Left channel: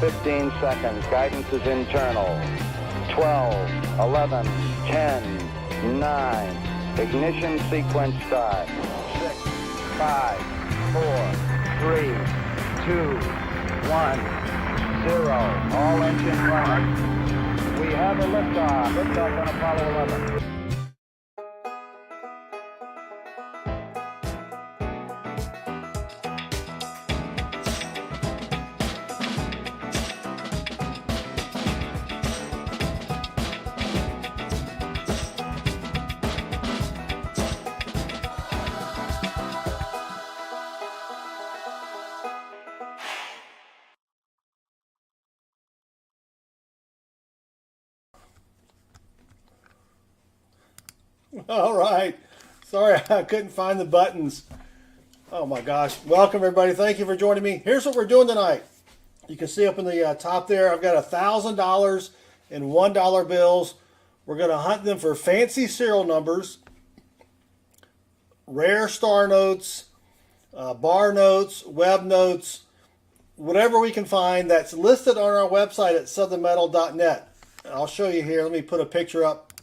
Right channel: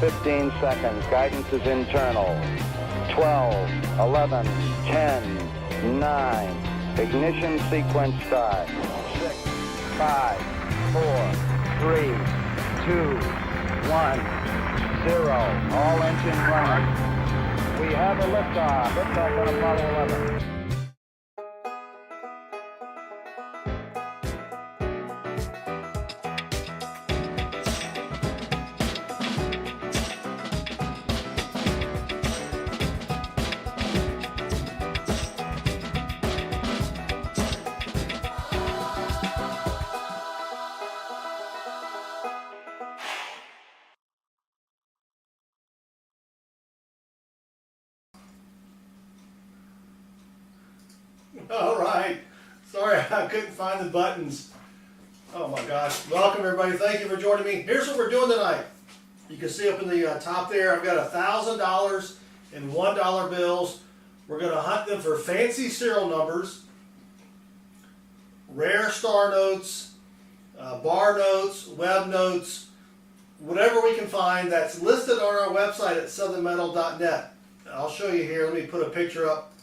15 seconds. Guidance is internal. 12, 11, 10, 9. Ignition sequence start. 6, 5, 4, 3, 2, 1, 0. All engine running. We have a liftoff. Liftoff on Apollo 11. All right. Sorry, I couldn't find the buttons. Oh my gosh. Welcome everybody. Thank you for joining me. Here's what we're doing tonight. You can see up in the top there, I've got $1,000 in $1 bills. We're going to hunt them for fancy serial numbers, rare star notes, bar notes, web notes, whatever we can find that's listed on our website at southernmetal.net. I'll show you here. Let me put a picture up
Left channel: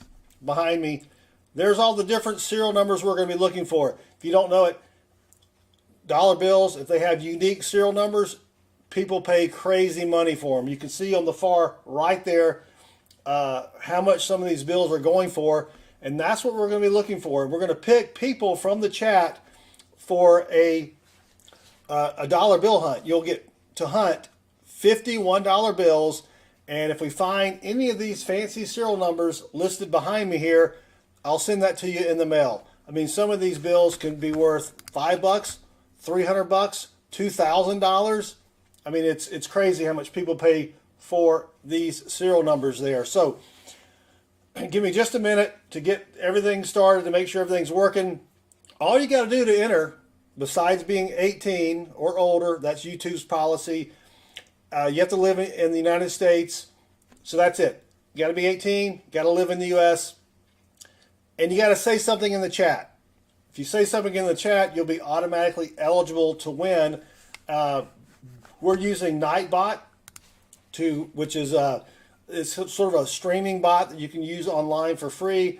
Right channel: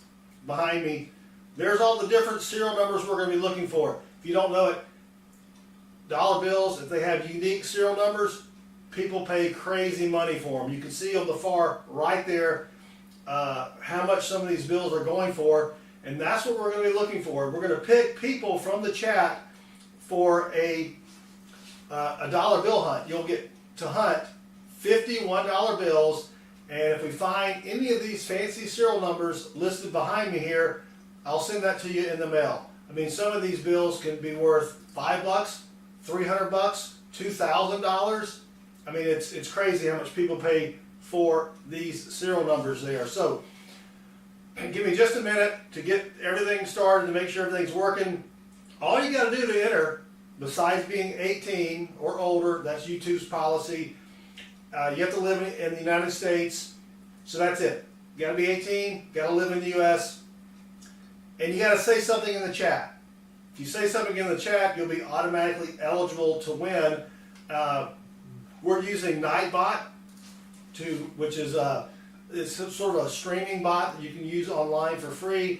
behind me. There's all the different serial numbers we're going to be looking for. If you don't know it, dollar bills, if they have unique serial numbers, people pay crazy money for them. You can see on the far right there how much some of these bills are going for, and that's what we're going to be looking for. We're going to pick people from the chat for a dollar bill hunt. You'll get to hunt 50 $1 bills, and if we find any of these fancy serial numbers listed behind me here, I'll send that to you in the mail. I mean, some of these bills can be worth $5, $300, $2,000. I mean, it's crazy how much people pay for these serial numbers there. So, give me just a minute to get everything started, to make sure everything's working. All you got to do to enter, besides being 18 or older, that's YouTube's policy, you have to live in the United States. So that's it. You got to be 18, got to live in the U.S., and you got to say something in the chat. If you say something in the chat, you'll be automatically eligible to win. We're using Nightbot, which is it's sort of a streaming bot that you can use online for free.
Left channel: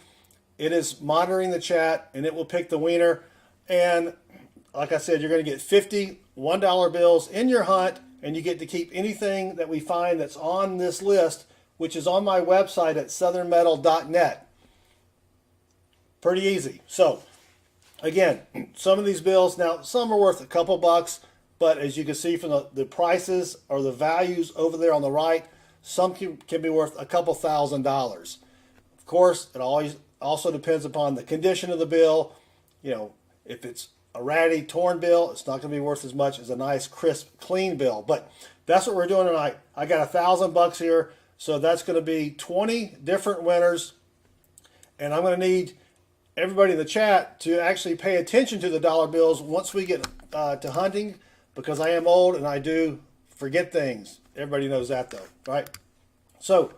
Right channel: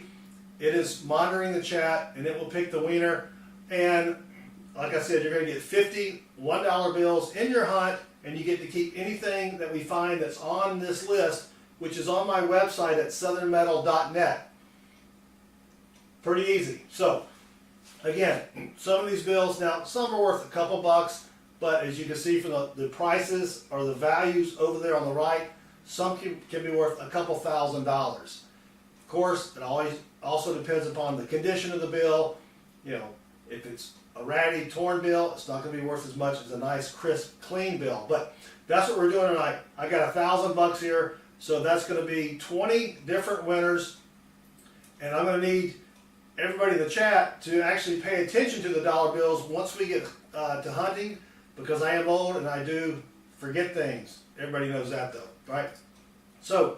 It is monitoring the chat, and it will pick the winner. And like I said, you're going to get 50 $1 bills in your hunt, and you get to keep anything that we find that's on this list, which is on my website at southernmetal.net. Pretty easy. So, again, some of these bills, now some are worth a couple bucks, but as you can see from the prices or the values over there on the right, some can be worth a couple $1,000s. Of course, it always also depends upon the condition of the bill. You know, if it's a ratty, torn bill, it's not going to be worth as much as a nice, crisp, clean bill. But that's what we're doing tonight. I got $1,000 here, so that's going to be 20 different winners, and I'm going to need everybody in the chat to actually pay attention to the dollar bills once we get to hunting, because I am old and I do forget things. Everybody knows that though, right? So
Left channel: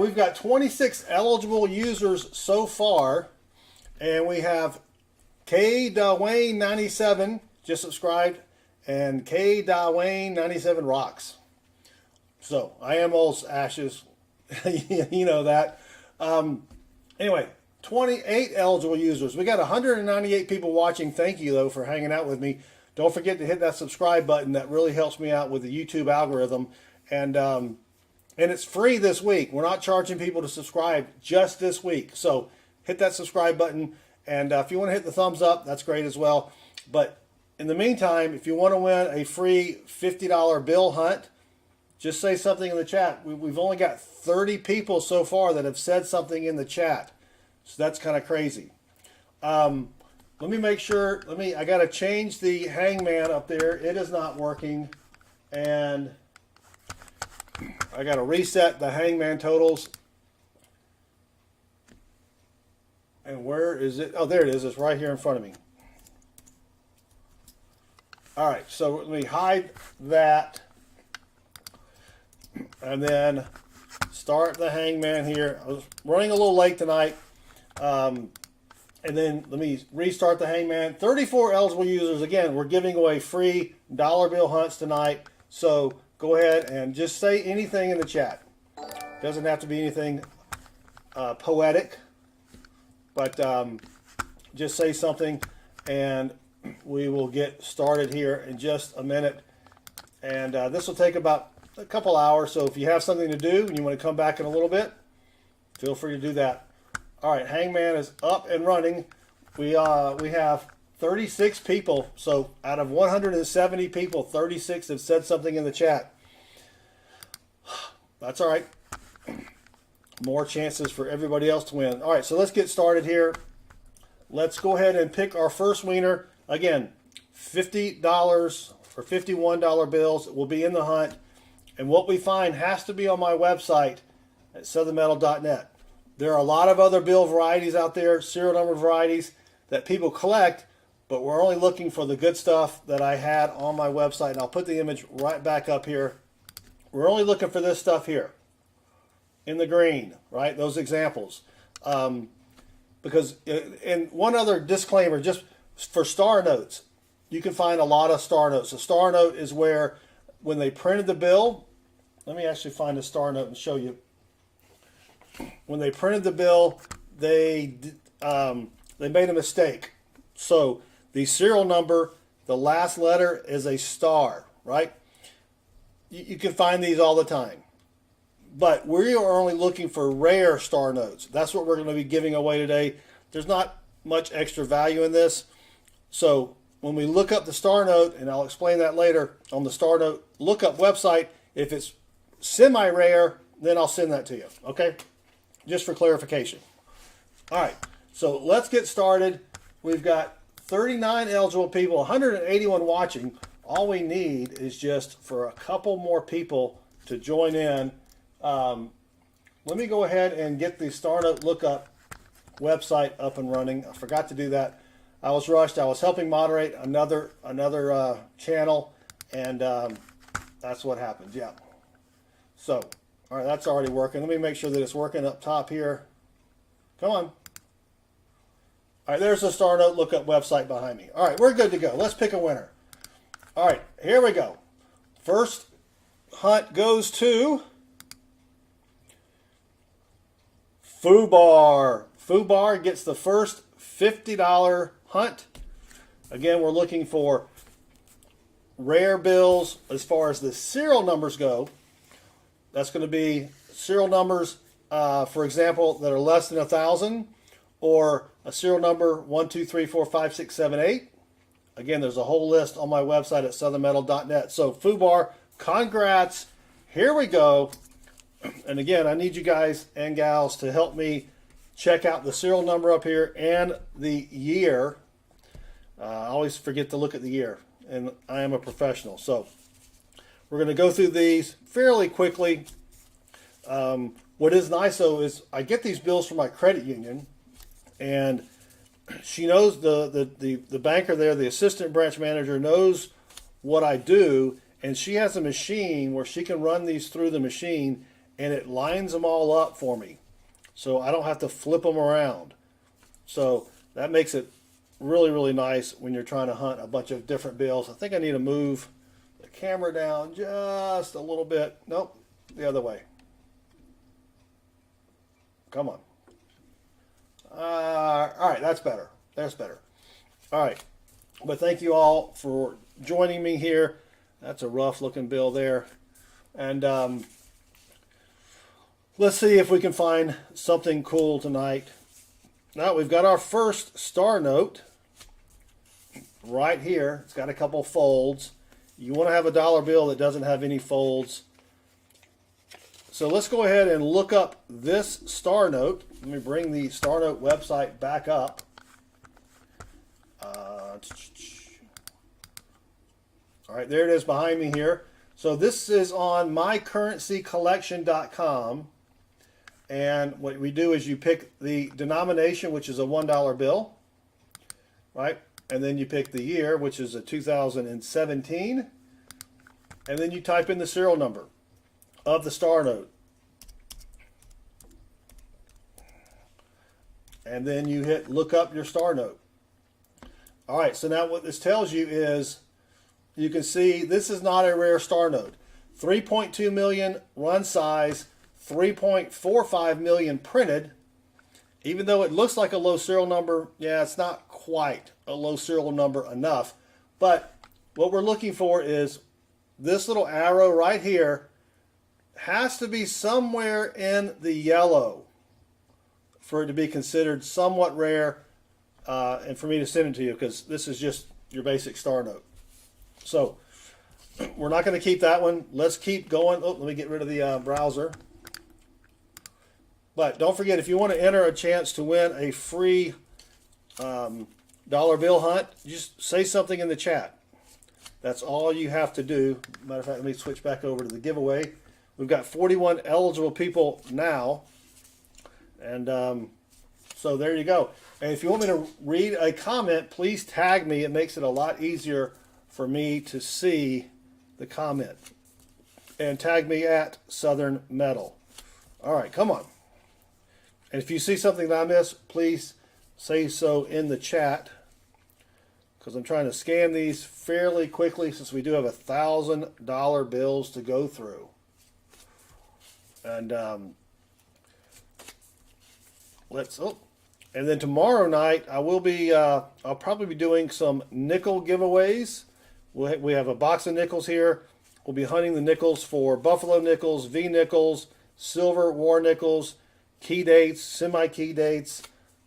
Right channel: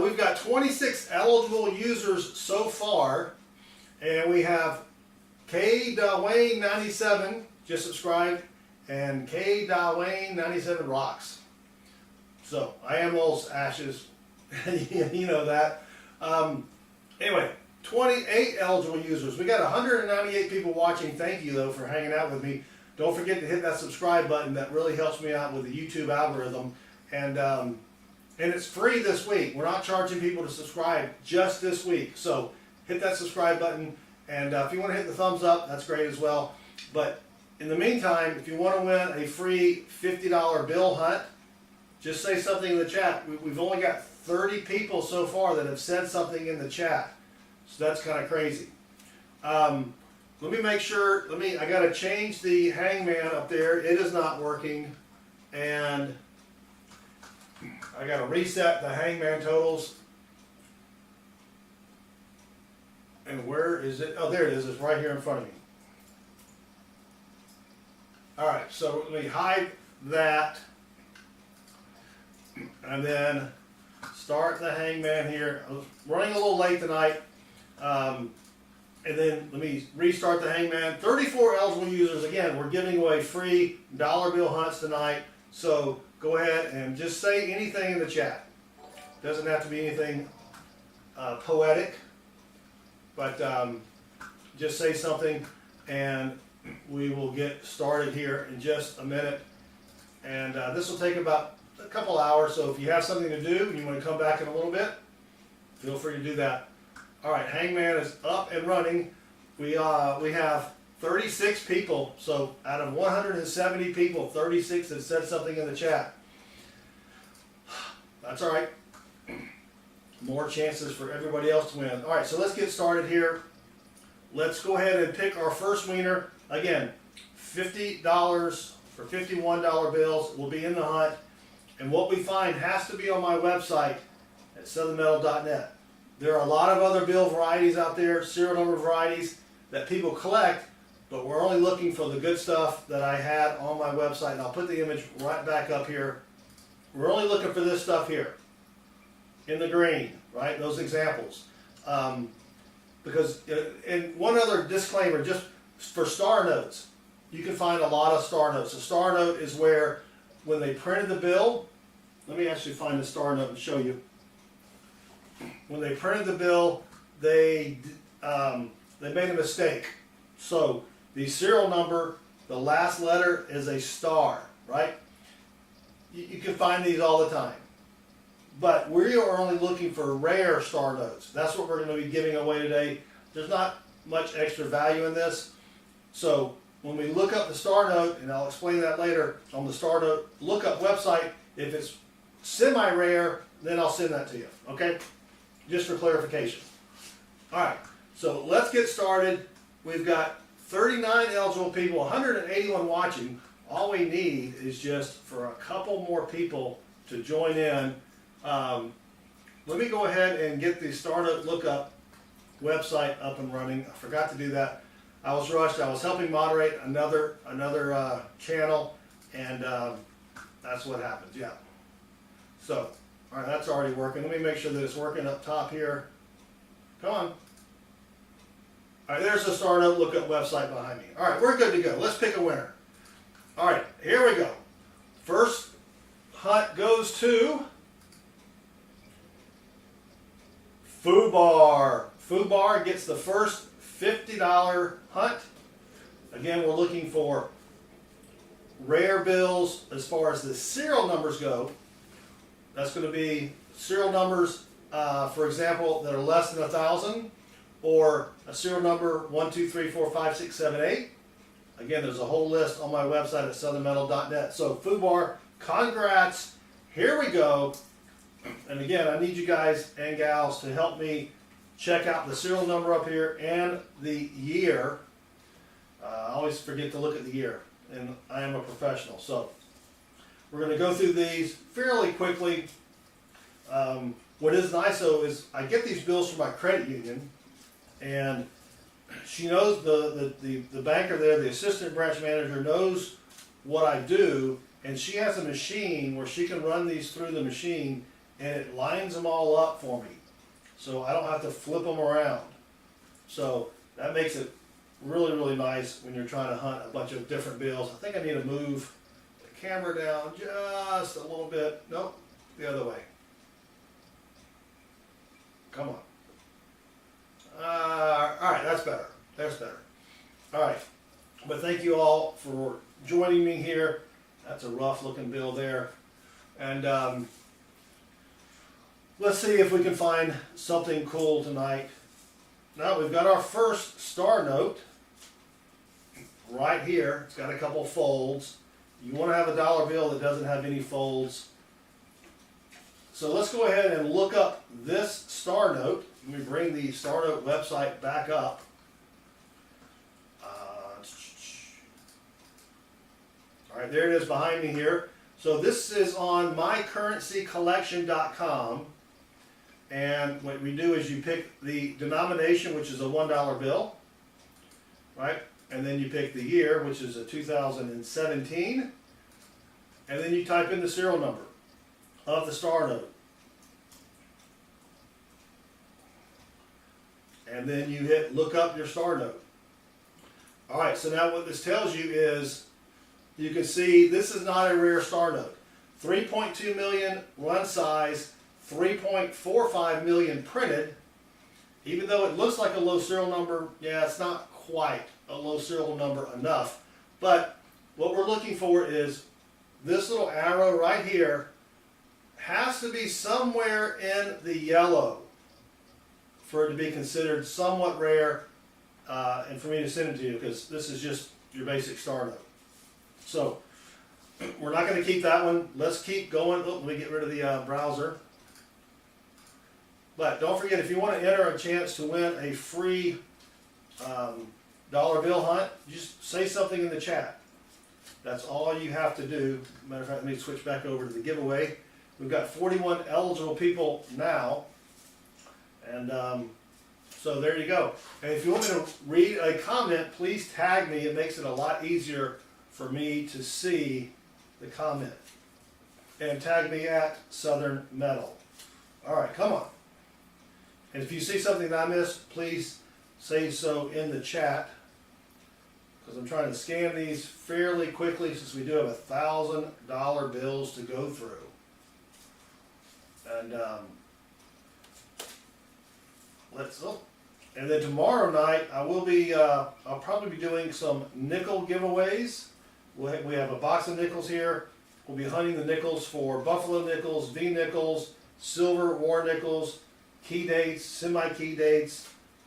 we've got 26 eligible users so far, and we have K. Dwayne 97 just subscribed, and K. Dwayne 97 rocks. So I am old, Ashes. You know that. Anyway, 28 eligible users. We got 198 people watching. Thank you though for hanging out with me. Don't forget to hit that subscribe button. That really helps me out with the YouTube algorithm. And it's free this week. We're not charging people to subscribe just this week. So hit that subscribe button. And if you want to hit the thumbs up, that's great as well. But in the meantime, if you want to win a free $50 bill hunt, just say something in the chat. We've only got 30 people so far that have said something in the chat. So that's kind of crazy. Let me make sure, I got to change the hangman up there. It is not working. And I got to reset the hangman totals. And where is it? Oh, there it is. It's right here in front of me. All right, so let me hide that. And then start the hangman here. I was running a little late tonight. And then let me restart the hangman. 34 eligible users. Again, we're giving away free dollar bill hunts tonight. So go ahead and just say anything in the chat. Doesn't have to be anything poetic, but just say something, and we will get started here in just a minute. And this will take about a couple hours, so if you have something to do and you want to come back in a little bit, feel free to do that. All right, Hangman is up and running. We have 36 people, so out of 170 people, 36 have said something in the chat. That's all right. More chances for everybody else to win. All right, so let's get started here. Let's go ahead and pick our first winner. Again, $50 or $51 bills will be in the hunt. And what we find has to be on my website at southernmetal.net. There are a lot of other bill varieties out there, serial number varieties that people collect, but we're only looking for the good stuff that I had on my website. And I'll put the image right back up here. We're only looking for this stuff here in the green, right? Those examples. Because, and one other disclaimer, just for star notes, you can find a lot of star notes. A star note is where, when they printed the bill, let me actually find the star note and show you. When they printed the bill, they made a mistake. So the serial number, the last letter is a star, right? You can find these all the time. But we are only looking for rare star notes. That's what we're going to be giving away today. There's not much extra value in this. So when we look up the star note, and I'll explain that later on the star note lookup website, if it's semi-rare, then I'll send that to you, okay? Just for clarification. All right, so let's get started. We've got 39 eligible people, 181 watching. All we need is just for a couple more people to join in. Let me go ahead and get the Star Note Lookup website up and running. I forgot to do that. I was rushed. I was helping moderate another channel, and that's what happened. Yeah. So, all right, that's already working. Let me make sure that it's working up top here. Come on. All right, there's the Star Note Lookup website behind me. All right, we're good to go. Let's pick a winner. All right, here we go. First hunt goes to Fubar. Fubar gets the first $50 hunt. Again, we're looking for rare bills as far as the serial numbers go. That's going to be serial numbers, for example, that are less than 1,000, or a serial number 1, 2, 3, 4, 5, 6, 7, 8. Again, there's a whole list on my website at southernmetal.net. So Fubar, congrats. Here we go. And again, I need you guys and gals to help me check out the serial number up here and the year. I always forget to look at the year, and I am a professional. So we're going to go through these fairly quickly. What is nice, though, is I get these bills from my credit union, and she knows, the banker there, the assistant branch manager, knows what I do, and she has a machine where she can run these through the machine, and it lines them all up for me. So I don't have to flip them around. So that makes it really, really nice when you're trying to hunt a bunch of different bills. I think I need to move the camera down just a little bit. Nope, the other way. Come on. All right, that's better. That's better. All right. But thank you all for joining me here. That's a rough looking bill there. And let's see if we can find something cool tonight. Now we've got our first star note right here. It's got a couple folds. You want to have a dollar bill that doesn't have any folds. So let's go ahead and look up this star note. Let me bring the Star Note website back up. All right, there it is behind me here. So this is on mycurrencycollection.com. And what we do is you pick the denomination, which is a $1 bill, right? And then you pick the year, which is a 2017. And then you type in the serial number of the star note. And then you hit look up your star note. All right, so now what this tells you is, you can see this is not a rare star note. 3.2 million run size, 3.45 million printed. Even though it looks like a low serial number, yeah, it's not quite a low serial number enough. But what we're looking for is this little arrow right here has to be somewhere in the yellow for it to be considered somewhat rare and for me to send it to you, because this is just your basic star note. So we're not going to keep that one. Let's keep going. Oh, let me get rid of the browser. But don't forget, if you want to enter a chance to win a free dollar bill hunt, just say something in the chat. That's all you have to do. Matter of fact, let me switch back over to the giveaway. We've got 41 eligible people now. And so there you go. And if you want me to read a comment, please tag me. It makes it a lot easier for me to see the comment. And tag me at Southern Metal. All right, come on. And if you see something that I missed, please say so in the chat, because I'm trying to scan these fairly quickly since we do have $1,000 bills to go through. And and then tomorrow night I will be I'll probably be doing some nickel giveaways. We have a box of nickels here. We'll be hunting the nickels for buffalo nickels, V nickels, silver war nickels, key dates, semi-key dates,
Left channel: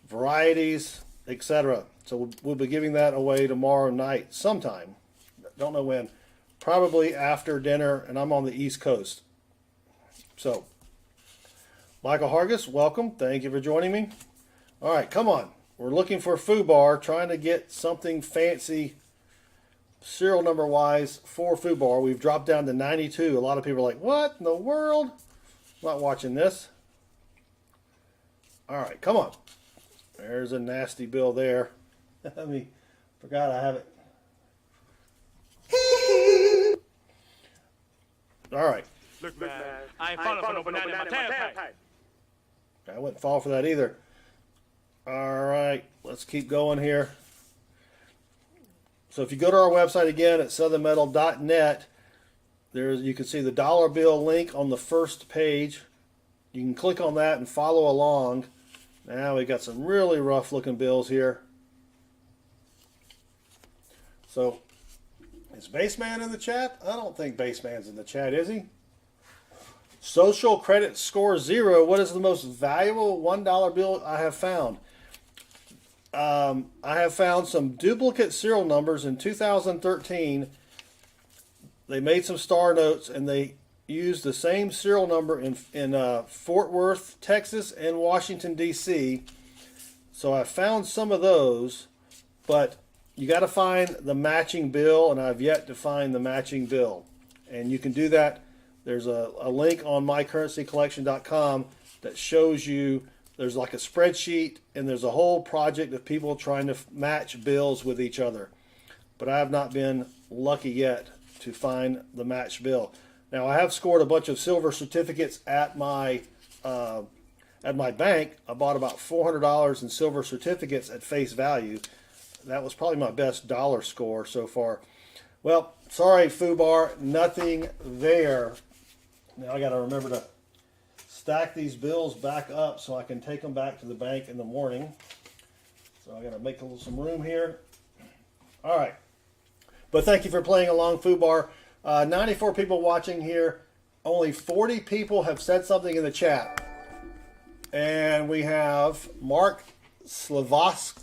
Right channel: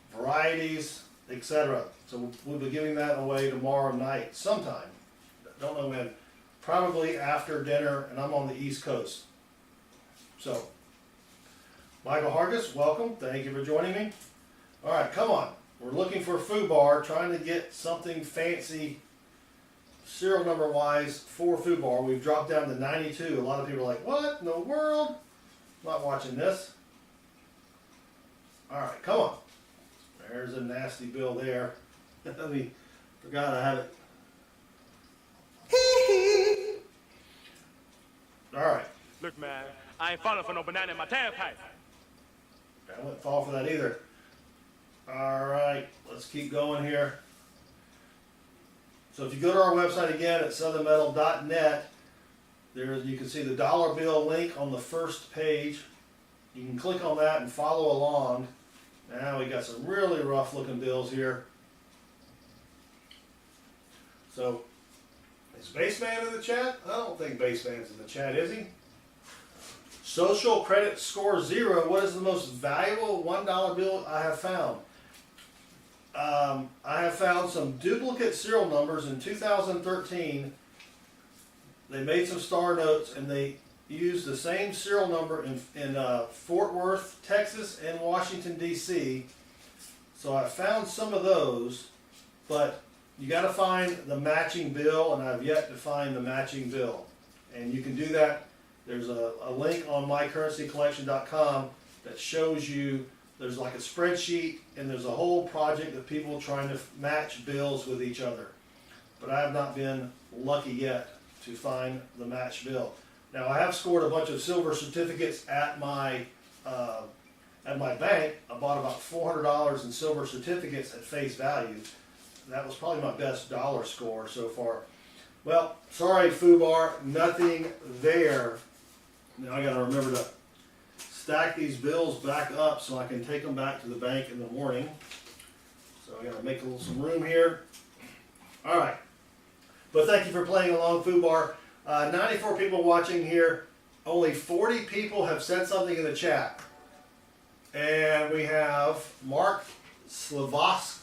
varieties, etc. So we'll be giving that away tomorrow night sometime. Don't know when. Probably after dinner, and I'm on the East Coast. So, Michael Hargis, welcome. Thank you for joining me. All right, come on. We're looking for FUBAR, trying to get something fancy serial number wise for FUBAR. We've dropped down to 92. A lot of people are like, what in the world? I'm not watching this. All right, come on. There's a nasty bill there. Forgot I have it. All right. Look, man, I ain't falling for no banana in my tailpipe. I wouldn't fall for that either. All right, let's keep going here. So if you go to our website again at southernmetal.net, you can see the dollar bill link on the first page. You can click on that and follow along. Now we got some really rough looking bills here. So, is Baseman in the chat? I don't think Baseman's in the chat, is he? Social credit score 0. What is the most valuable $1 bill I have found? I have found some duplicate serial numbers in 2013. They made some star notes and they used the same serial number in Fort Worth, Texas and Washington, D.C. So I found some of those, but you got to find the matching bill, and I've yet to find the matching bill. And you can do that. There's a link on mycurrencycollection.com that shows you, there's like a spreadsheet, and there's a whole project of people trying to match bills with each other. But I have not been lucky yet to find the match bill. Now I have scored a bunch of silver certificates at my bank. I bought about $400 in silver certificates at face value. That was probably my best dollar score so far. Well, sorry FUBAR, nothing there. Now I got to remember to stack these bills back up so I can take them back to the bank in the morning. So I got to make some room here. All right. But thank you for playing along, FUBAR. 94 people watching here. Only 40 people have said something in the chat. And we have Mark Slavos.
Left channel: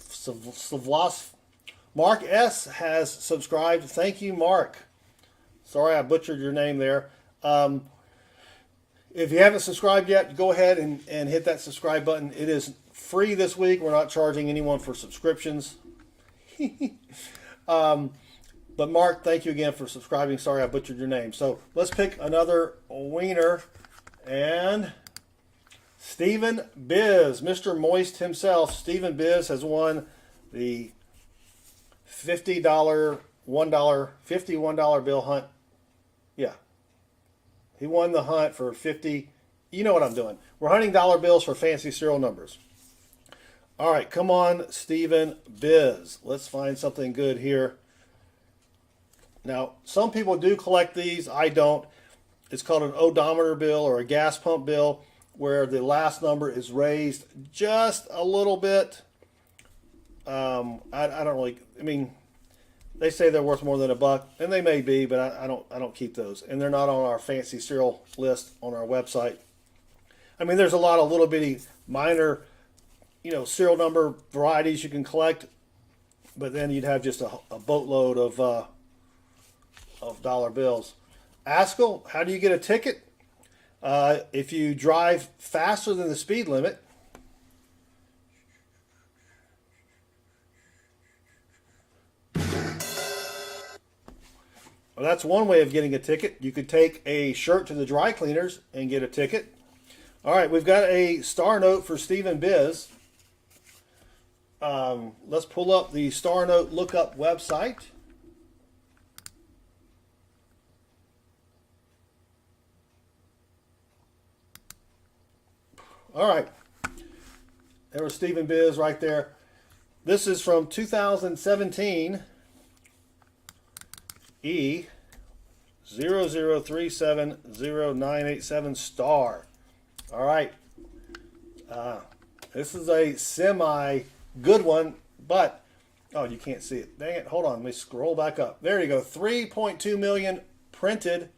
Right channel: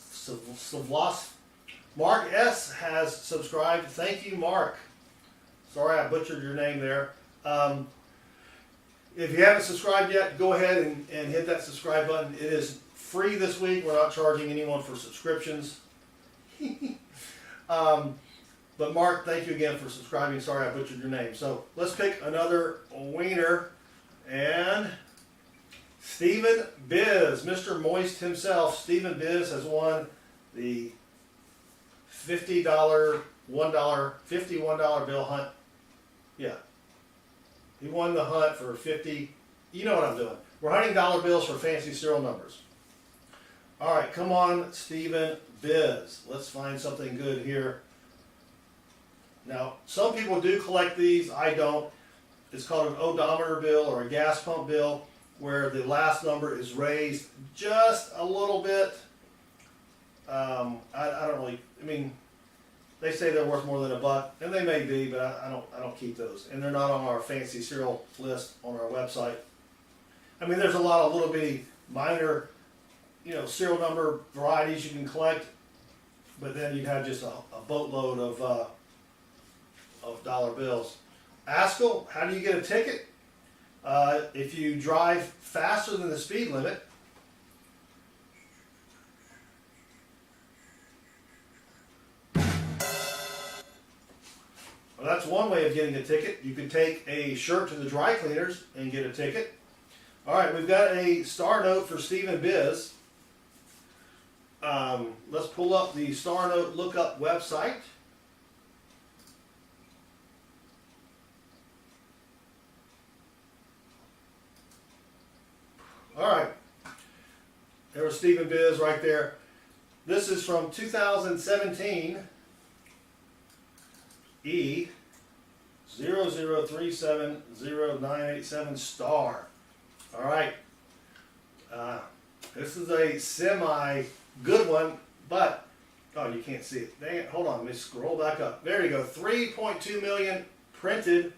Mark S. has subscribed. Thank you, Mark. Sorry I butchered your name there. If you haven't subscribed yet, go ahead and hit that subscribe button. It is free this week. We're not charging anyone for subscriptions. But Mark, thank you again for subscribing. Sorry I butchered your name. So let's pick another wiener. And Stephen Biz, Mr. Moist himself, Stephen Biz has won the $50 $51 bill hunt. Yeah. He won the hunt for 50. You know what I'm doing. We're hunting dollar bills for fancy serial numbers. All right, come on, Stephen Biz. Let's find something good here. Now, some people do collect these. I don't. It's called an odometer bill or a gas pump bill, where the last number is raised just a little bit. I don't really. I mean, they say they're worth more than $1, and they may be, but I don't keep those, and they're not on our fancy serial list on our website. I mean, there's a lot of little bitty minor, serial number varieties you can collect, but then you'd have just a boatload of dollar bills. Askell, how do you get a ticket? If you drive faster than the speed limit, well, that's one way of getting a ticket. You could take a shirt to the dry cleaners and get a ticket. All right, we've got a star note for Stephen Biz. Let's pull up the star note lookup website. All right, there was Stephen Biz right there. This is from 2017. E0037097 star. All right. This is a semi good one, but you can't see it. Dang it! Hold on. Let me scroll back up. There you go. 3.2 million printed.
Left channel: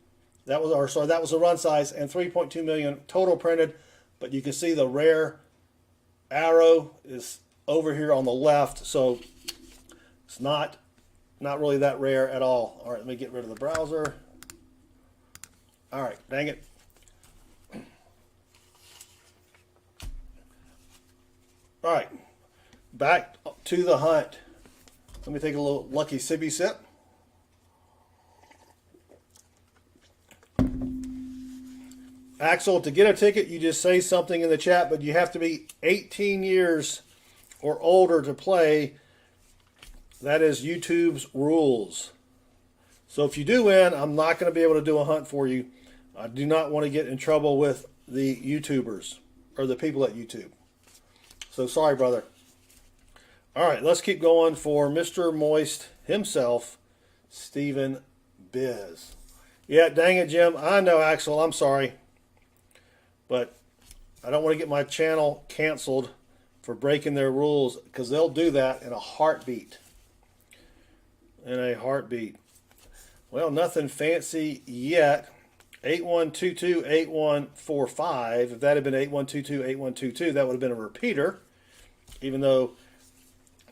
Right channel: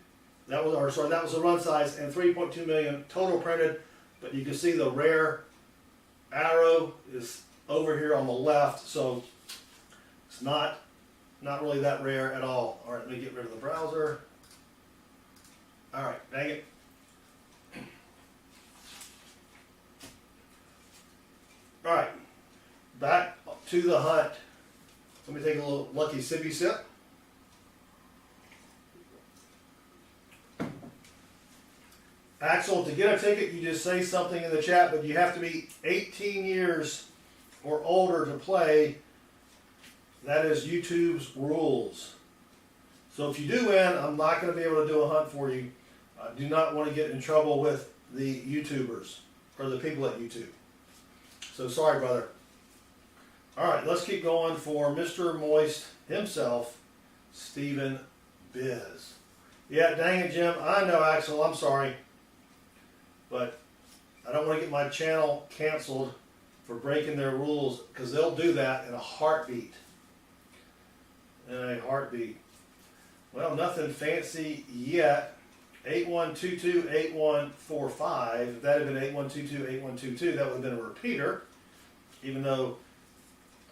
That was the run size, and 3.2 million total printed. But you can see the rare arrow is over here on the left, so it's not really that rare at all. All right, let me get rid of the browser. All right, dang it. All right, back to the hunt. Let me take a little lucky sippy sip. Axel, to get a ticket, you just say something in the chat, but you have to be 18 years or older to play. That is YouTube's rules. So if you do win, I'm not going to be able to do a hunt for you. I do not want to get in trouble with the YouTubers or the people at YouTube. So sorry, brother. All right, let's keep going for Mr. Moist himself, Stephen Biz. Yeah, dang it, Jim. I know, Axel. I'm sorry. But I don't want to get my channel canceled for breaking their rules, because they'll do that in a heartbeat. In a heartbeat. Well, nothing fancy yet. 81228145. If that had been 81228122, that would have been a repeater, even though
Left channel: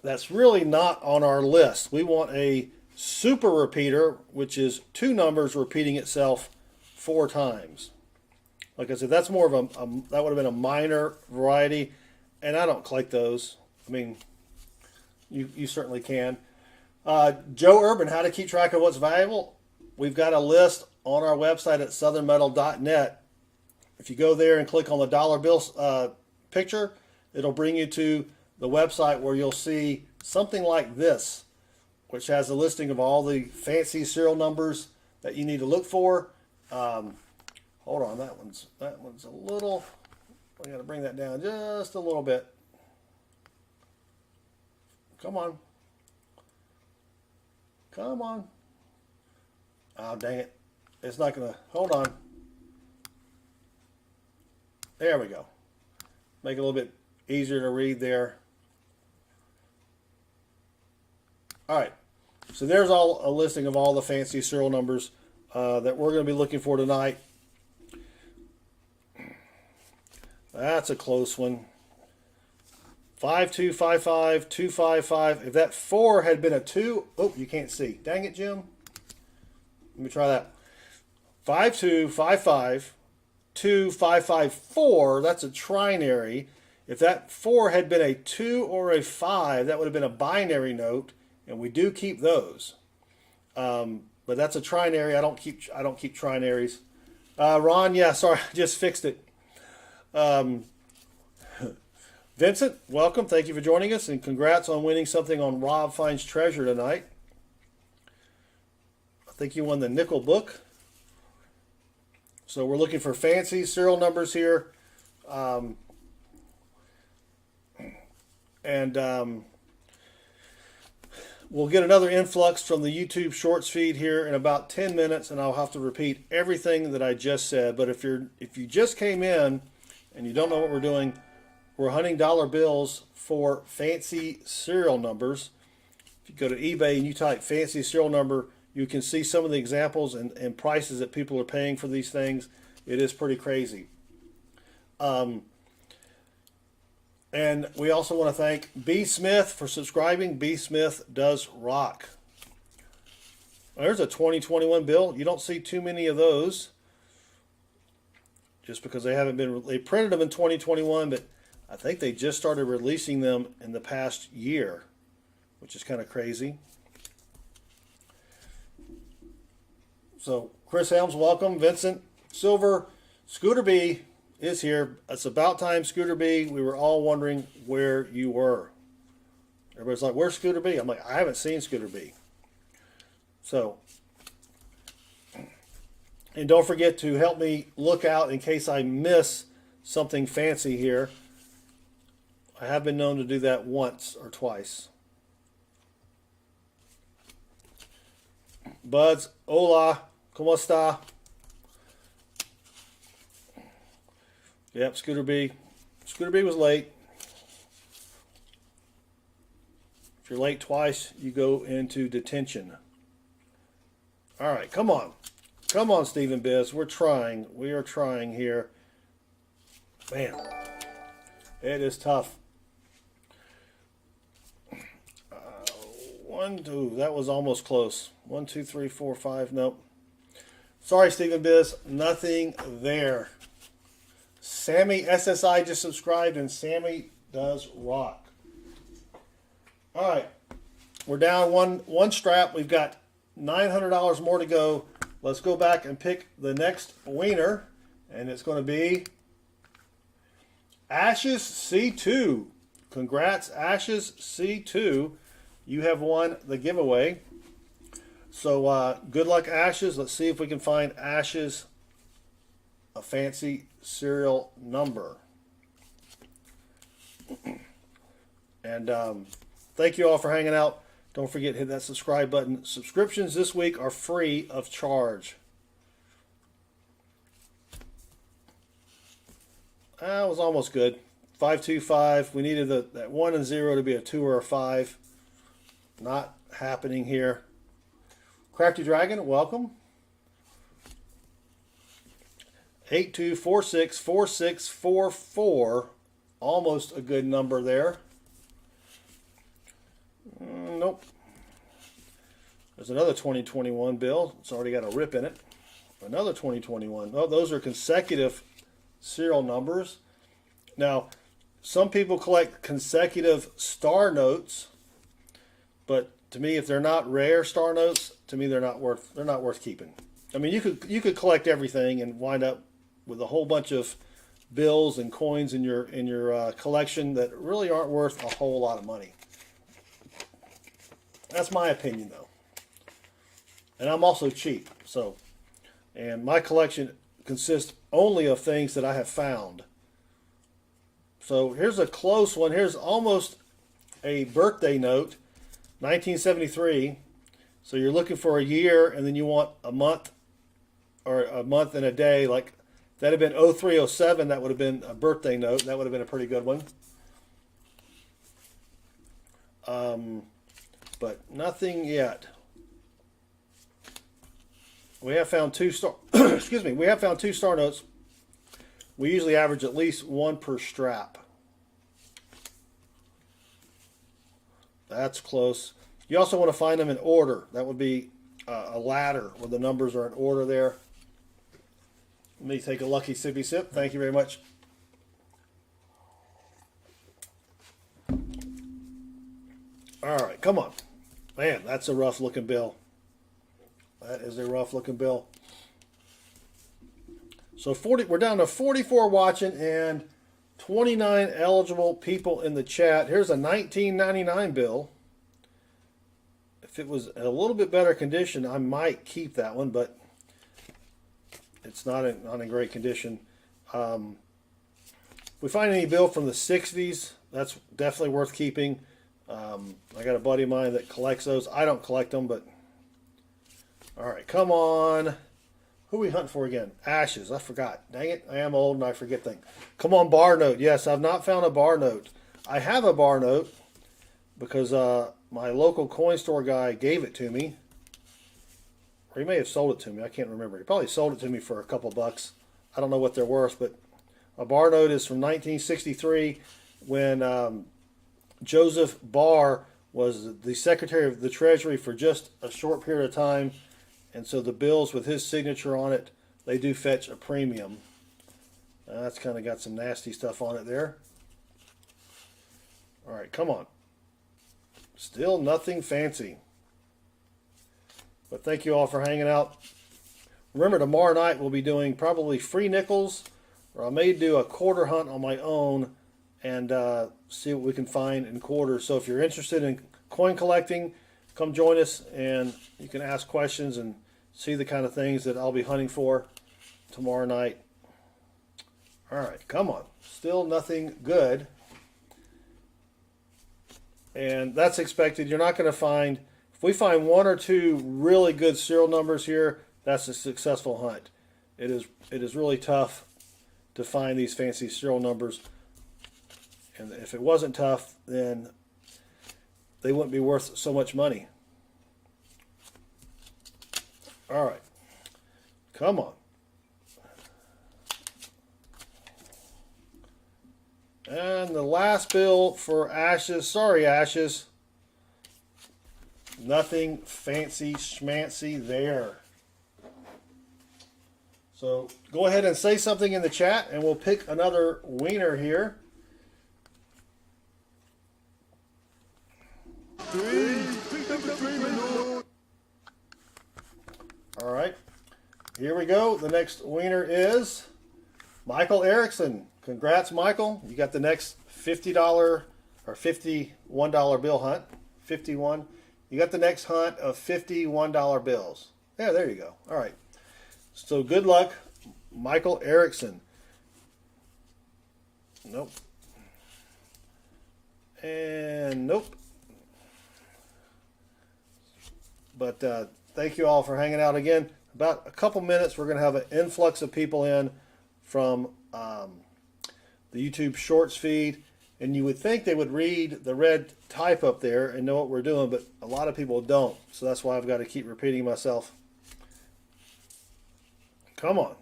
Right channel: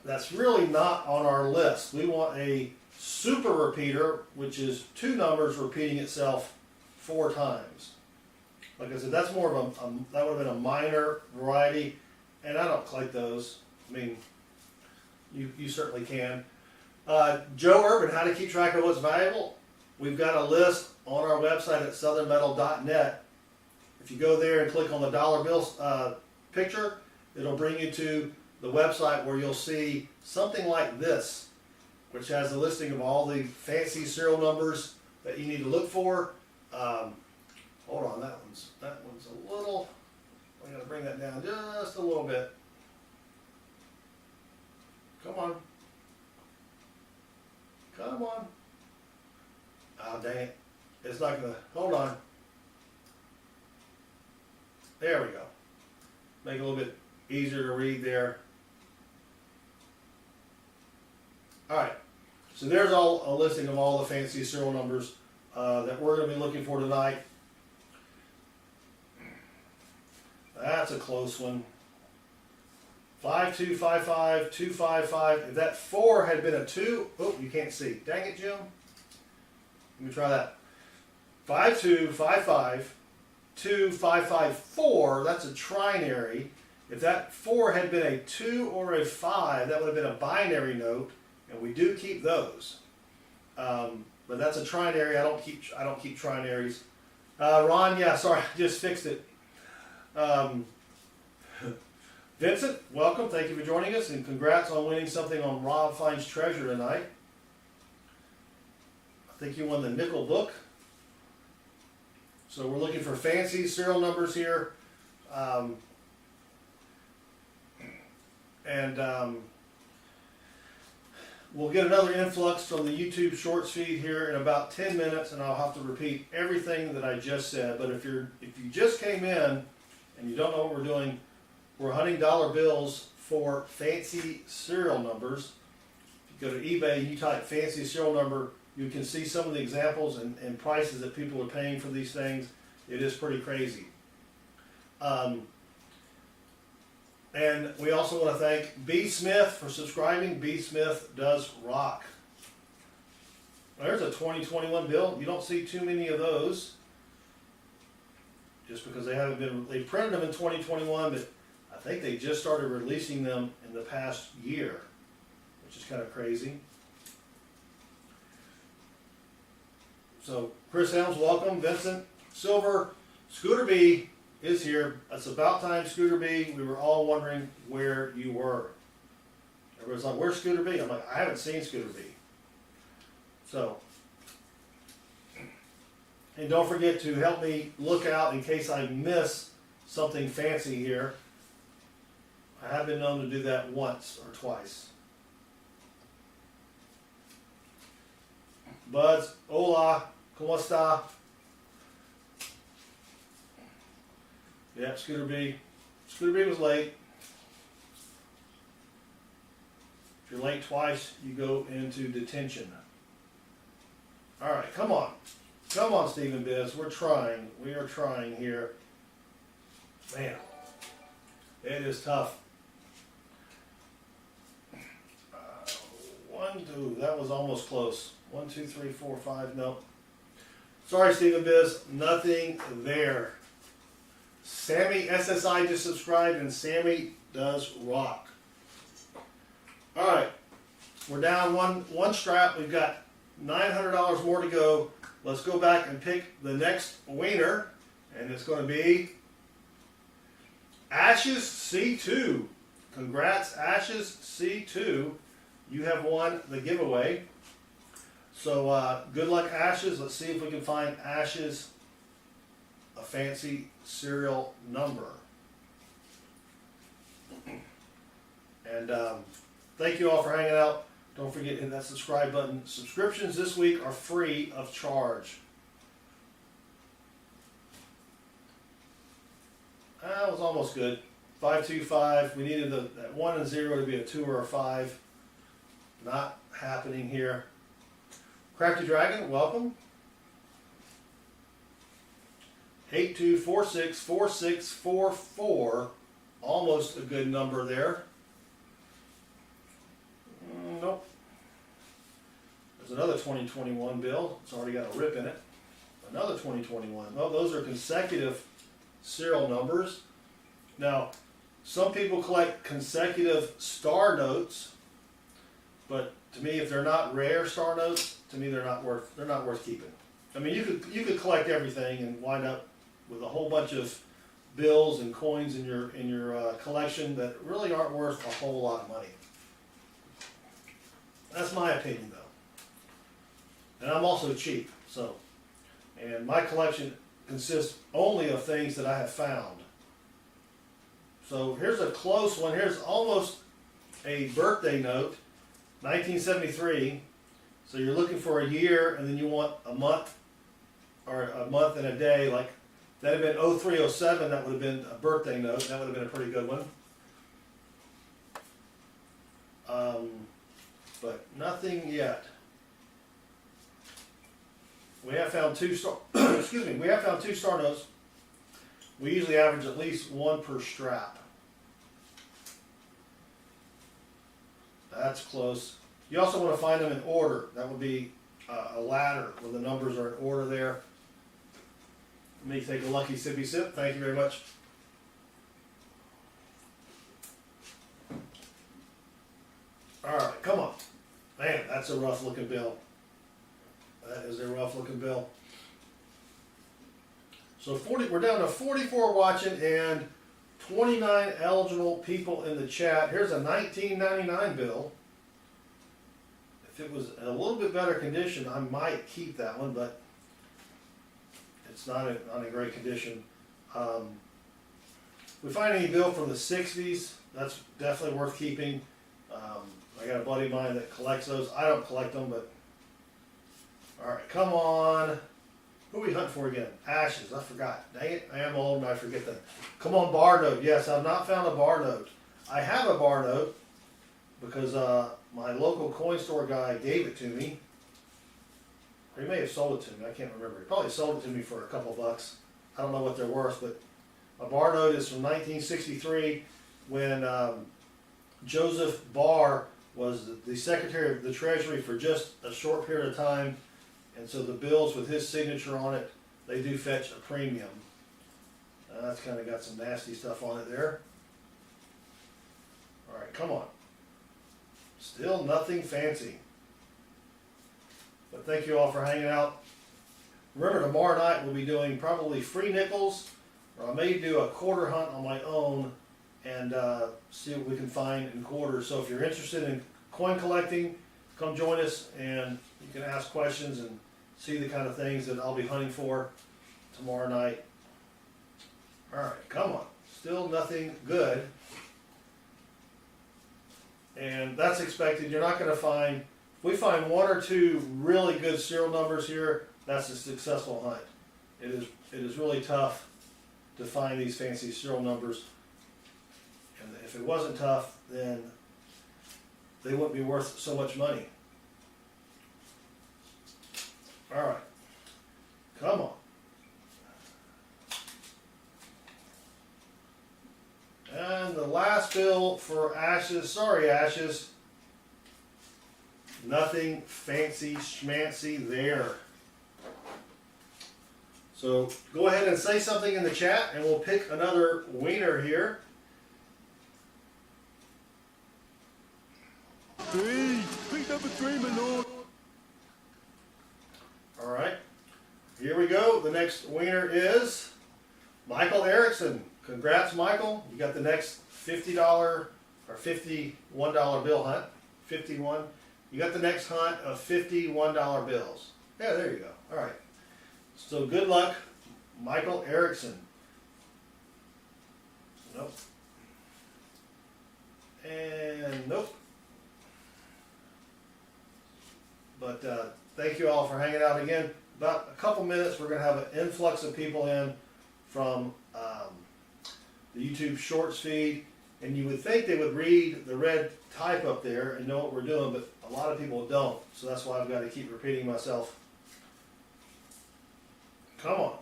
that's really not on our list. We want a super repeater, which is 2 numbers repeating itself 4 times. Like I said, that's more of that would have been a minor variety, and I don't collect those. I mean, you certainly can. Joe Urban, how to keep track of what's valuable? We've got a list on our website at southernmetal.net. If you go there and click on the dollar bill picture, it'll bring you to the website where you'll see something like this, which has a listing of all the fancy serial numbers that you need to look for. Hold on, that one's a little. We got to bring that down just a little bit. Come on. Come on. Oh, dang it. It's not going to. Hold on. There we go. Make it a little bit easier to read there. All right. So there's a listing of all the fancy serial numbers that we're going to be looking for tonight. That's a close one. 5255255. If that 4 had been a 2, oh, you can't see. Dang it, Jim. Let me try that. 525525554. That's a trinary. If that 4 had been a 2 or a 5, that would have been a binary note, and we do keep those. But that's a trinary. I don't keep trinaries. Ron, yeah, sorry, I just fixed it. Vincent, welcome. Thank you for joining us, and congrats on winning something on Rob Finds Treasure tonight. I think you won the nickel book. So we're looking for fancy serial numbers here. We'll get another influx from the YouTube Shorts feed here in about 10 minutes, and I'll have to repeat everything that I just said. But if you just came in and you don't know what we're doing, we're hunting dollar bills for fancy serial numbers. If you go to eBay and you type fancy serial number, you can see some of the examples and prices that people are paying for these things. It is pretty crazy. And we also want to thank B. Smith for subscribing. B. Smith does rock. There's a 2021 bill. You don't see too many of those, just because they printed them in 2021, but I think they just started releasing them in the past year, which is kind of crazy. So Chris Helms, welcome. Vincent Silver, Scooter B is here. It's about time, Scooter B. We were all wondering where you were. Everybody's like, where's Scooter B? I'm like, I haven't seen Scooter B. So, and don't forget to help me look out in case I miss something fancy here. I have been known to do that once or twice. Buds, hola, ¿cómo está? Yep, Scooter B. Scooter B was late. If you're late twice, you go into detention. All right, come on. Come on, Stephen Biz. We're trying. We are trying here. Man, it is tough. 1, 2, that was almost close. 1, 2, 3, 4, 5, nope. Sorry, Stephen Biz, nothing there. Sammy SSI just subscribed, and Sammy does rock. All right, we're down one strap. We've got $900 more to go. Let's go back and pick the next winner, and it's going to be Ashes C2. Congrats, Ashes C2. You have won the giveaway. So good luck, Ashes. Let's see if we can find Ashes a fancy serial number. And thank you all for hanging out. Don't forget to hit that subscribe button. Subscriptions this week are free of charge. That was almost good. 525. We needed that 1 and 0 to be a 2 or a 5. Not happening here. Crafty Dragon, welcome. 82464644. Almost a good number there. Nope. There's another 2021 bill. It's already got a rip in it. Another 2021. Well, those are consecutive serial numbers. Now, some people collect consecutive star notes, but to me, if they're not rare star notes, to me they're not worth keeping. I mean, you could collect everything and wind up with a whole bunch of bills and coins in your collection that really aren't worth a whole lot of money. That's my opinion, though. And I'm also cheap, so. And my collection consists only of things that I have found. So here's a close one. Here's almost a birthday note, 1973. So you're looking for a year, and then you want a month, or a month and a day. Like that'd have been 0307. That would have been a birthday note, and that would have been a pretty good one. But nothing yet. We have found 2 star. Excuse me. We have found 2 star notes. We usually average at least 1 per strap. That's close. You also want to find them in order. That would be a ladder where the numbers are in order there. Let me take a lucky sippy sip. Thank you very much. All right, come on. Man, that's a rough looking bill. That is a rough looking bill. So we're down to 44 watching and 29 eligible people in the chat. Here's a 1999 bill. If it was in a little bit better condition, I might keep that one, but it's not in great condition. If we find any bill from the 60s, that's definitely worth keeping. I got a buddy of mine that collects those. I don't collect them, but all right, come on. Who are we hunting for again? Ashes. I forgot. Dang it, I am old and I forget things. Come on, bar note. Yes, I've not found a bar note. I have a bar note because my local coin store guy gave it to me. Or he may have sold it to me. I can't remember. He probably sold it to me for a couple bucks. I don't know what they're worth, but a bar note is from 1963 when Joseph Barr was the Secretary of the Treasury for just a short period of time. And so the bills with his signature on it, they do fetch a premium. That's kind of got some nasty stuff on it there. All right, come on. Still nothing fancy. But thank you all for hanging out. Remember, tomorrow night we'll be doing probably free nickels, or I may do a quarter hunt on my own and see what we can find in quarters. So if you're interested in coin collecting, come join us and you can ask questions and see the kind of things that I'll be hunting for tomorrow night. All right, come on. Still nothing good. And that's expected. You're not going to find, if we find one or two really good serial numbers here, that's a successful hunt. It is really tough to find these fancy serial numbers. And if it wasn't tough, then they wouldn't be worth so much money. All right, come on. And the last bill for Ashes, sorry Ashes, nothing fancy schmancy there. So go ahead and say something in the chat and we'll pick another wiener here. Pick up a three, my lord. All right, here we go. The next wiener is Michael Erickson. Congrats, Michael. You got the next $50 or $51 bill hunt. 51. You got the next hunt of $51 bills. Yeah, there you go. All right. So good luck, Michael Erickson. Nope. And nope. But thank you all for hanging out again. About a couple minutes, we're going to have an influx of people in from the YouTube Shorts feed. And you would think they would read the red type up there and know what we're doing, but a lot of people don't. So that's why I've got to keep repeating myself. Come on.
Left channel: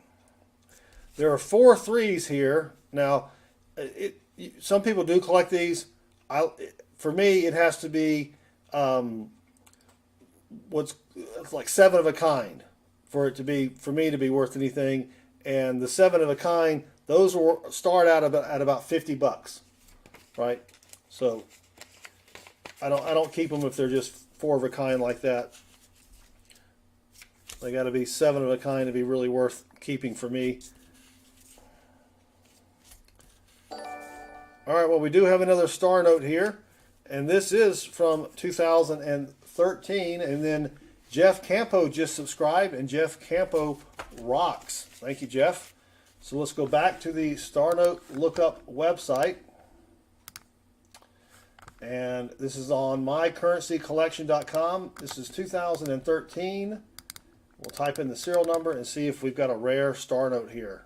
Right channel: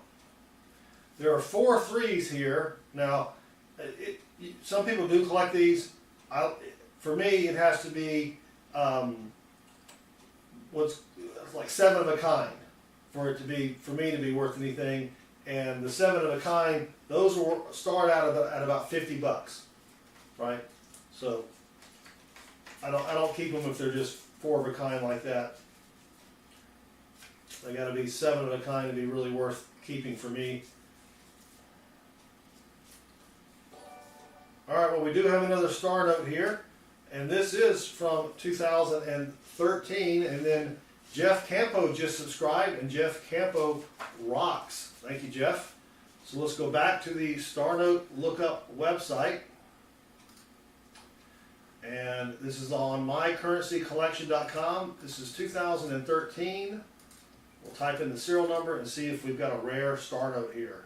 There are 4 threes here. Now, some people do collect these. For me, it has to be what's like 7 of a kind for me to be worth anything. And the 7 of a kind, those will start out at about $50, right? So I don't keep them if they're just 4 of a kind like that. They got to be 7 of a kind to be really worth keeping for me. All right, well, we do have another star note here, and this is from 2013, and then Jeff Campo just subscribed, and Jeff Campo rocks. Thank you, Jeff. So let's go back to the Star Note Lookup website, and this is on mycurrencycollection.com. This is 2013. We'll type in the serial number and see if we've got a rare star note here.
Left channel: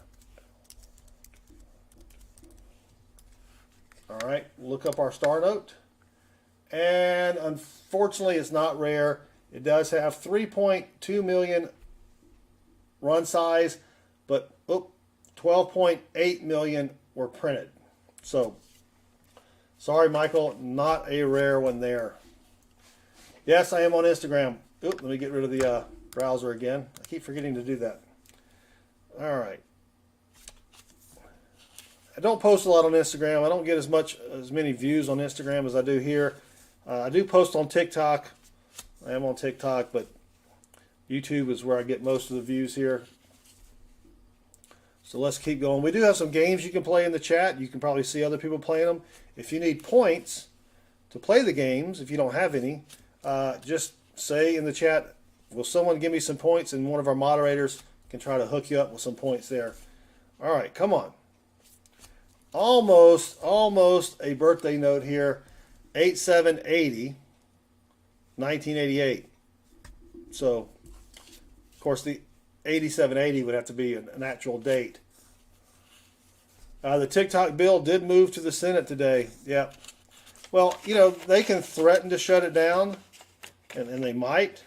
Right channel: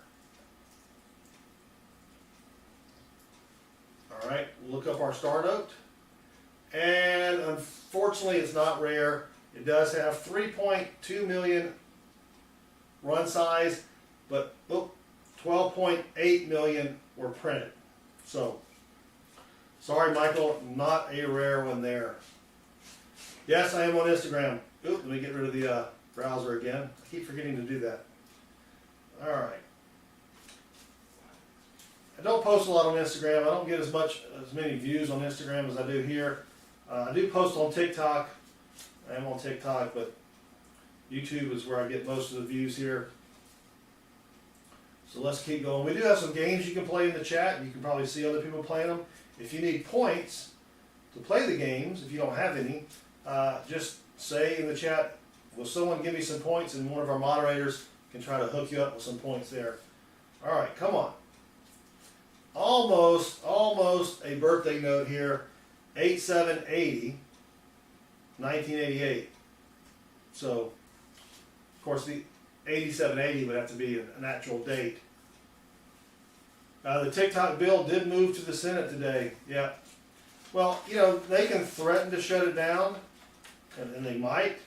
All right, look up our star note. And unfortunately, it's not rare. It does have 3.2 million run size, but 12.8 million were printed. So, sorry, Michael, not a rare one there. Yes, I am on Instagram. Oop, let me get rid of the browser again. I keep forgetting to do that. All right. I don't post a lot on Instagram. I don't get as many views on Instagram as I do here. I do post on TikTok. I am on TikTok, but YouTube is where I get most of the views here. So let's keep going. We do have some games you can play in the chat. You can probably see other people playing them. If you need points to play the games, if you don't have any, just say in the chat, will someone give me some points? And one of our moderators can try to hook you up with some points there. All right, come on. Almost a birthday note here. 8780, 1988. So, of course, the 8780 would have to be an actual date. The TikTok bill did move to the Senate today. Yeah. Well, you know, they can threaten to shut it down, and they might,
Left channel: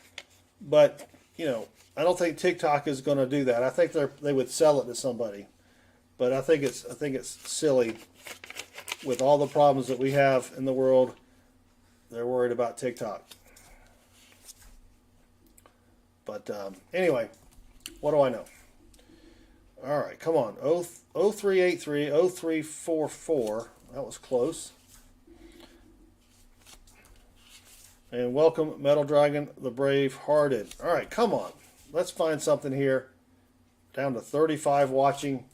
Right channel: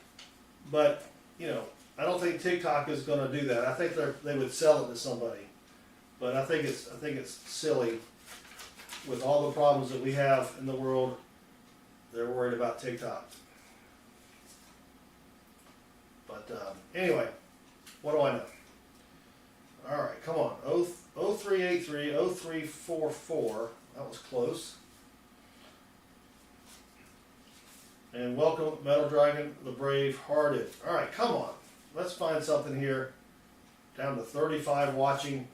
but, you know, I don't think TikTok is going to do that. I think they would sell it to somebody, but I think it's silly. With all the problems that we have in the world, they're worried about TikTok. But anyway, what do I know? All right, come on. 0383, 0344. That was close. And welcome, Metal Dragon, the Brave Hearted. All right, come on. Let's find something here. Down to 35 watching.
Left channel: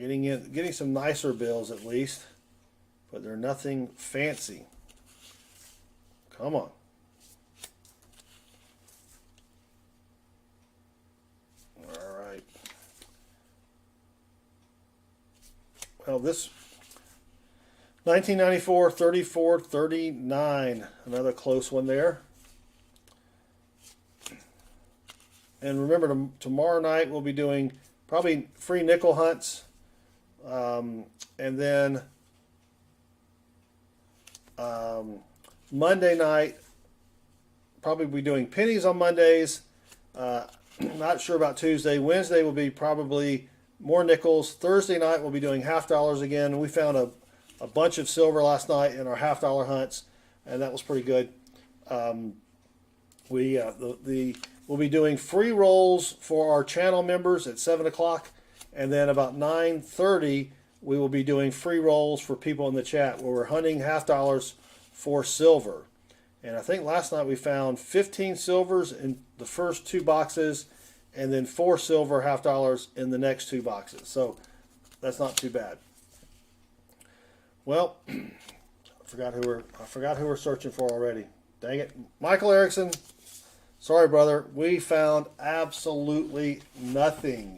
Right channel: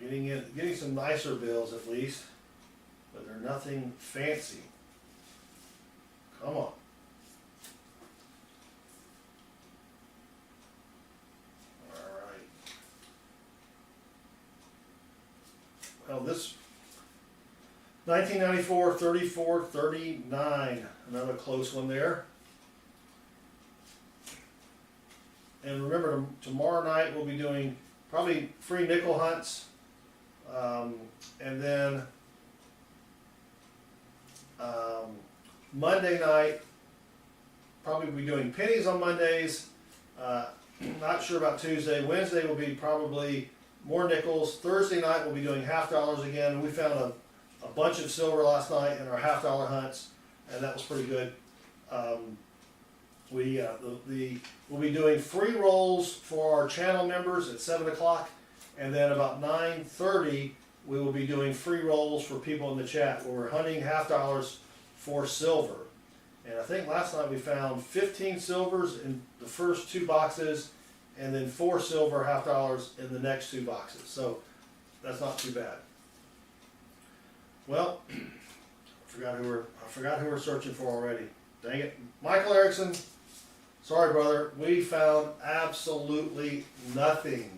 Getting some nicer bills at least, but they're nothing fancy. Come on. All right. Well, this 1994, 34, 39, another close one there. And remember, tomorrow night we'll be doing probably free nickel hunts. And then Monday night, probably be doing pennies on Mondays. Not sure about Tuesday. Wednesday will be probably more nickels. Thursday night we'll be doing $half again. And we found a bunch of silver last night in our $half hunts, and that was pretty good. We'll be doing free rolls for our channel members at 7 o'clock. And then about 9:30, we will be doing free rolls for people in the chat where we're hunting $half for silver. And I think last night we found 15 silvers in the first 2 boxes and then 4 silver $half in the next 2 boxes. So that's not too bad. Well, I forgot who we're searching for already. Dang it. Michael Erickson, sorry brother, we found absolutely nothing.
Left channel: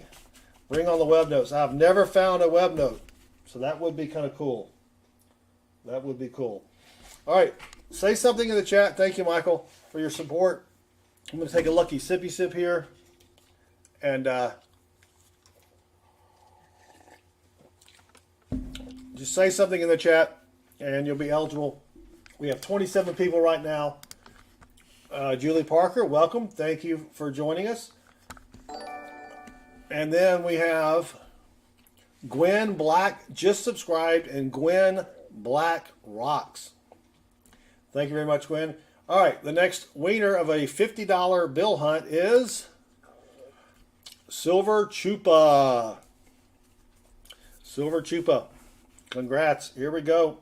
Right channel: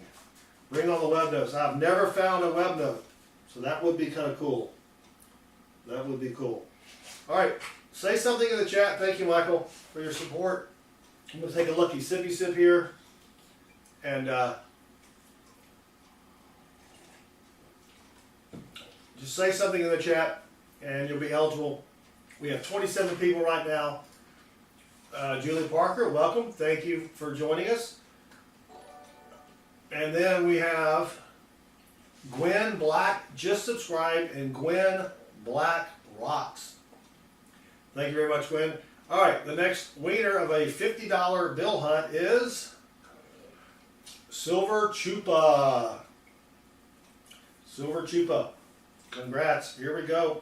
Bring on the web notes. I've never found a web note, so that would be kind of cool. That would be cool. All right, say something in the chat. Thank you, Michael, for your support. I'm going to take a lucky sippy sip here, and just say something in the chat, and you'll be eligible. We have 27 people right now. Julie Parker, welcome. Thank you for joining us. And then we have Gwen Black, just subscribed, and Gwen Black rocks. Thank you very much, Gwen. All right, the next winner of a $50 bill hunt is Silver Chupa. Silver Chupa. Congrats. Here we go.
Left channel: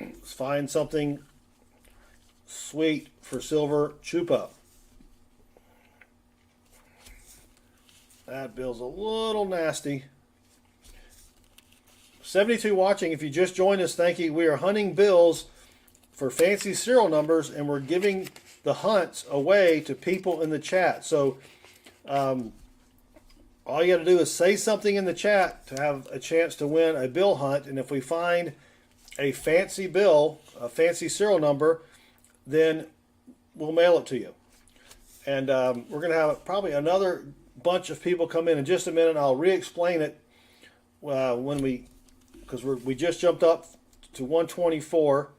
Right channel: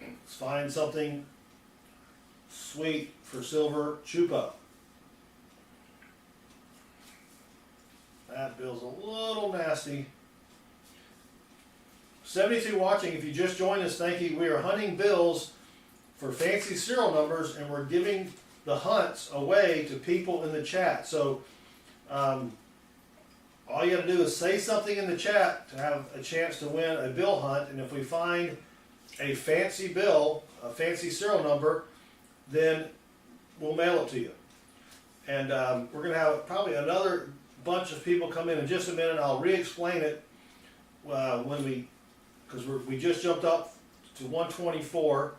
Let's find something sweet for Silver Chupa. That bill's a little nasty. 72 watching. If you just joined us, thank you. We are hunting bills for fancy serial numbers, and we're giving the hunts away to people in the chat. So all you got to do is say something in the chat to have a chance to win a bill hunt. And if we find a fancy bill, a fancy serial number, then we'll mail it to you. And we're going to have probably another bunch of people come in just a minute. I'll re-explain it because we just jumped up to 124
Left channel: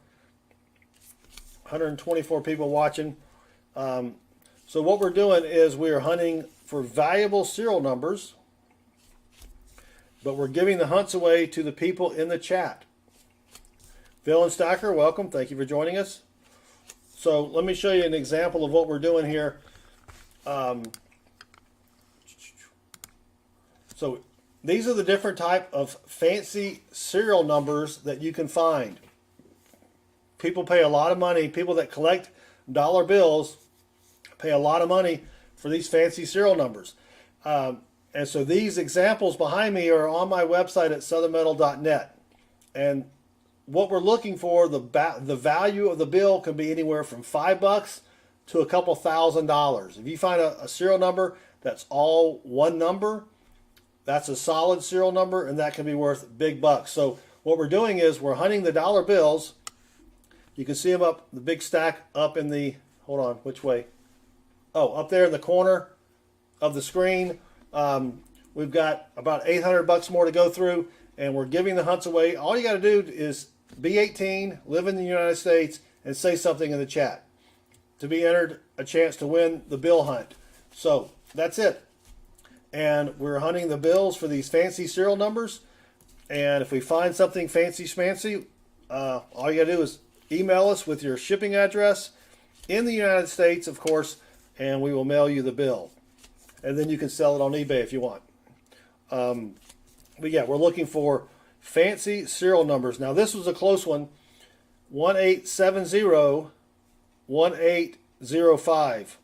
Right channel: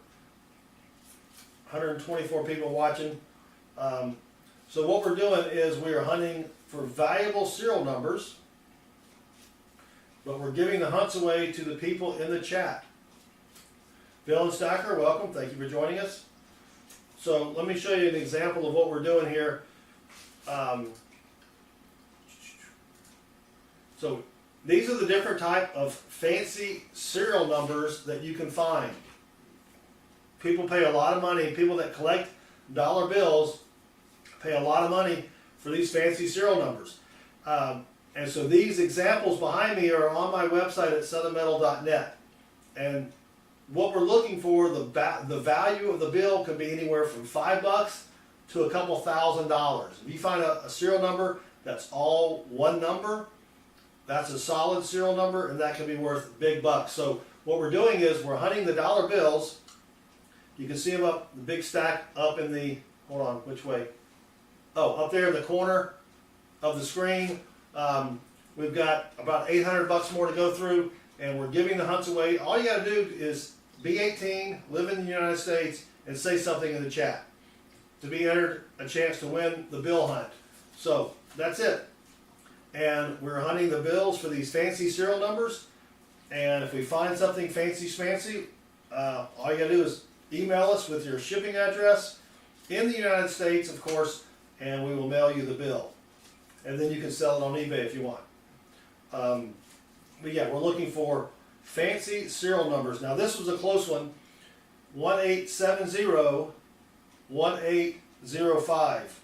people watching. So what we're doing is we are hunting for valuable serial numbers, but we're giving the hunts away to the people in the chat. Phil and Stacker, welcome. Thank you for joining us. So let me show you an example of what we're doing here. So these are the different type of fancy serial numbers that you can find. People pay a lot of money. People that collect dollar bills pay a lot of money for these fancy serial numbers. And so these examples behind me are on my website at southernmetal.net. And what we're looking for, the value of the bill can be anywhere from $5 to a couple $1,000. If you find a serial number that's all one number, That's a solid serial number, and that can be worth big bucks. So what we're doing is we're hunting the dollar bills. You can see them up, the big stack up in the, hold on, which way? Oh, up there in the corner of the screen. We've got about 800 bucks more to go through, and we're giving the hunts away. All you got to do is be 18, live in the United States, and say something in the chat to be entered a chance to win the bill hunt. So that's it. And we're hunting the bills for these fancy serial numbers. And if we find something fancy schmancy, all you got to do is email us with your shipping address in the United States, of course, and we will mail you the bill. And then you can sell it on eBay if you want. But yeah, we're looking for fancy serial numbers. Now this was a close one. 1870 1805.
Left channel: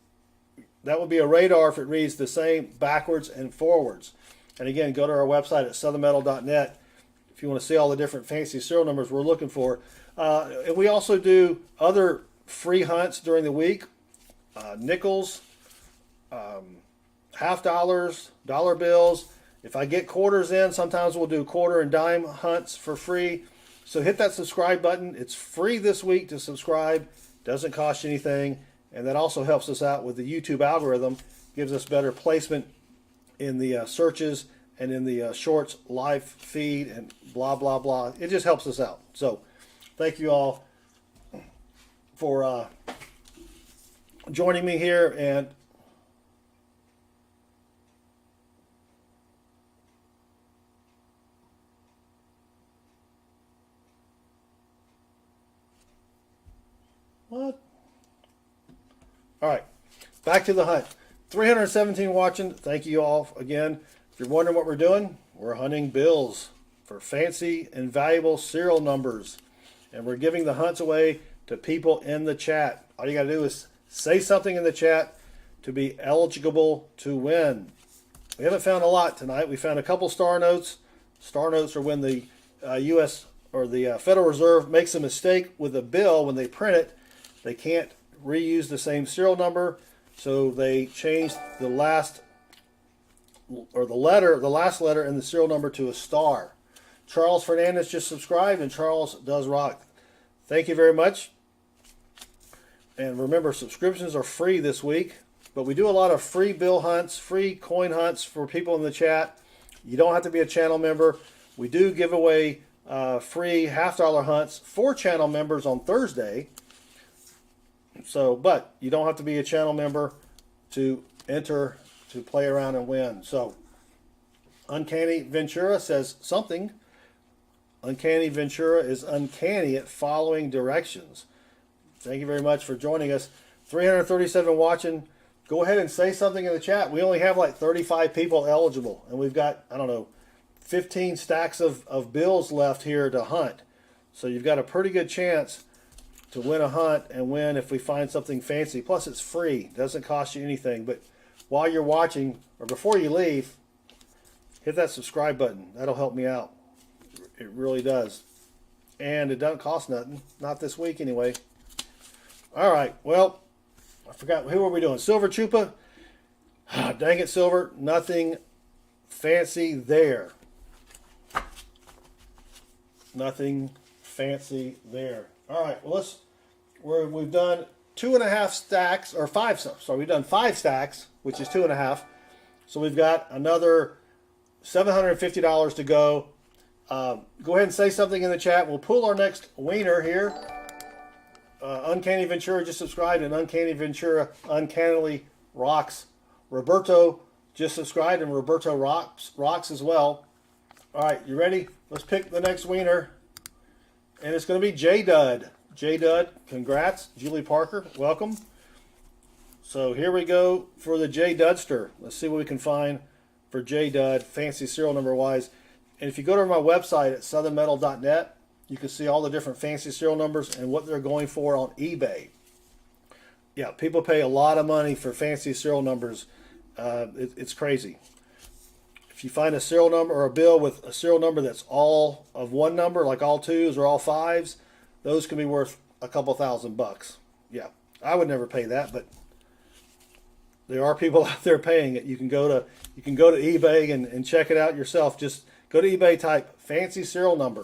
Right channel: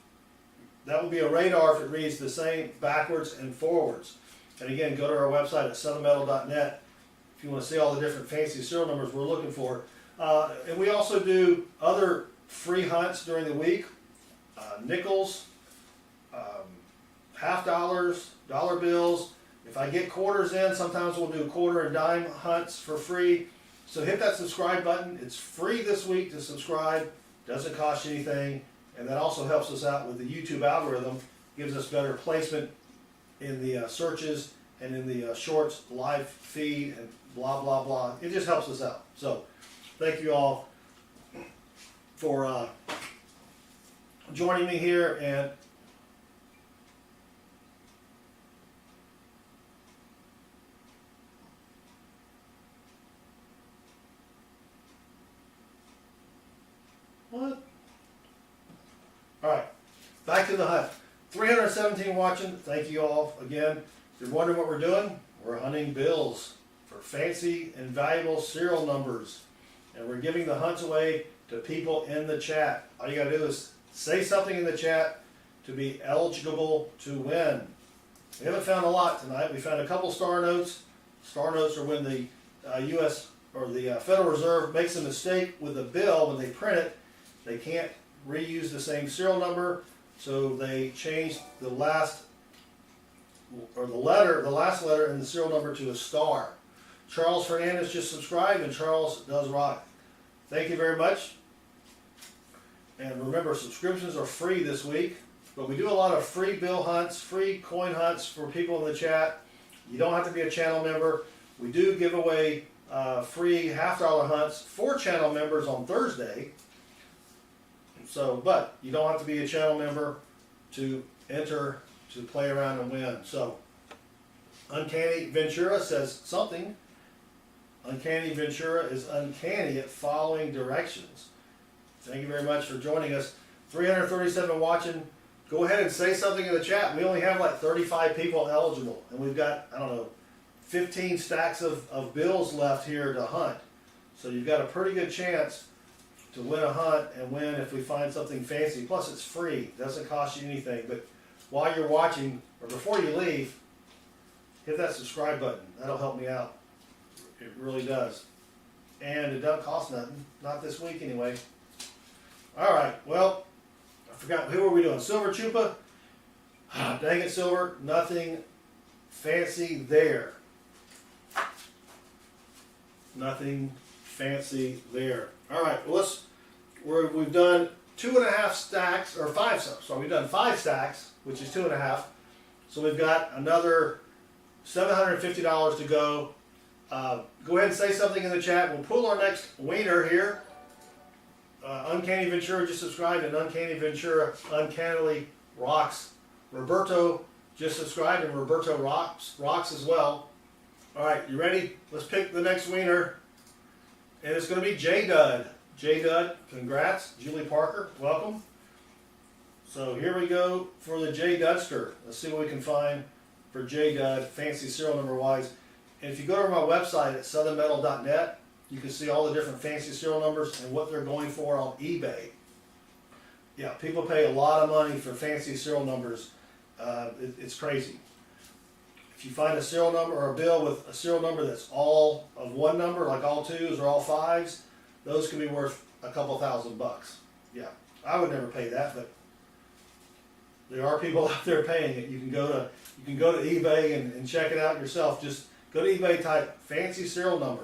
That would be a radar if it reads the same backwards and forwards. And again, go to our website at southernmetal.net if you want to see all the different fancy serial numbers we're looking for. And we also do other free hunts during the week. Nickels, half dollars, dollar bills. If I get quarters in, sometimes we'll do quarter and dime hunts for free. So hit that subscribe button. It's free this week to subscribe. Doesn't cost you anything. And that also helps us out with the YouTube algorithm. Gives us better placement in the searches and in the shorts live feed and blah, blah, blah. It just helps us out. So thank you all for joining me here. And what? All right, back to the hunt. 317 watching. Thank you all again. If you're wondering what we're doing, we're hunting bills for fancy and valuable serial numbers. And we're giving the hunts away to people in the chat. All you got to do is say something in the chat to be eligible to win. We haven't found a lot tonight. We found a couple star notes. Star notes are when the U.S. or the Federal Reserve makes a mistake with a bill when they print it. They can't reuse the same serial number, so they changed the last letter in the serial number to a star. Charles Fernandez just subscribed, and Charles does rock. Thank you very much. And remember, subscriptions are free this week, but we do a lot of free bill hunts, free coin hunts for people in the chat. You don't have to be a channel member. We do give away free half-dollar hunts for channel members on Thursday. So, but you don't have to be a channel member to enter to play around and win. So, Uncanny Ventura says something. Uncanny Ventura is uncanny at following directions. Thank you very much for joining us. 337 watching. Go ahead and say something in the chat. We only have like 35 people eligible, and we've got, I don't know, 15 stacks of bills left here to hunt. So you've got a pretty good chance to win a hunt and win if we find something fancy. Plus it's free. Doesn't cost you anything. But while you're watching, or before you leave, hit that subscribe button. That'll help me out. It really does. And it doesn't cost nothing. Not this week anyway. Alright, well, I forgot, who were we doing? Silver Chupa? Dang it, Silver. Nothing fancy there. Nothing fancy there. Alright, well, we've done 2.5 stacks, or 5, so we've done 5 stacks, which is 2.5. So we've got another $750 to go. Go ahead and say something in the chat. We'll pull our next winner here. Uncanny Ventura just subscribed, and Uncanny Ventura uncannily rocks. Roberto just subscribed, and Roberto rocks as well. Alright, you ready? Let's pick the next winner. And it's going to be J-Dud. J-Dud, congrats. Julie Parker, welcome. So here we go for the J-Dudster. Let's see what we can find for J-Dud, fancy serial number wise. And if you go to my website at southernmetal.net, you can see all the different fancy serial numbers and what they're going for on eBay. Yeah, people pay a lot of money for fancy serial numbers. It's crazy. If you find a serial number or a bill with a serial number that's all of one number, like all 2s or all 5s, those can be worth a couple $1,000 bucks. Yeah, I would never pay that, but there are people out there paying it. You can go to eBay and check it out yourself. Just go to eBay, type fancy serial number,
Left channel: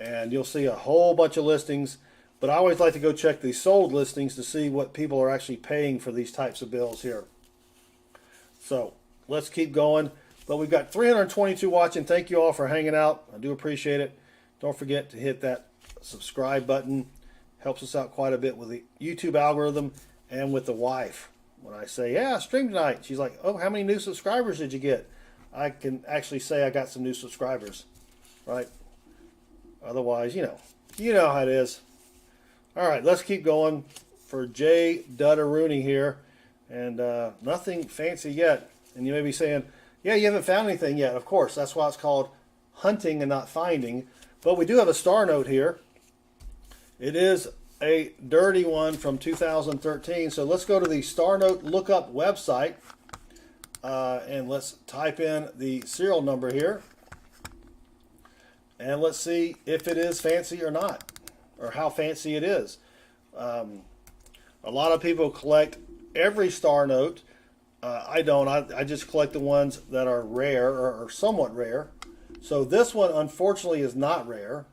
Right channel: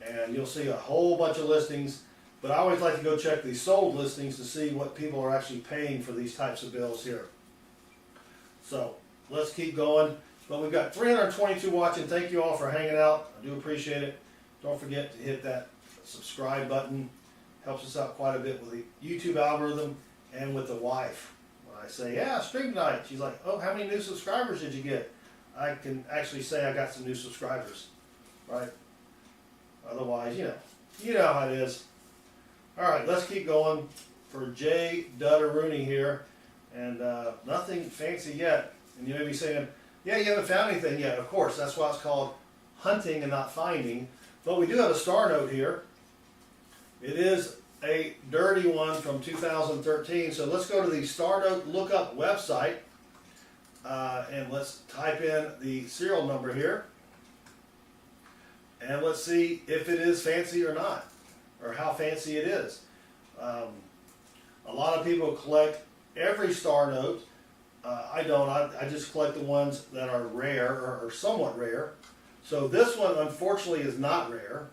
and you'll see a whole bunch of listings. But I always like to go check the sold listings to see what people are actually paying for these types of bills here. So let's keep going. But we've got 322 watching. Thank you all for hanging out. I do appreciate it. Don't forget to hit that subscribe button. Helps us out quite a bit with the YouTube algorithm and with the wife. When I say, yeah, stream tonight, she's like, oh, how many new subscribers did you get? I can actually say I got some new subscribers, right? Otherwise, you know how it is. All right, let's keep going for J. Rooney here, and nothing fancy yet. And you may be saying, yeah, you haven't found anything yet. Of course, that's why it's called hunting and not finding. But we do have a star note here. It is a dirty one from 2013. So let's go to the Star Note Lookup website, and let's type in the serial number here. And let's see if it is fancy or not, or how fancy it is. A lot of people collect every star note. I don't. I just collect the ones that are rare or somewhat rare. So this one, unfortunately, is not rare.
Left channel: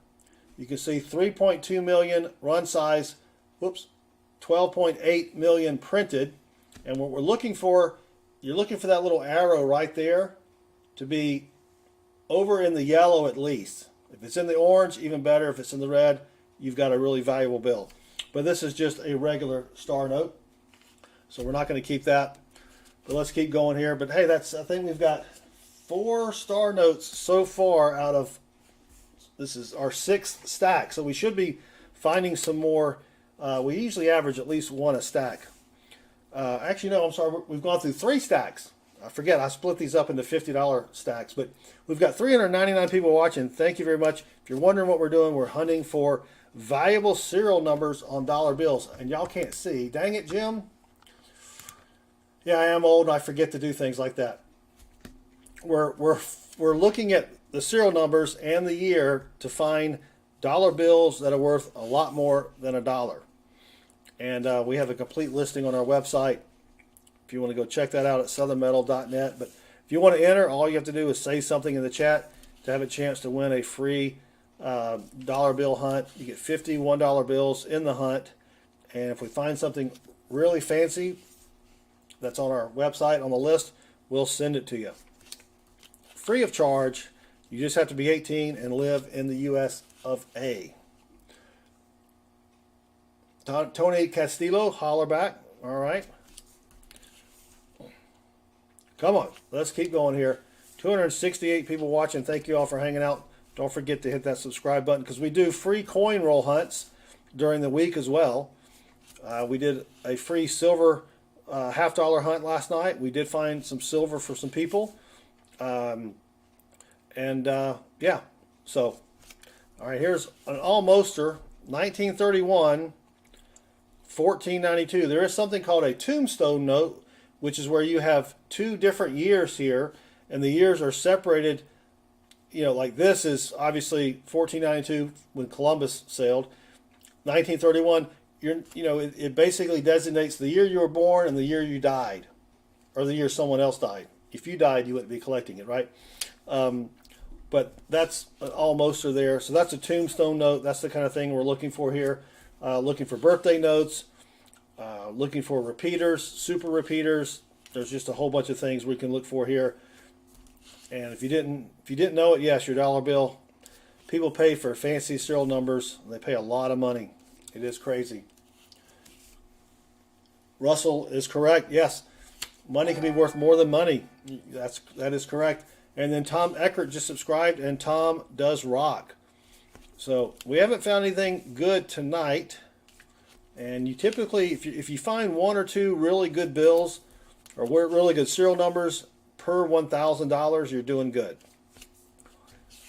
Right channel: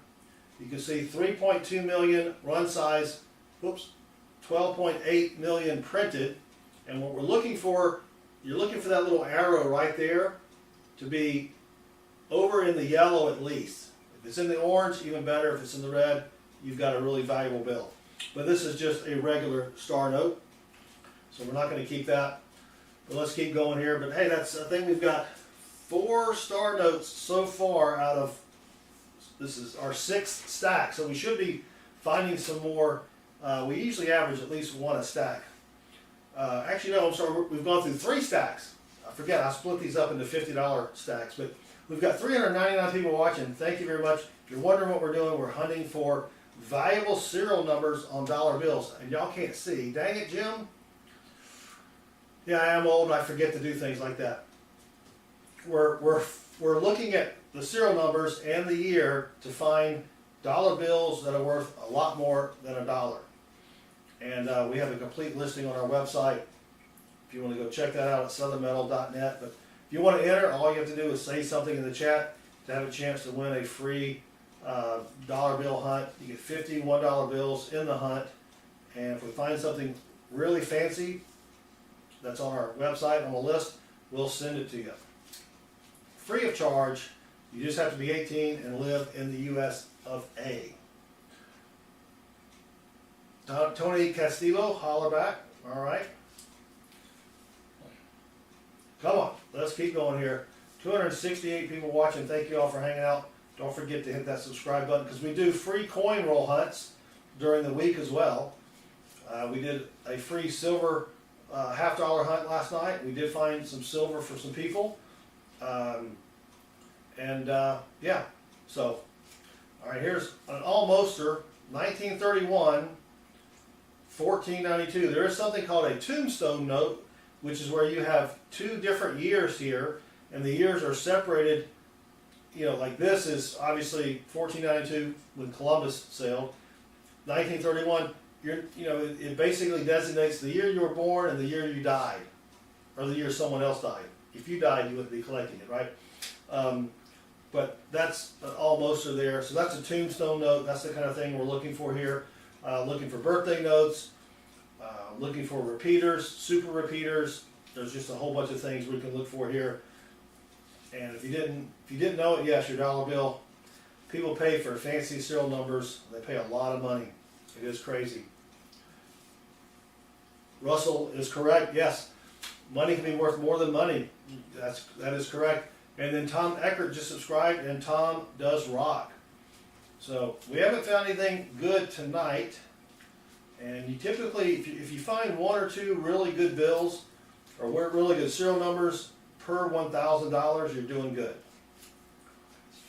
You can see 3.2 million run size, 12.8 million printed. And what we're looking for, you're looking for that little arrow right there to be over in the yellow at least. If it's in the orange, even better. If it's in the red, you've got a really valuable bill. But this is just a regular star note, so we're not going to keep that. But let's keep going here. But hey, I think we've got 4 star notes so far out of, this is our 6th stack. So we should be finding some more. We usually average at least 1 a stack. Actually, no, I'm sorry. We've gone through 3 stacks. I forget, I split these up into $50 stacks. But we've got 399 people watching. Thank you very much. If you're wondering what we're doing, we're hunting for valuable serial numbers on dollar bills. And y'all can't see. Dang it, Jim. Yeah, I am old and I forget to do things like that. We're looking at the serial numbers and the year to find dollar bills that are worth a lot more than $1. And we have a complete listing on our website if you want to go check that out at southernmetal.net. But if you want to enter, all you have to do is say something in the chat to have a chance to win a free dollar bill hunt. You get 50 $1 bills in the hunt. And if we find something really fancy that's on our website on the list, we'll send it to you. Free of charge. You just have to be 18 and live in the US of A. Tony Castillo, holler back. All right. Come on, let's keep going here. 268 people watching. Thank you all for hanging out. Don't forget to hit that subscribe button because we do free coin roll hunts during the week as well. We did a free silver $half-dollar hunt last night. We did find some silver for some people. Yeah, so, all right, here's an almoster, 1931, 1492. There is something called a tombstone note, which is where you have 2 different years here, and the years are separated. You know, like this is obviously 1492 when Columbus sailed. 1931, it basically designates the year you were born and the year you died, or the year someone else died. If you died, you wouldn't be collecting it, right? But that's an almoster there. So that's a tombstone note. That's the kind of thing we're looking for here. Looking for birthday notes, looking for repeaters, super repeaters. There's just a whole bunch of things we can look for here. And if you didn't know it, yes, your dollar bill. People pay for fancy serial numbers. They pay a lot of money. It is crazy. Russell is correct. Yes, money can be worth more than money. That is correct. And then Tom Eckert just subscribed, and Tom does rock. So we haven't found anything good tonight. And you typically, if you find 1 or 2 really good bills or really good serial numbers per $1,000, you're doing good.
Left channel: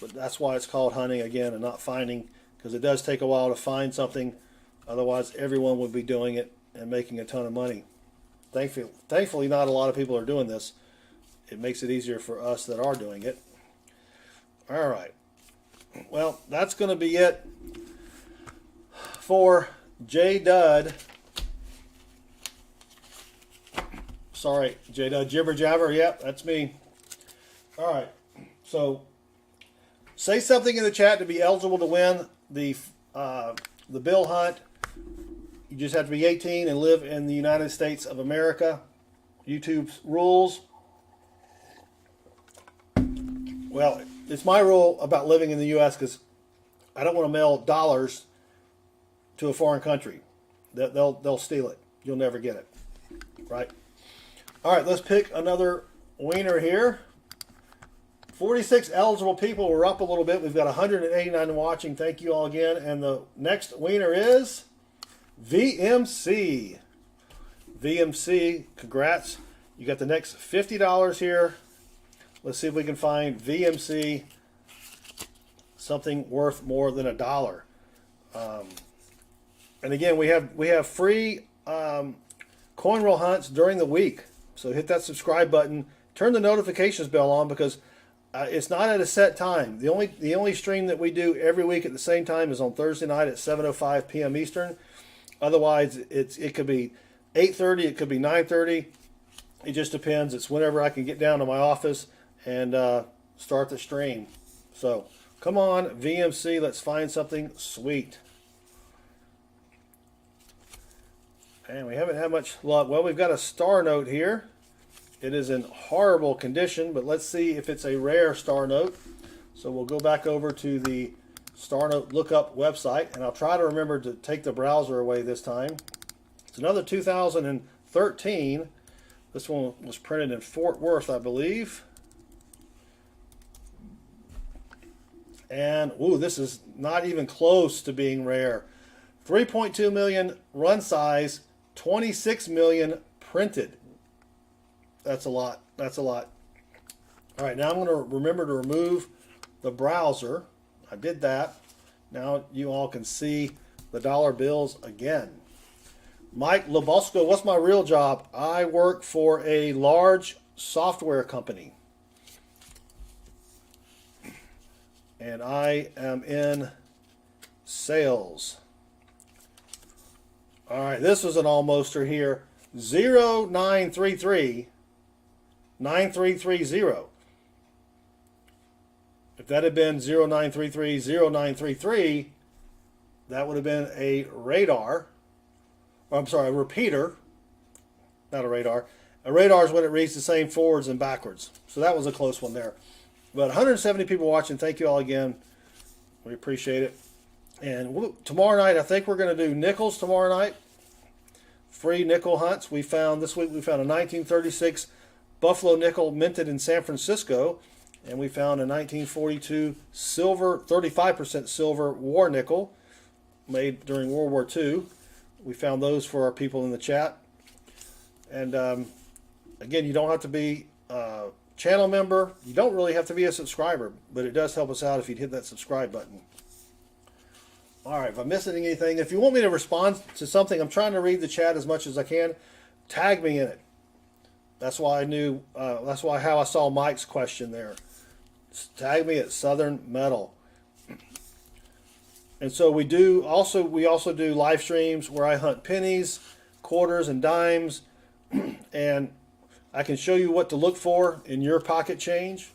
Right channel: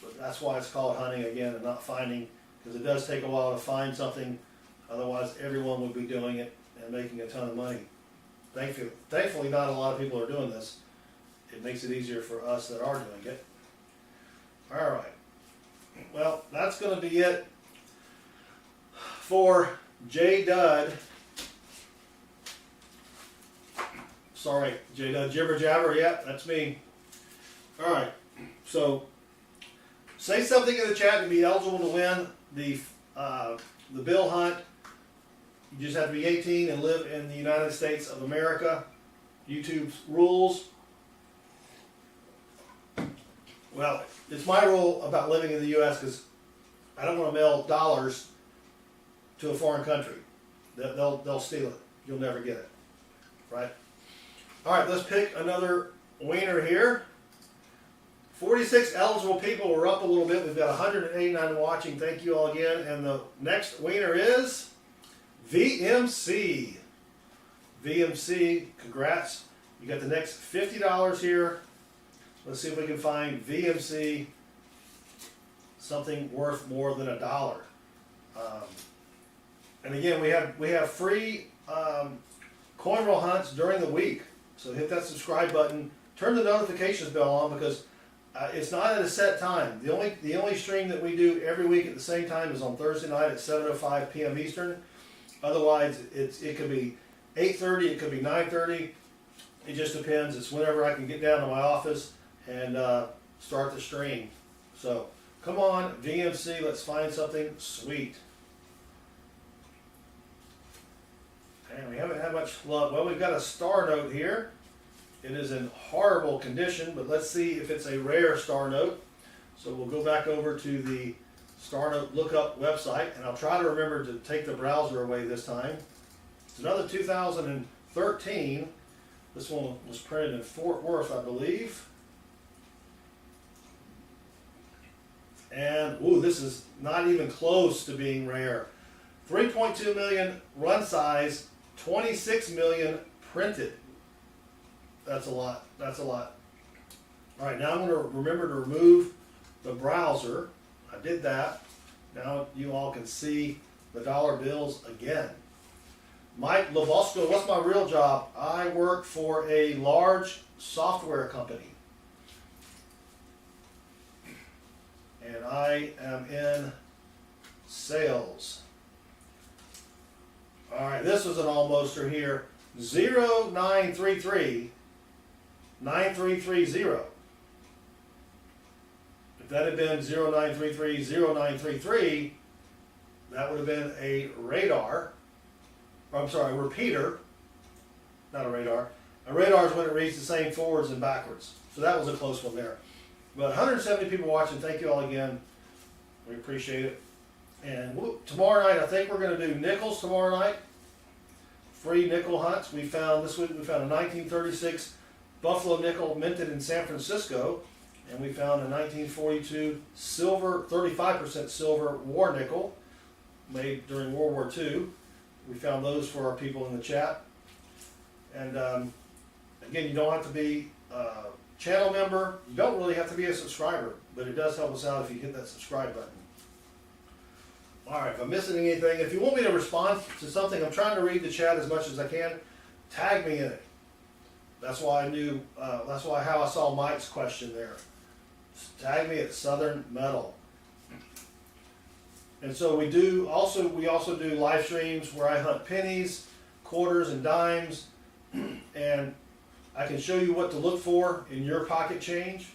But that's why it's called hunting again and not finding, because it does take a while to find something. Otherwise, everyone would be doing it and making a ton of money. Thankfully, not a lot of people are doing this. It makes it easier for us that are doing it. All right. Well, that's going to be it for J. Dud. Sorry, Jada. Jibber Jabber. Yep, that's me. All right. So, say something in the chat to be eligible to win the bill hunt. You just have to be 18 and live in the United States of America. YouTube's rules. Well, it's my rule about living in the U.S. because I don't want to mail dollars to a foreign country. They'll steal it. You'll never get it. Right? All right, let's pick another winner here. 46 eligible people. We're up a little bit. We've got 189 watching. Thank you all again. And the next winner is VMC. VMC, congrats. You got the next $50 here. Let's see if we can find VMC something worth more than $1. And again, we have free coin roll hunts during the week. So hit that subscribe button. Turn the notifications bell on because it's not at a set time. The only stream that we do every week at the same time is on Thursday night at 7:05 p.m. Eastern. Otherwise, it could be 8:30, it could be 9:30. It just depends. It's whenever I can get down to my office and start the stream. So come on, VMC, let's find something sweet. And we haven't had much luck. Well, we've got a star note here. It is in horrible condition, but let's see if it's a rare star note. So we'll go back over to the Star Note Lookup website, and I'll try to remember to take the browser away this time. It's another 2013. This one was printed in Fort Worth, I believe. And, ooh, this is not even close to being rare. 3.2 million run size, 26 million printed. That's a lot. That's a lot. All right, now I'm going to remember to remove the browser. I did that. Now you all can see the dollar bills again. Mike Lebosco, what's my real job? I work for a large software company. And I am in sales. All right, this was an almoster here. 0933 9330. If that had been 0933 0933, that would have been a radar. I'm sorry, a repeater, not a radar. A radar is when it reads the same forwards and backwards. So that was a close one there. But 170 people watching. Thank you all again. We appreciate it. And tomorrow night, I think we're going to do nickels tomorrow night. Free nickel hunts. We found this week. We found a 1936 Buffalo nickel minted in San Francisco, and we found a 1942 silver, 35% silver war nickel made during World War II. We found those for our people in the chat. And again, you don't have to be a channel member. You don't really have to be a subscriber, but it does help us out if you hit that subscribe button. All right, if I'm missing anything, if you want me to respond to something, I'm trying to read the chat as much as I can. Tag me in it. That's why I knew. That's why how I saw Mike's question there. Tag me at Southern Metal. And so we also do live streams where I hunt pennies, quarters, and dimes, and I can show you what to look for in your pocket change.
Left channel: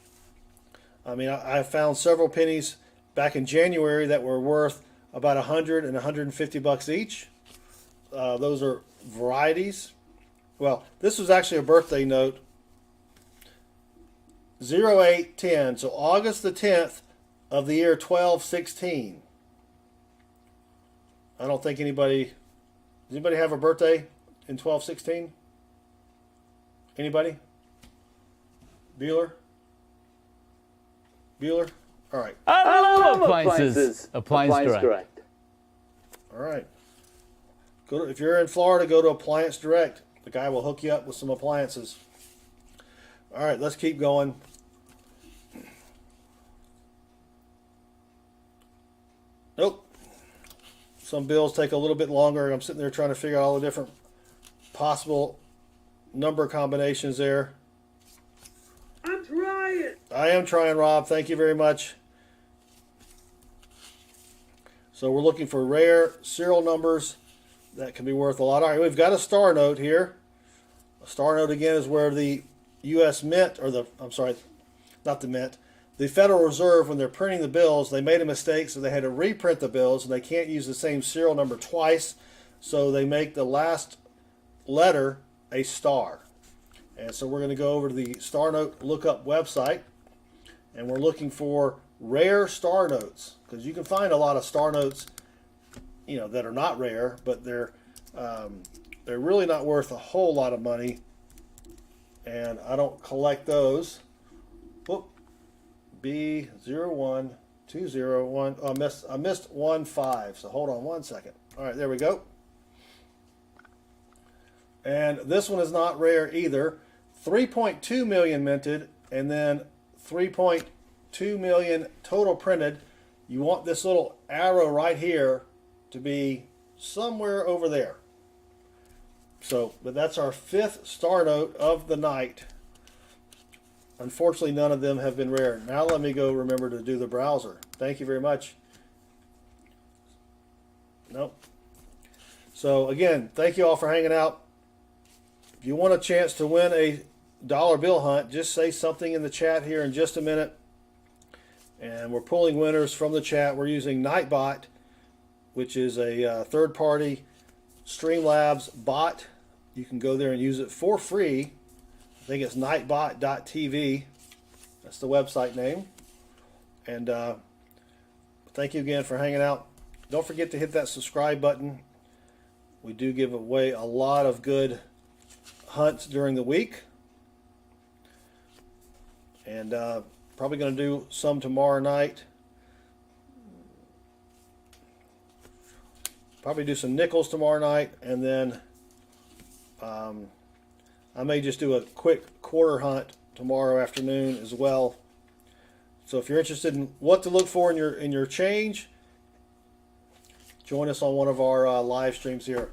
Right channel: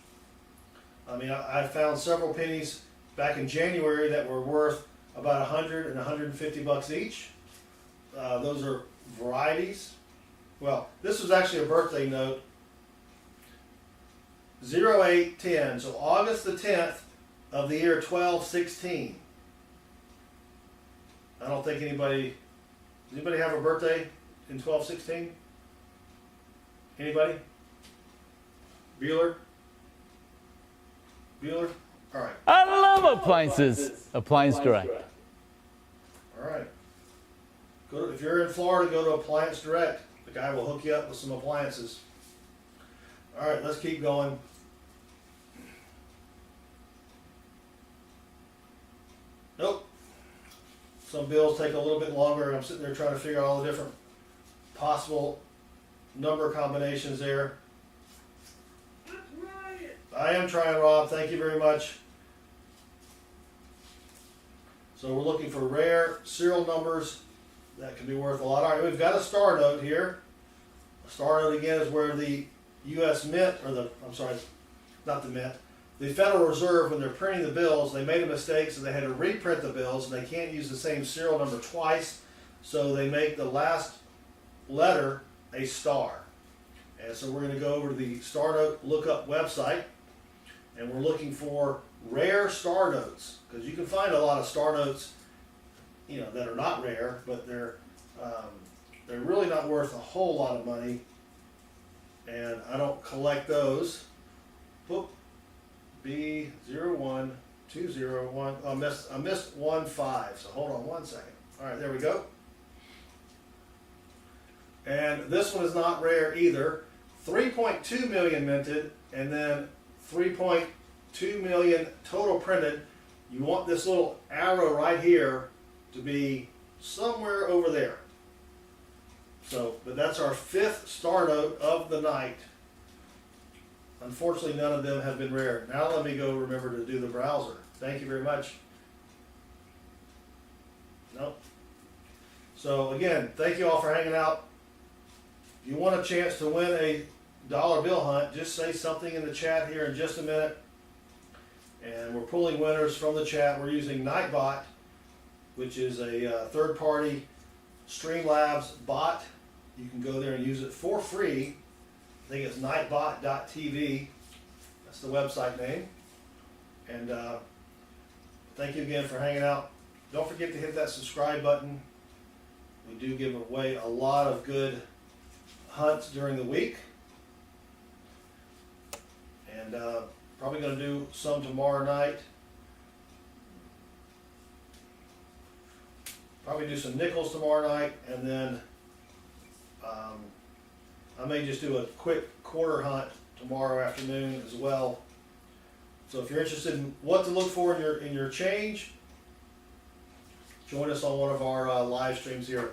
I mean, I found several pennies back in January that were worth about 100 and 150 bucks each. Those are varieties. Well, this was actually a birthday note. 0810, so August the 10th of the year 1216. I don't think anybody, does anybody have a birthday in 1216? Anybody? Bueller? Bueller? All right. I love appliances. Appliance Direct. All right. If you're in Florida, go to Appliance Direct. The guy will hook you up with some appliances. All right, let's keep going. Nope. Some bills take a little bit longer. I'm sitting there trying to figure out all the different possible number combinations there. I'm trying. I am trying, Rob. Thank you very much. So we're looking for rare serial numbers that can be worth a lot. All right, we've got a star note here. A star note again is where the U.S. Mint, or I'm sorry, not the Mint, the Federal Reserve, when they're printing the bills, they made a mistake, so they had to reprint the bills, and they can't use the same serial number twice, so they make the last letter a star. And so we're going to go over to the Star Note Lookup website, and we're looking for rare star notes, because you can find a lot of star notes, you know, that are not rare, but they're really not worth a whole lot of money, and I don't collect those. Whoop. B01201. I missed 15, so hold on one second. All right, there we go. And this one is not rare either. 3.2 million minted, and then 3.2 million total printed. You want this little arrow right here to be somewhere over there. So, but that's our 5th star note of the night. Unfortunately, none of them have been rare. Now let me go remember to do the browser. Thank you very much. Nope. So again, thank you all for hanging out. If you want a chance to win a dollar bill hunt, just say something in the chat here in just a minute. And we're pulling winners from the chat. We're using Nightbot, which is a third-party Streamlabs bot. You can go there and use it for free. I think it's nightbot.tv. That's the website name. And thank you again for hanging out. Don't forget to hit that subscribe button. We do give away a lot of good hunts during the week. And probably going to do some tomorrow night. Probably do some nickels tomorrow night, and then I may just do a quick quarter hunt tomorrow afternoon as well. So if you're interested in what to look for in your change, join us on one of our live streams here.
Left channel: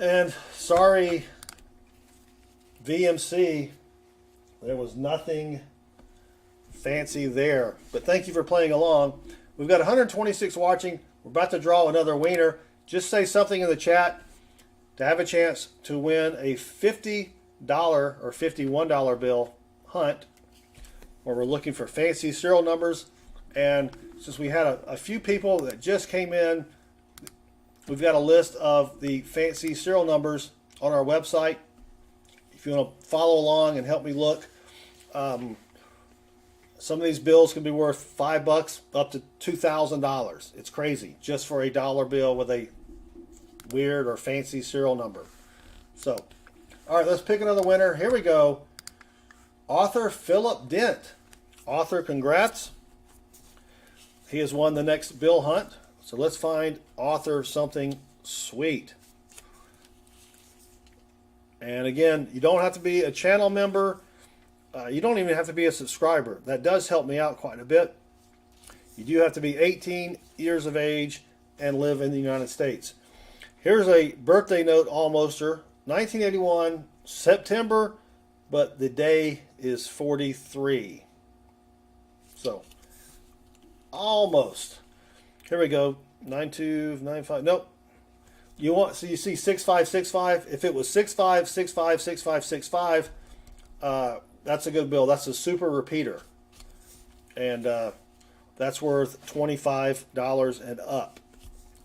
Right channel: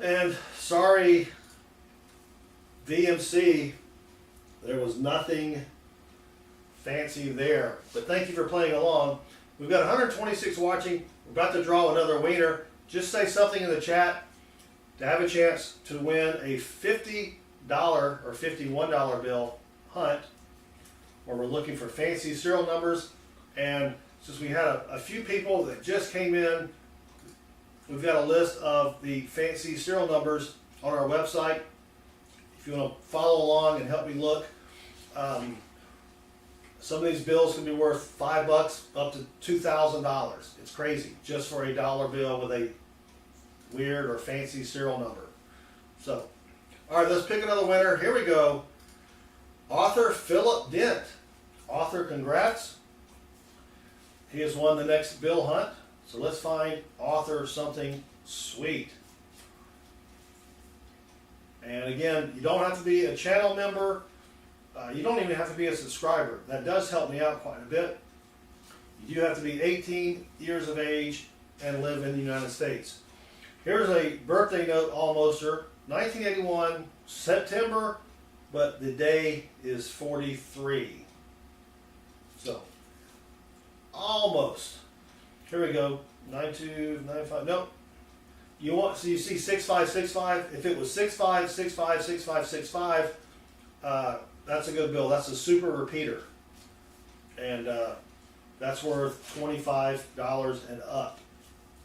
And sorry, VMC, there was nothing fancy there. But thank you for playing along. We've got 126 watching. We're about to draw another wiener. Just say something in the chat to have a chance to win a $50 or $51 bill hunt, where we're looking for fancy serial numbers. And since we had a few people that just came in, we've got a list of the fancy serial numbers on our website. If you want to follow along and help me look, some of these bills could be worth $5 up to $2,000. It's crazy, just for a dollar bill with a weird or fancy serial number. So, all right, let's pick another winner. Here we go. Author Philip Dent. Author, congrats. He has won the next bill hunt. So let's find author something sweet. And again, you don't have to be a channel member. You don't even have to be a subscriber. That does help me out quite a bit. You do have to be 18 years of age and live in the United States. Here's a birthday note almoster. 1981, September, but the day is 43. So, almost. Here we go. 9295. Nope. You want, so you see 6565. If it was 65656565, that's a good bill. That's a super repeater, and that's worth $25 and up.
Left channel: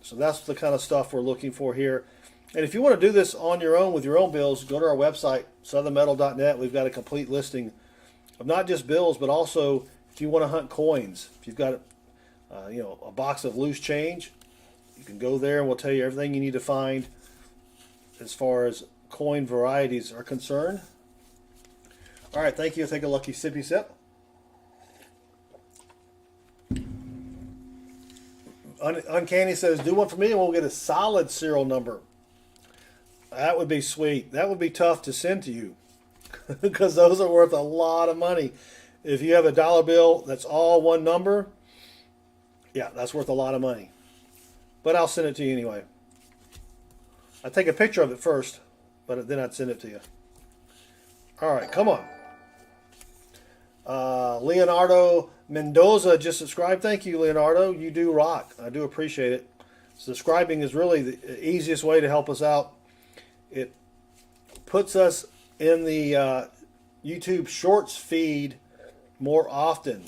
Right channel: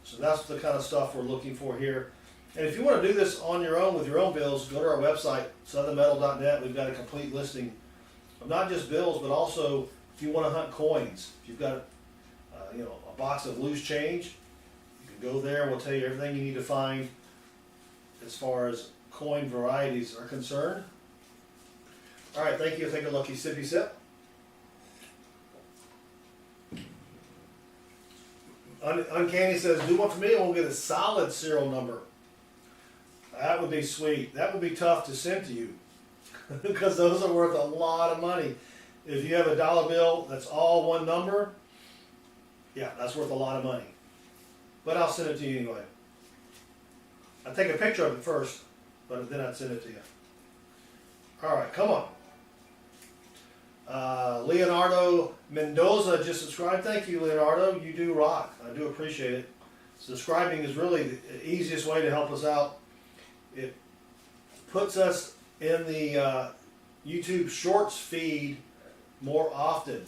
So that's the kind of stuff we're looking for here. And if you want to do this on your own with your own bills, go to our website, southernmetal.net. We've got a complete listing of not just bills, but also if you want to hunt coins. If you've got a box of loose change, you can go there and we'll tell you everything you need to find as far as coin varieties are concerned. All right, thank you. Take a lucky sippy sip. Uncanny says, do one for me and we'll get a solid serial number. That would be sweet. That would be tough to send to you because those are worth a lot of money. If you have a dollar bill that's all one number, yeah, that's worth a lot of money. But I'll send it to you anyway. I'd take a picture of it first, but then I'd send it to you. All right, come on. Leonardo Mendoza just subscribed. Thank you, Leonardo. You do rock. I do appreciate it. Subscribing is really the easiest way to help us out. It puts us in the YouTube Shorts feed more often,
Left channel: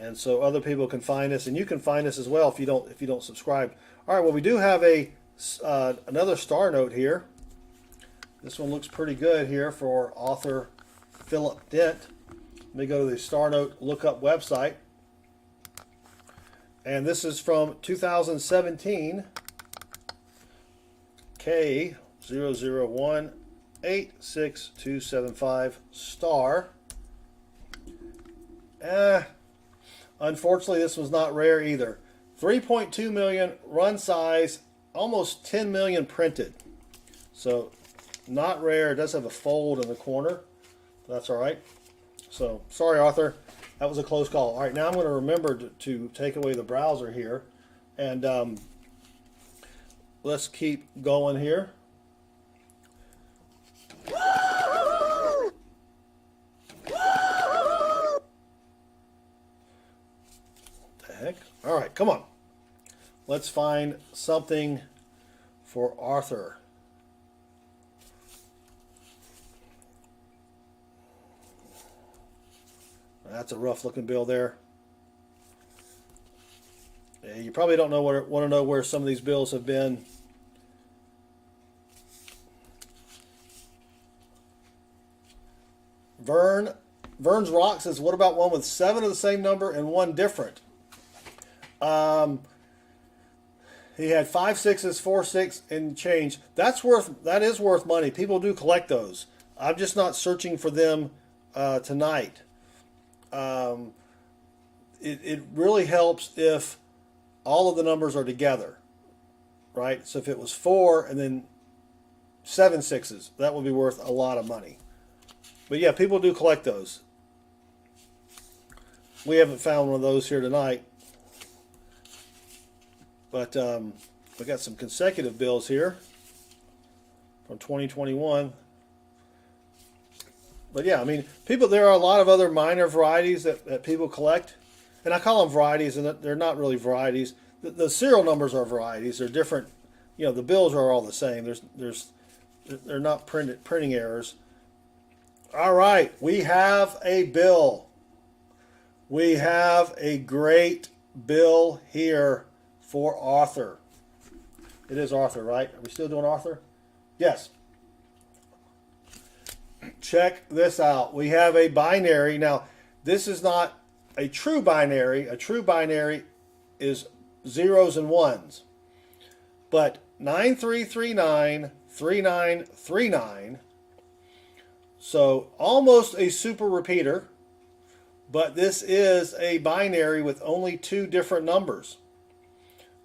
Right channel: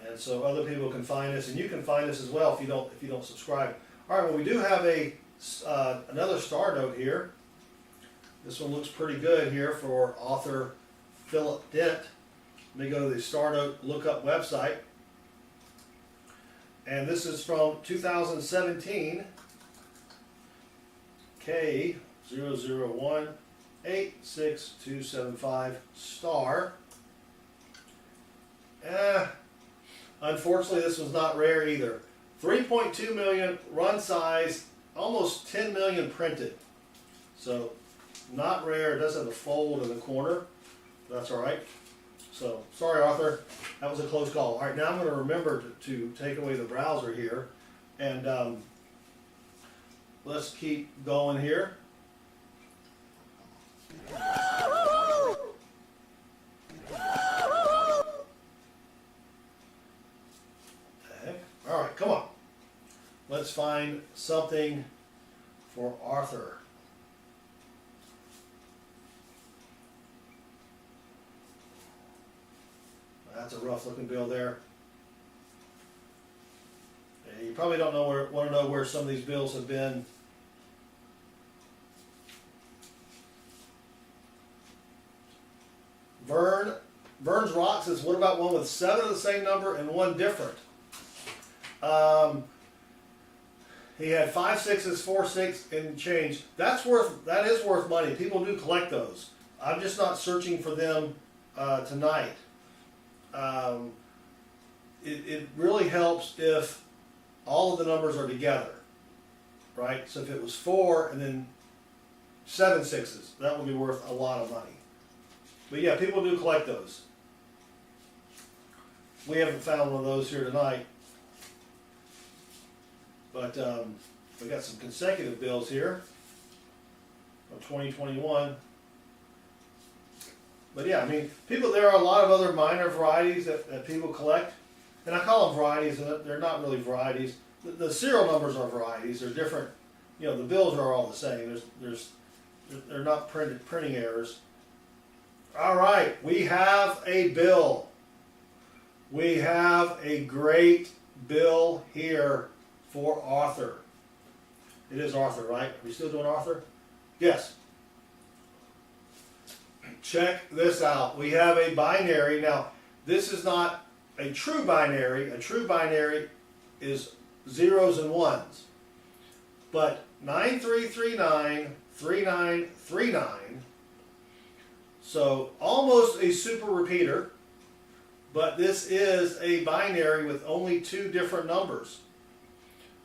and so other people can find us, and you can find us as well if you don't subscribe. All right, well, we do have another star note here. This one looks pretty good here for author Philip Dent. Let me go to the Star Note Lookup website. And this is from 2017, K00186275 star. Unfortunately, this was not rare either. 3.2 million run size, almost 10 million printed. So not rare. It does have a fold in the corner. That's all right. So sorry, Arthur. That was a close call. All right, now I'm going to remember to take away the browser here. And let's keep going here. The heck? All right, come on. Let's find something for Arthur. That's a rough looking bill there. And you probably don't want to know where some of these bills have been. Vern's Rock says, what about one with 7 of the same number and 1 different? He had 5 6s, 4 6, and change. That is worth money. People do collect those. I'm just not searching for them tonight. It really helps if all of the numbers are together, right? So if it was 4 and then 7 6s, that would be worth a lot of money. But yeah, people do collect those. We haven't found one of those here tonight. But we got some consecutive bills here from 2021. But yeah, I mean, there are a lot of other minor varieties that people collect. And I call them varieties, and they're not really varieties. The serial numbers are varieties. They're different. You know, the bills are all the same. They're not printing errors. All right, we have a bill. We have a great bill here for Arthur. It is Arthur, right? Are we still doing Arthur? Yes. Check this out. We have a binary. Now, this is not a true binary. A true binary is 0s and 1s. But 93393939, so almost a super repeater, but this is a binary with only 2 different numbers.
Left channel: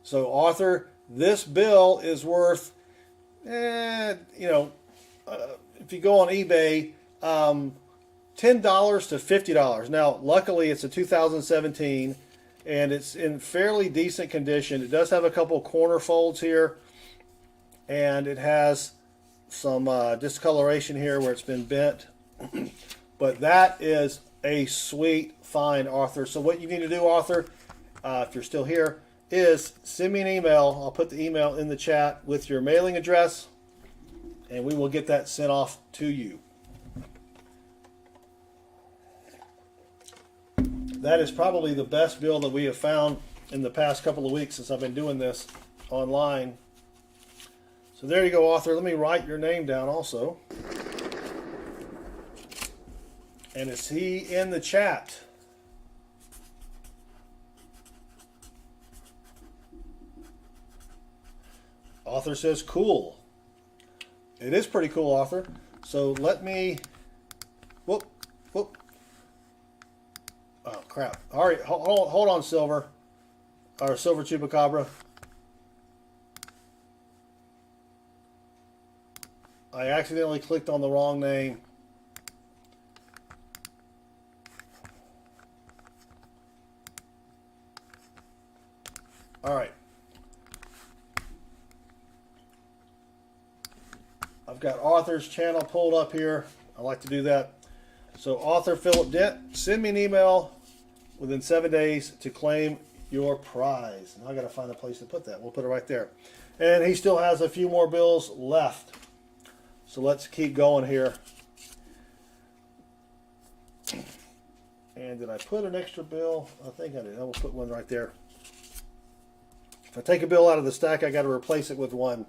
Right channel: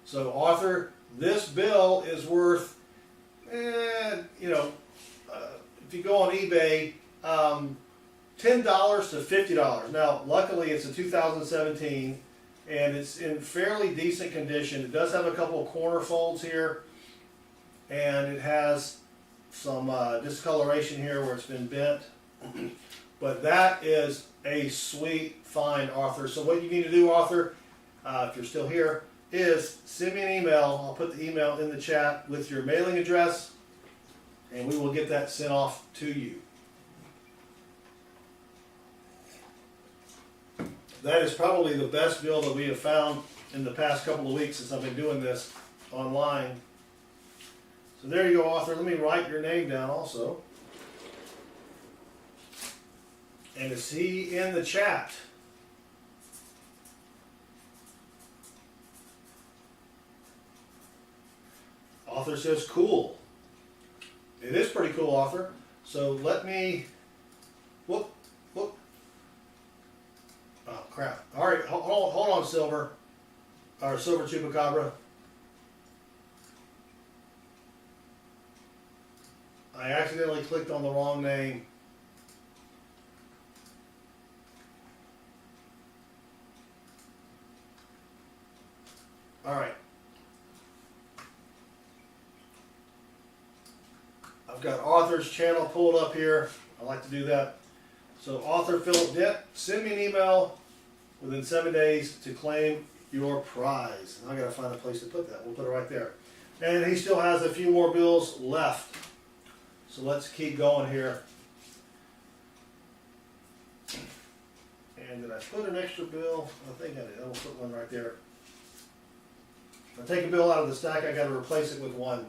So Arthur, this bill is worth, if you go on eBay, $10 to $50. Now, luckily, it's a 2017, and it's in fairly decent condition. It does have a couple corner folds here, and it has some discoloration here where it's been bent. But that is a sweet find, Arthur. So what you need to do, Arthur, if you're still here, is send me an email. I'll put the email in the chat with your mailing address, and we will get that sent off to you. That is probably the best bill that we have found in the past couple of weeks since I've been doing this online. So there you go, Arthur. Let me write your name down also. And is he in the chat? Arthur says cool. It is pretty cool, Arthur. So let me, whoop. Oh crap. All right, hold on, Silver. Or Silver Chupacabra. I accidentally clicked on the wrong name. All right. I've got Arthur's channel pulled up here. I like to do that. So Author Philip Dent, send me an email within 7 days to claim your prize. I got to find a place to put that. We'll put it right there. And he still has a few more bills left. So let's keep going here. And did I put an extra bill? I think I did. I will put one right there. If I take a bill out of the stack, I got to replace it with one.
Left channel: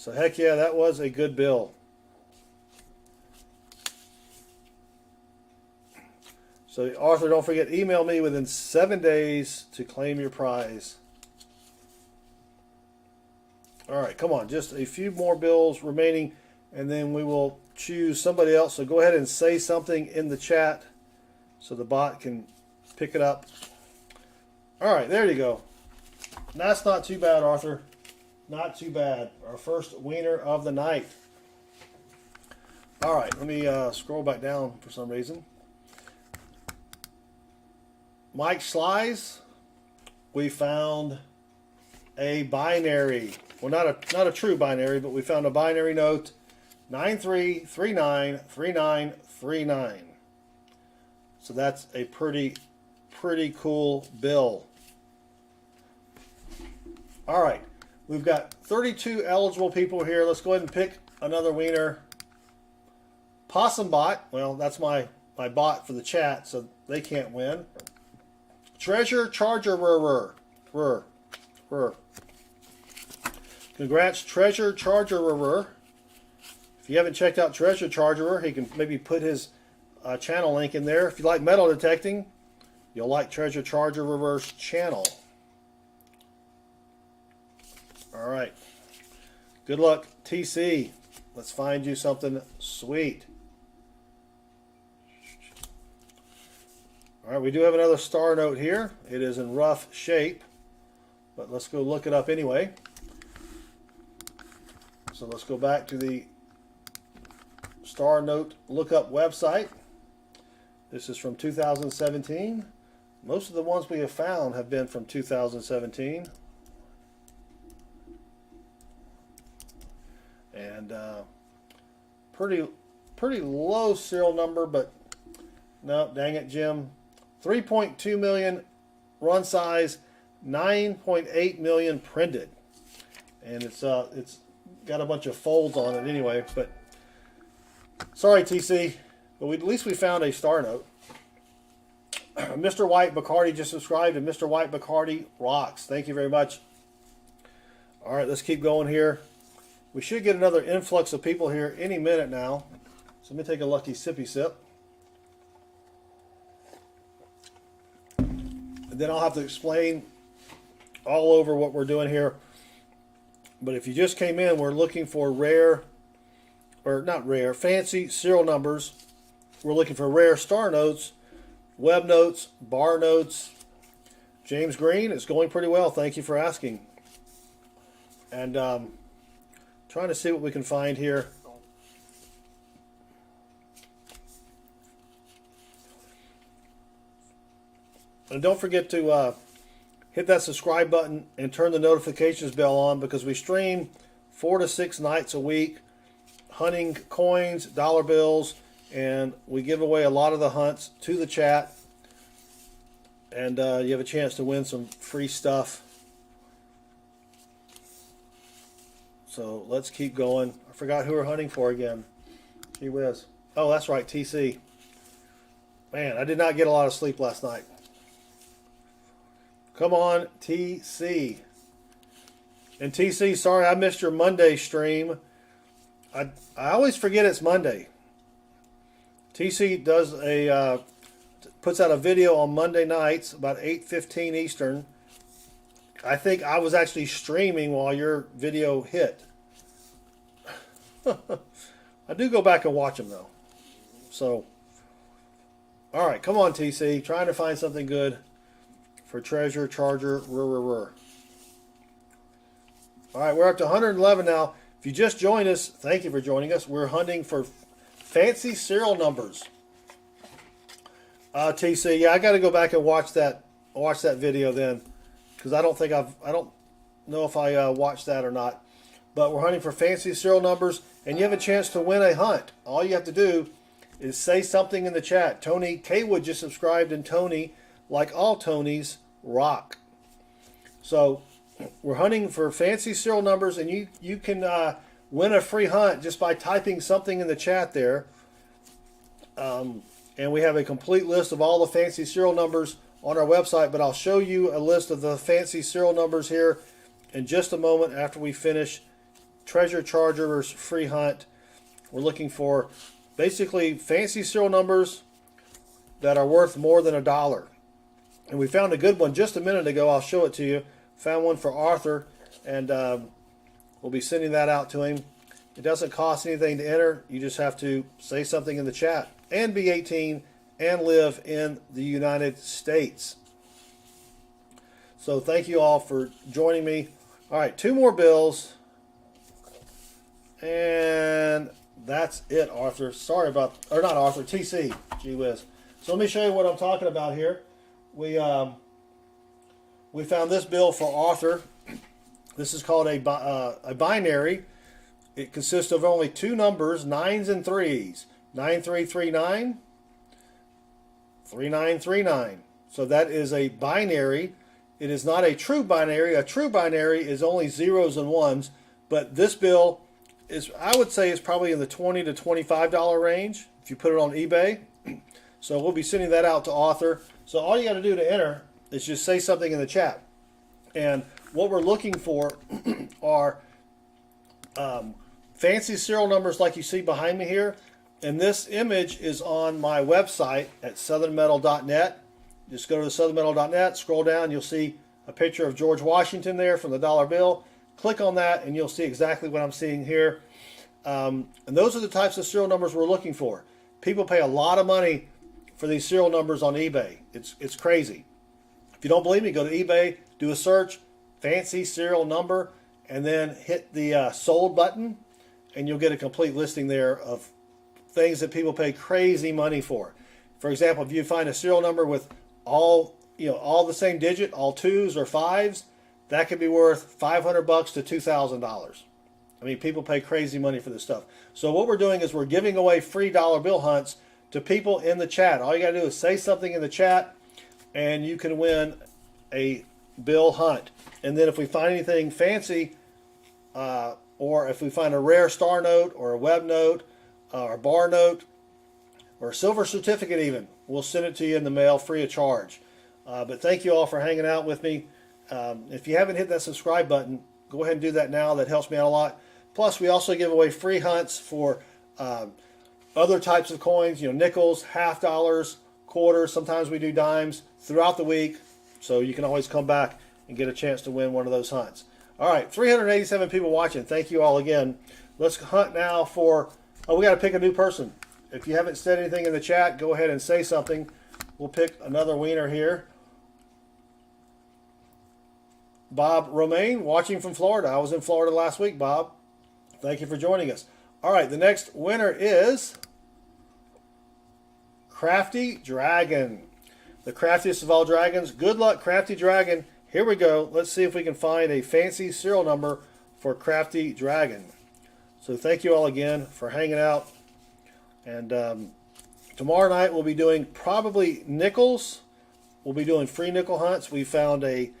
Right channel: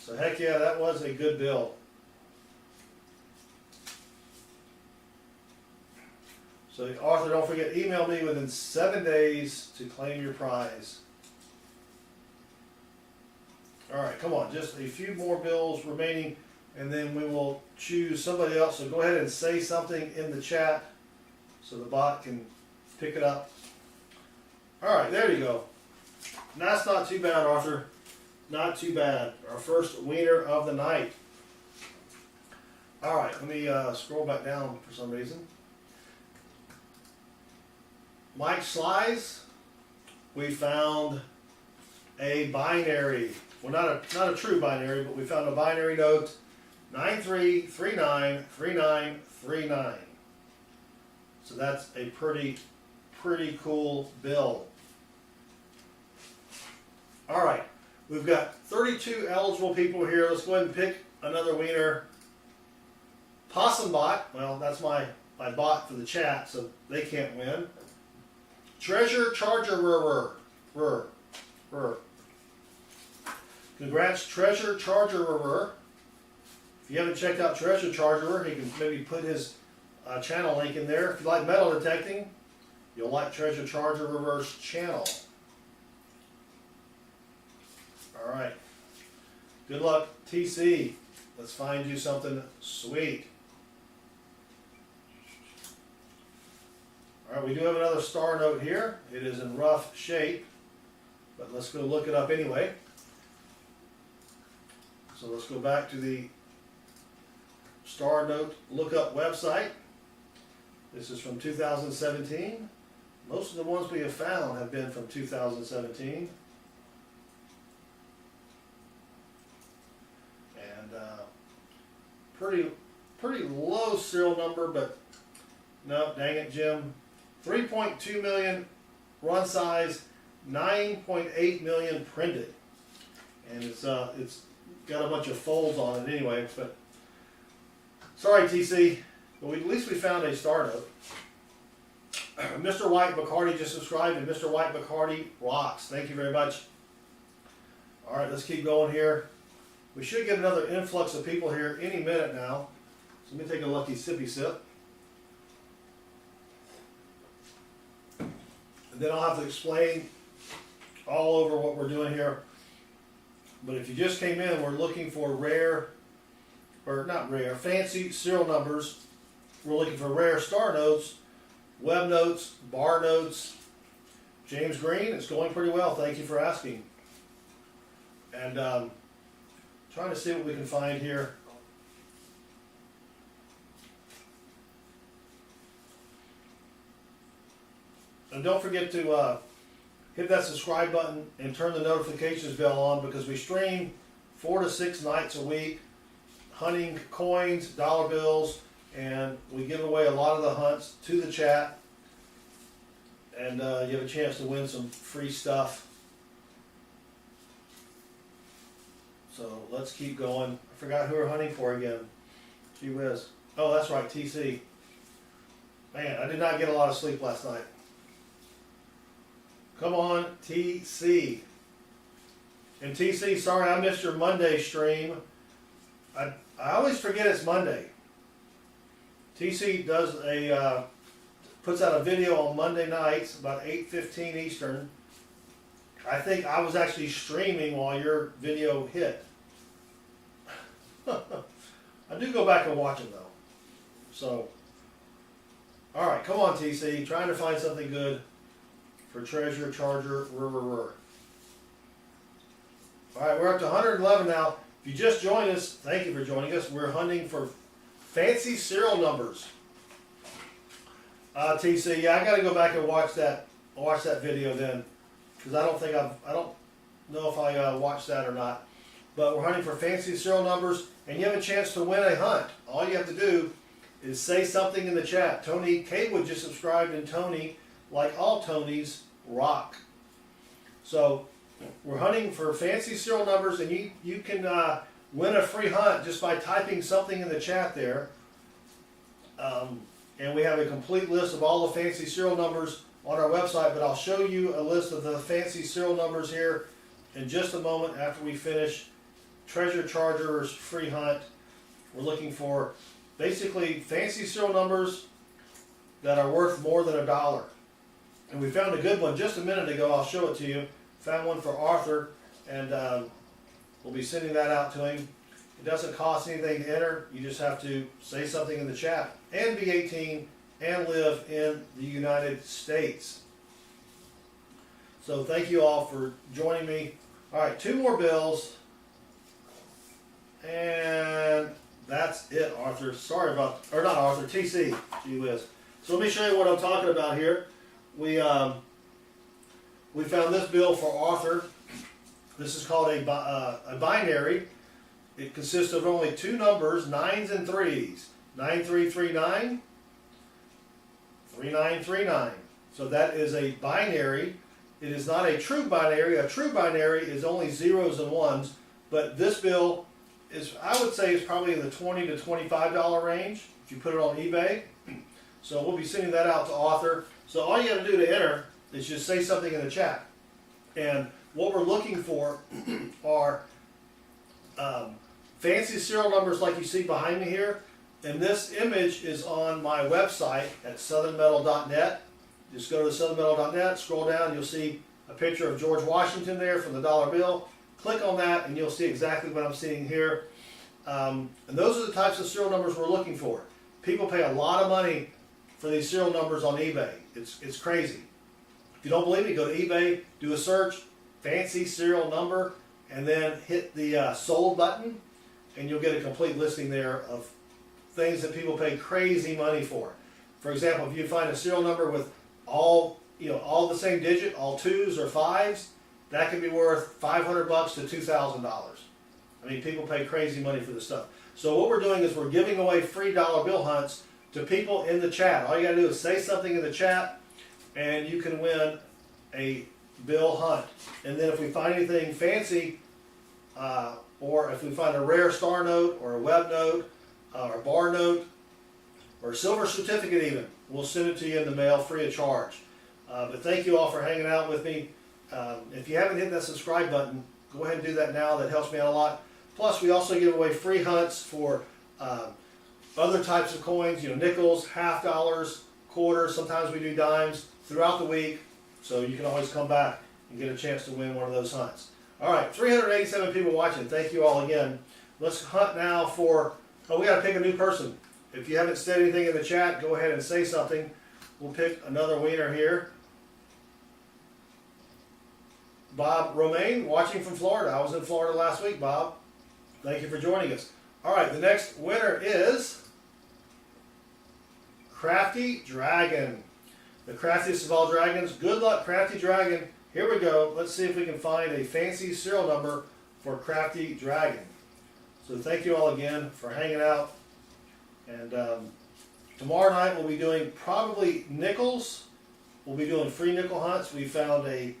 So heck yeah, that was a good bill. So Arthur, don't forget, email me within 7 days to claim your prize. All right, come on, just a few more bills remaining, and then we will choose somebody else. So go ahead and say something in the chat so the bot can pick it up. All right, there you go. That's not too bad, Arthur. Not too bad. Our first winner of the night. All right, let me scroll back down for some reason. Mike Slice, we found a binary. Well, not a true binary, but we found a binary note, 93393939. So that's a pretty cool bill. All right, we've got 32 eligible people here. Let's go ahead and pick another winner. Possum Bot, well, that's my bot for the chat, so they can't win. Treasure Charger Congrats, Treasure Charger. If you haven't checked out Treasure Charger, he can maybe put his channel link in there. If you like metal detecting, you'll like Treasure Charger's channel. All right. Good luck, TC. Let's find you something sweet. All right, we do have another star note here. It is in rough shape, but let's go look it up anyway. So let's go back to the star note lookup website. This is from 2017. Most of the ones we have found have been from 2017. And pretty low serial number, but no, dang it, Jim. 3.2 million run size, 9.8 million printed, and it's got a bunch of folds on it anyway. But sorry, TC, but at least we found a star note. Mr. White Bacardi just subscribed, and Mr. White Bacardi rocks. Thank you very much. All right, let's keep going here. We should get another influx of people here any minute now. So let me take a lucky sippy sip. And then I'll have to explain all over what we're doing here. But if you just came in, we're looking for fancy serial numbers. We're looking for rare star notes, web notes, bar notes. James Green, it's going pretty well. Thank you for asking. And trying to see what we can find here. And don't forget to hit that subscribe button and turn the notifications bell on, because we stream 4 to 6 nights a week, hunting coins, dollar bills, and we give away a lot of the hunts to the chat. And you have a chance to win some free stuff. So let's keep going. I forgot who we're hunting for again. Gee whiz. Oh, that's right, TC. Man, I did not get a lot of sleep last night. Come on, TC. And TC, sorry I missed your Monday stream. I always forget it's Monday. TC does puts out a video on Monday nights about 8:15 Eastern. I think I was actually streaming while your video hit. I do go back and watch them though. So, all right, come on, TC. Trying to find something good for Treasure Charger. All right, we're up to 111 now. If you just joined us, thank you for joining us. We're hunting for fancy serial numbers. TC, yeah, I got to go back and watch that video then, because I don't know if I watched that or not. But we're hunting for fancy serial numbers, and you have a chance to win a hunt. All you have to do is say something in the chat. Tony Kaywood just subscribed, and Tony, like all Tonys, rock. So we're hunting for fancy serial numbers, and you can win a free hunt just by typing something in the chat there. And we have a complete list of all the fancy serial numbers on our website, but I'll show you a list of the fancy serial numbers here in just a moment after we finish Treasure Charger's free hunt. We're looking for basically fancy serial numbers that are worth more than $1. And we found a good one just a minute ago. I'll show it to you. Found one for Arthur, and we'll be sending that out to him. It doesn't cost anything to enter. You just have to say something in the chat and be 18 and live in the United States. So thank you all for joining me. All right, 2 more bills. And that's it, Arthur. Sorry about, or not Arthur, TC. Gee whiz. So let me show you what I'm talking about here. We found this bill for Arthur. This is called a binary. It consists of only 2 numbers, 9s and 3s. 9339, 3939. So that is a binary. It is not a true binary. A true binary is only 0s and 1s. But this bill is, I would say, is probably in the $20 to $25 range if you put it on eBay. So we'll be sending that out to Arthur. So all you got to do to enter is just say something in the chat. And what we're looking for are fancy serial numbers like you see behind me here. And this image is on my website at southernmetal.net. Just go to southernmetal.net, scroll down, you'll see a picture of George Washington there from the dollar bill. Click on that and you'll see exactly what I'm seeing here. And those are the types of serial numbers we're looking for. People pay a lot of money for these serial numbers on eBay. It's crazy. If you don't believe me, go to eBay, do a search, fancy serial number, and then hit the sold button, and you'll get a complete listing there of things that people pay crazy money for. For example, if you find a serial number with all the same digit, all 2s or 5s, that could be worth $500 to $2,000. I mean, people pay crazy money for this stuff. So what we're doing is we're giving away free dollar bill hunts to people in the chat. All you gotta do is say something in the chat, and you can win a bill hunt. And then if we find anything fancy, or if we find a rare star note or a web note, or a bar note, or a silver certificate even, we'll send it to you in the mail free of charge. But thank you all for hanging out with me. If you haven't hit that subscribe button, go ahead and do that now. That helps me out a lot. Plus, we also give away free hunts for other types of coins, nickels, $half, quarters, sometimes we do dimes throughout the week. So you can always come back and get a chance to win one of those hunts. All right, 387 people watching. Thank you all again. Let's hunt now for, we got to pick a new person. If you haven't said anything in the chat, go ahead and say something. We'll pick another wiener here. Bob Romaine, watching from Florida. I was in Florida last week, Bob. Thank you for joining us. All right, the next winner is Crafty Dragon. The craftiest of all dragons. Good luck, Crafty Dragon. Here we go. Let's see if we can find a fancy serial number for Crafty Dragon. So thank you all again for hanging out. And tomorrow night we'll be doing probably nickels. We'll be doing free nickel hunts. We found a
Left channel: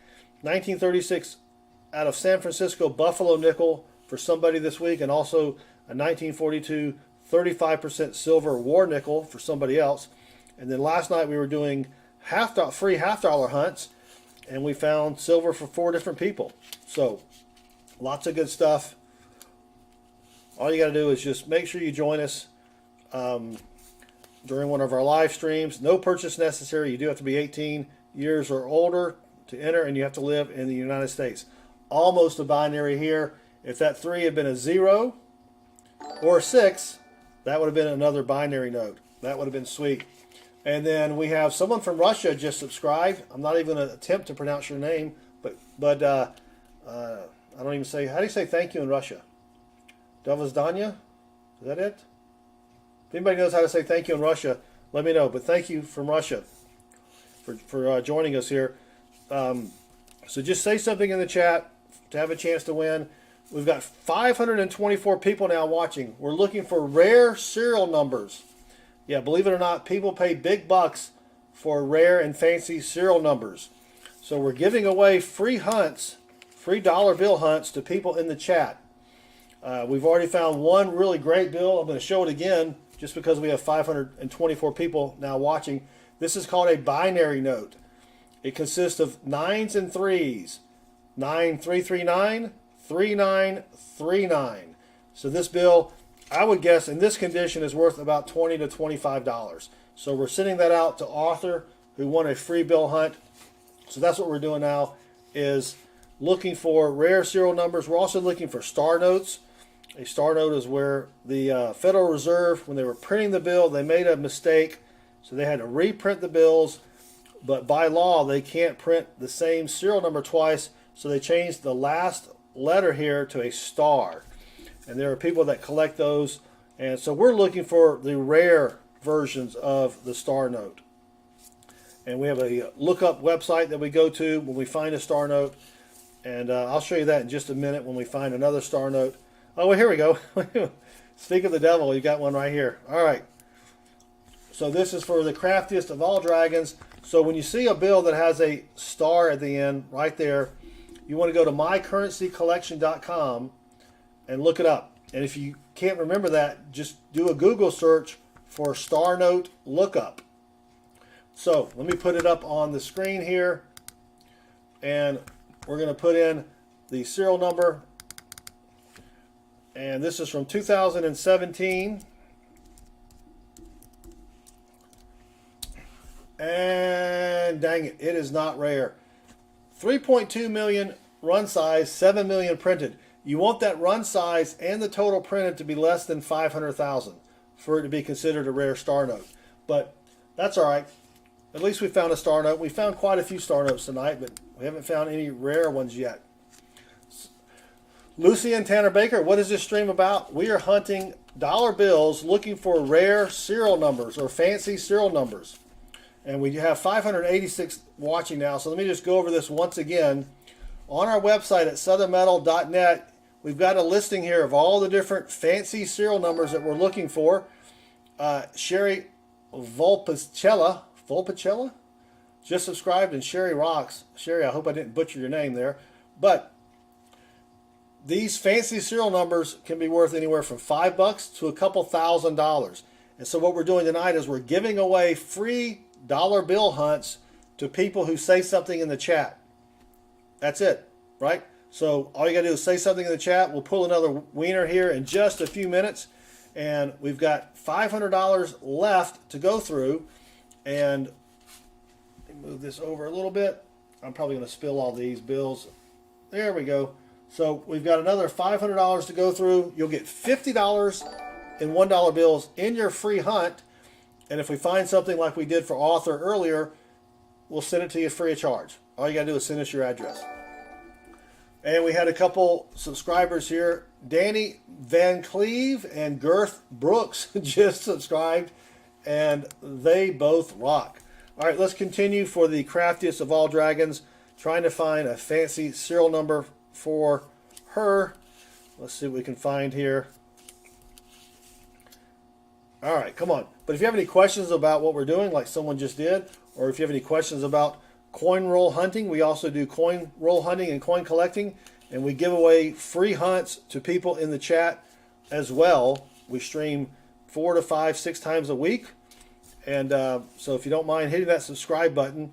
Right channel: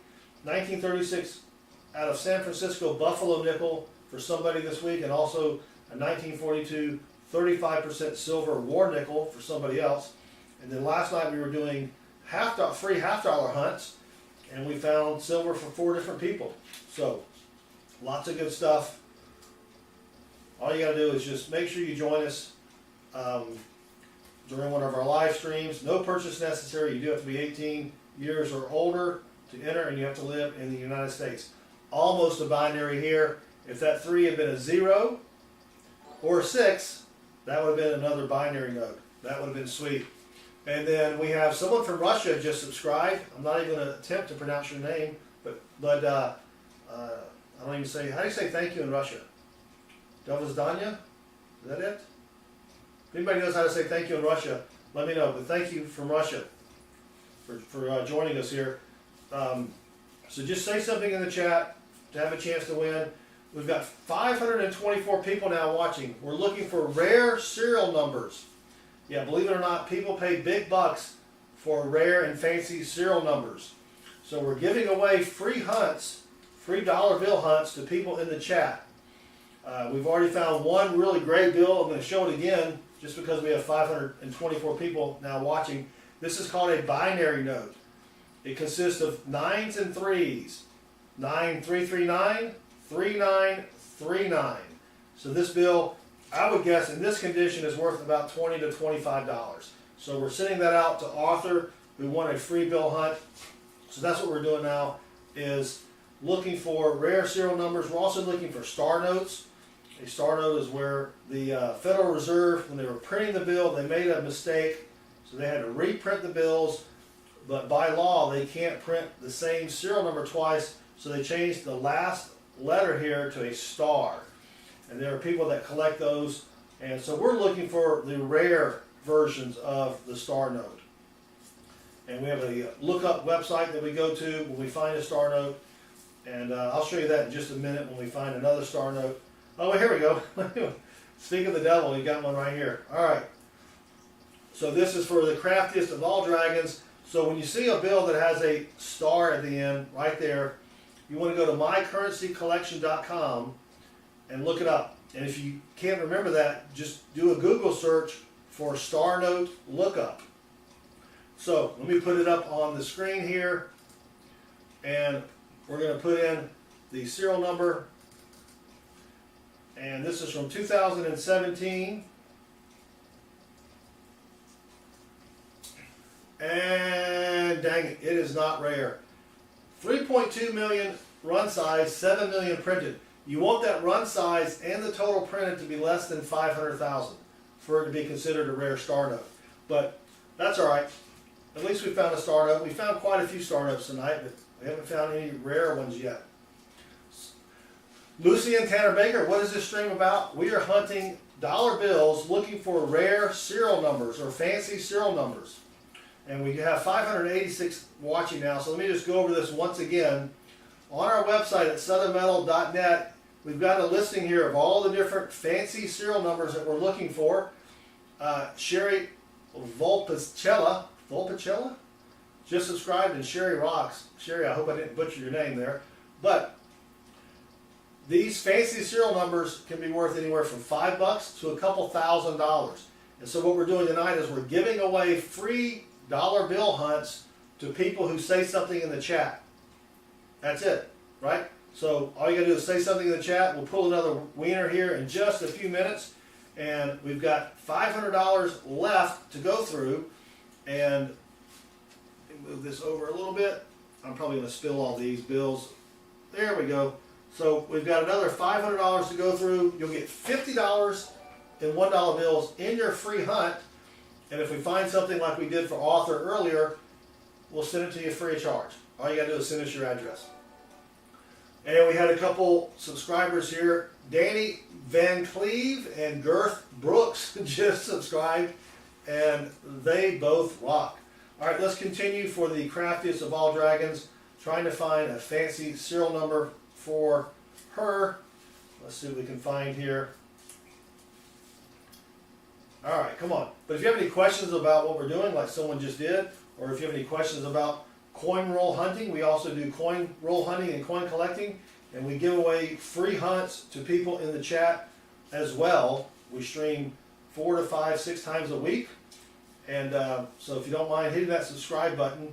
1936 out of San Francisco Buffalo nickel for somebody this week, and also a 1942 35% silver war nickel for somebody else. And then last night we were doing free $half hunts, and we found silver for 4 different people. So lots of good stuff. All you got to do is just make sure you join us during one of our live streams. No purchase necessary. You do have to be 18 years or older to enter, and you have to live in the United States. Almost a binary here. If that 3 had been a 0 or a 6, that would have been another binary node. That would have been sweet. And then we have someone from Russia just subscribed. I'm not even going to attempt to pronounce your name, but I don't even say, how do you say thank you in Russia? Dovozdanya? Is that it? If anybody knows how to say thank you in Russia, let me know. But thank you from Russia for joining us here. So just say something in the chat to have a chance to win. We've got 524 people now watching. We're looking for rare serial numbers. Yeah, believe it or not, people pay big bucks for rare and fancy serial numbers. So we're giving away free hunts, free dollar bill hunts to people in the chat. We've already found one really great bill. I'm going to show it again just because we have 524 people now watching. This is called a binary note. It consists of 9s and 3s. 9339, 3939. So this bill, I would guess in this condition, is worth about $20 to $25. So we're sending that out to Arthur, who won a free bill hunt. So that's what we're doing now, is looking for rare serial numbers. We're also looking for star notes. A star note is where the Federal Reserve, when they were printing the bill, they made a mistake. So they had to reprint the bills. But by law, they can't print the same serial number twice. So they changed the last letter here to a star. And there are people that collect those. And so we're looking for the rare versions of the star note. And we have a lookup website that we go to when we find a star note. And I'll show you that in just a minute when we find another star note. Oh, well, here we go. Speak of the devil, you got one right here. All right. So this is for the craftiest of all dragons. So when you see a bill that has a star at the end, right there, you want to go to mycurrencycollection.com and look it up. And if you can't remember that, just do a Google search for star note lookup. So let me put it up on the screen here. And we're going to put in the serial number. And this is from 2017. And dang it, it is not rare. 3.2 million run size, 7 million printed. You want that run size and the total printed to be less than 500,000 for it to be considered a rare star note. But that's all right. At least we found a star note. We found quite a few star notes tonight, but we haven't found any rare ones yet. Lucy and Tanner Baker, what is this stream about? We are hunting dollar bills looking for rare serial numbers or fancy serial numbers. And we have 586 watching now, so let me just go over this once again. On our website at southernmetal.net, we've got a listing here of all the different fancy serial numbers that we're looking for. Sherry Volpicella just subscribed, and Sherry rocks. Sherry, I hope I didn't butcher your name there. But these fancy serial numbers can be worth anywhere from $5 to a couple $1,000. And so what we're doing tonight is we're giving away free dollar bill hunts to people who say something in the chat. That's it, right? So all you gotta do is say something in the chat. We'll pull another wiener here in just a few minutes. And we've got $500 left to go through. And move this over a little bit. I'm probably gonna spill all these bills. There we go. So we've got another $500 to go through. You'll get $50 in $1 bills in your free hunt. And if we find something like we did for Arthur earlier, we'll send it to you free of charge. All you got to do is send us your address. And we had a couple subscribers here. Danny Van Cleve and Girth Brooks just subscribed, and they both rock. All right, let's continue for the craftiest of all dragons, trying to find a fancy serial number for her. Let's see what we can find here. All right, come on. But if you have any questions about what we're doing, like someone just did, or if you have any questions about coin roll hunting, we also do coin roll hunting and coin collecting, and we give away free hunts to people in the chat as well. We stream 4 to 5, 6 times a week. And so if you don't mind hitting that subscribe button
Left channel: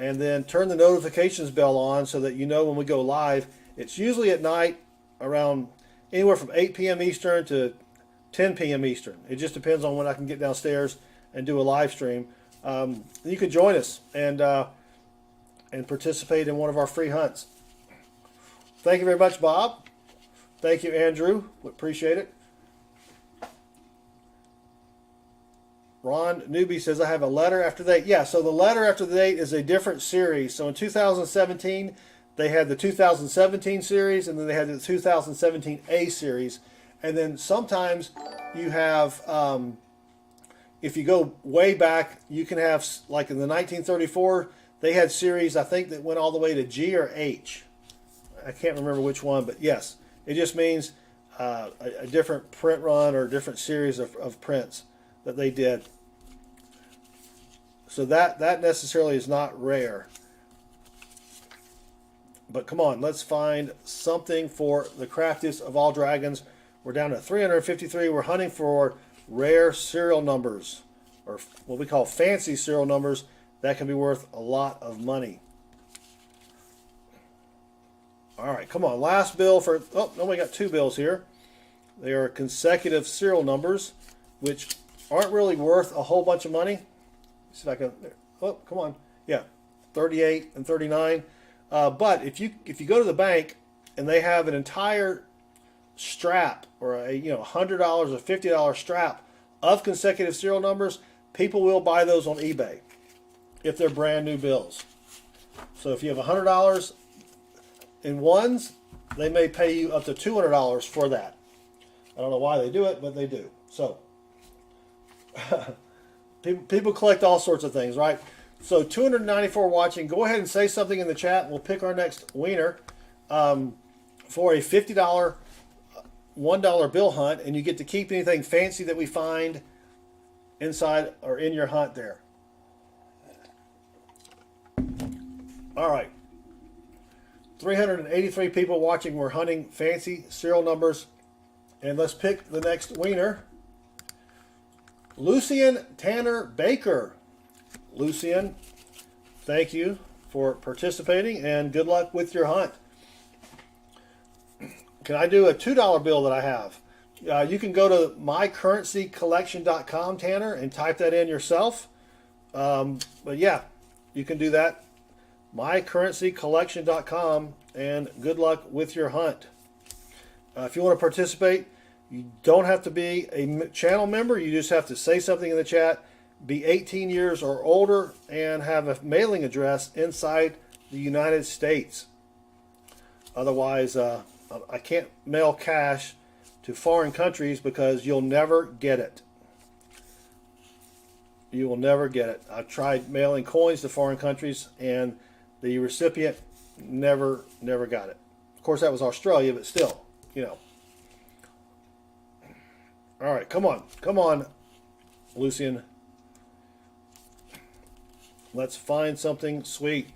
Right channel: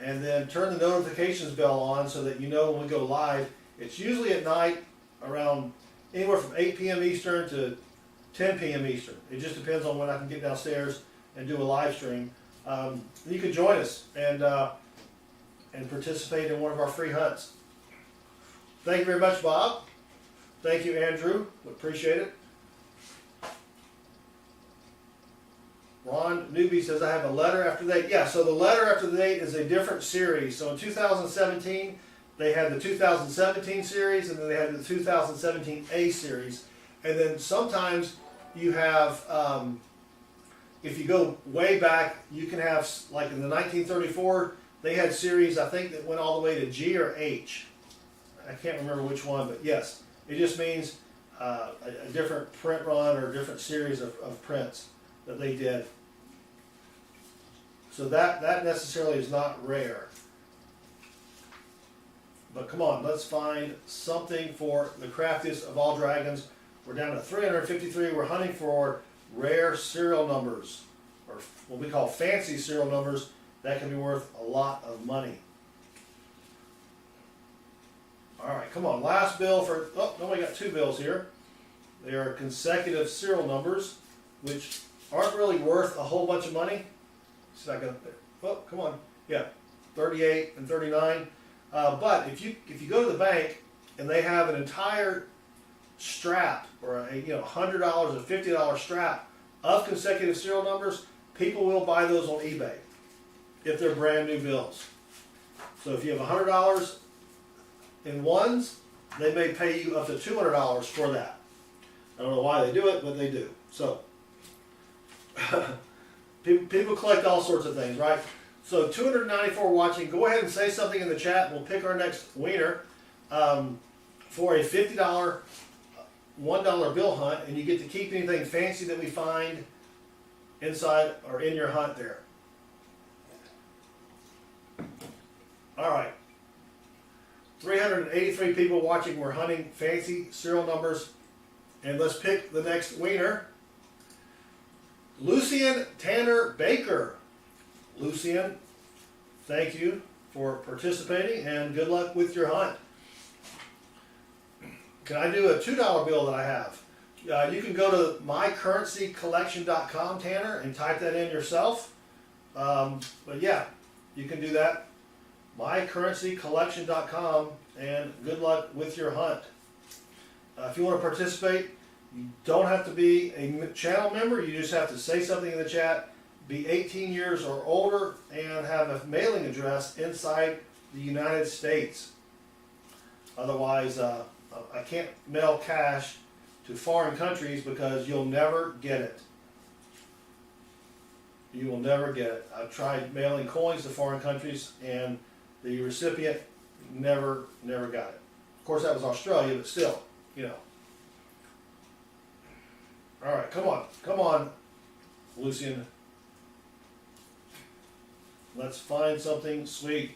and then turn the notifications bell on so that you know when we go live. It's usually at night around anywhere from 8 p.m. Eastern to 10 p.m. Eastern. It just depends on when I can get downstairs and do a live stream. You can join us and participate in one of our free hunts. Thank you very much, Bob. Thank you, Andrew. We appreciate it. Ron Newbie says, I have a letter after the date. Yeah, so the letter after the date is a different series. So in 2017, they had the 2017 series, and then they had the 2017 A series. And then sometimes you have, if you go way back, you can have, like in the 1934, they had series, I think, that went all the way to G or H. I can't remember which one, but yes, it just means a different print run or a different series of prints that they did. So that necessarily is not rare. But come on, let's find something for the craftiest of all dragons. We're down to 353. We're hunting for rare serial numbers, or what we call fancy serial numbers that can be worth a lot of money. All right, come on. Last bill for, oh, no, we got two bills here. They are consecutive serial numbers, which aren't really worth a whole bunch of money. See if I can, oh, come on. Yeah, 38 and 39. But if you go to the bank and they have an entire strap or a $100 or $50 strap of consecutive serial numbers, people will buy those on eBay if they're brand new bills. So if you have $100 in ones, they may pay you up to $200 for that. I don't know why they do it, but they do. So people collect all sorts of things, right? So 294 watching. Go ahead and say something in the chat. We'll pick our next winner for a $50 $1 bill hunt, and you get to keep anything fancy that we find inside or in your hunt there. All right. 383 people watching. We're hunting fancy serial numbers. And let's pick the next winner. Lucian Tanner Baker. Lucian, thank you for participating and good luck with your hunt. Can I do a $2 bill that I have? You can go to mycurrencycollection.com, Tanner, and type that in yourself. But yeah, you can do that. mycurrencycollection.com, and good luck with your hunt. If you want to participate, you don't have to be a channel member. You just have to say something in the chat, be 18 years or older, and have a mailing address inside the United States. Otherwise, I can't mail cash to foreign countries because you'll never get it. You will never get it. I've tried mailing coins to foreign countries, and the recipient never got it. Of course, that was Australia, but still, All right, come on, Lucian. Let's find something sweet.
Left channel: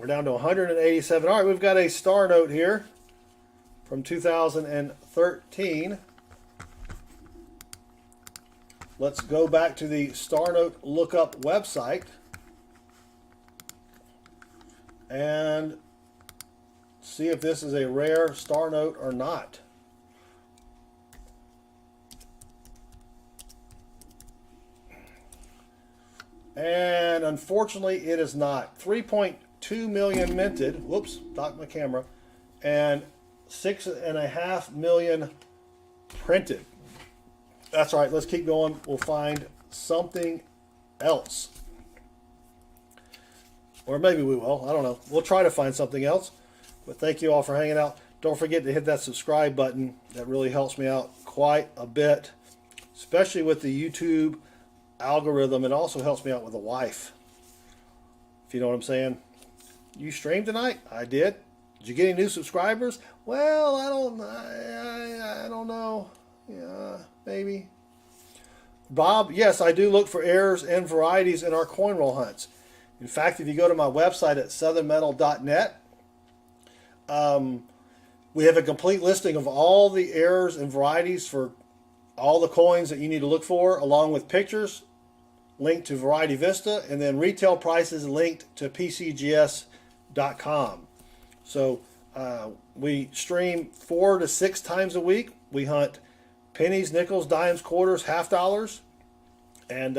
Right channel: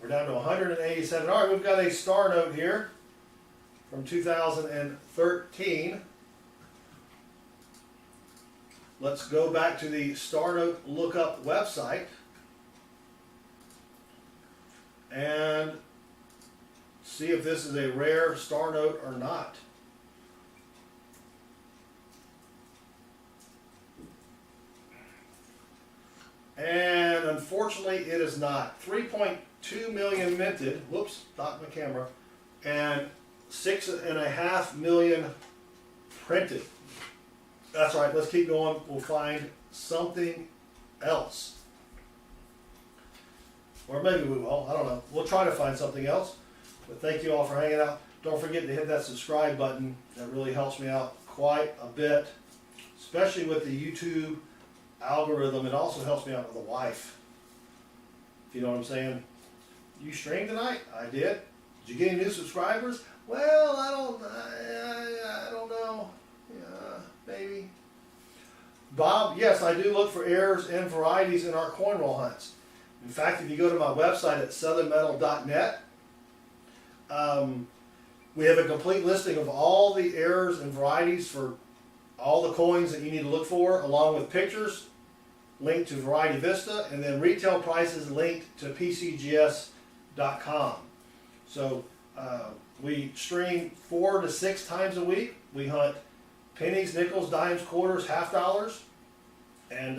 We're down to 187. All right, we've got a star note here from 2013. Let's go back to the Star Note Lookup website and see if this is a rare star note or not. And unfortunately, it is not. 3.2 million minted. Whoops, knocked my camera. And 6.5 million printed. That's all right. Let's keep going. We'll find something else. Or maybe we will. I don't know. We'll try to find something else. But thank you all for hanging out. Don't forget to hit that subscribe button. That really helps me out quite a bit, especially with the YouTube algorithm. It also helps me out with the wife, if you know what I'm saying. You streamed tonight? I did. Did you get any new subscribers? Well, I don't know. Yeah, maybe. Bob, yes, I do look for errors and varieties in our coin roll hunts. In fact, if you go to my website at southernmetal.net, we have a complete listing of all the errors and varieties for all the coins that you need to look for, along with pictures linked to Variety Vista, and then retail prices linked to PCGS.com. So we stream 4 to 6 times a week. We hunt pennies, nickels, dimes, quarters, $half. And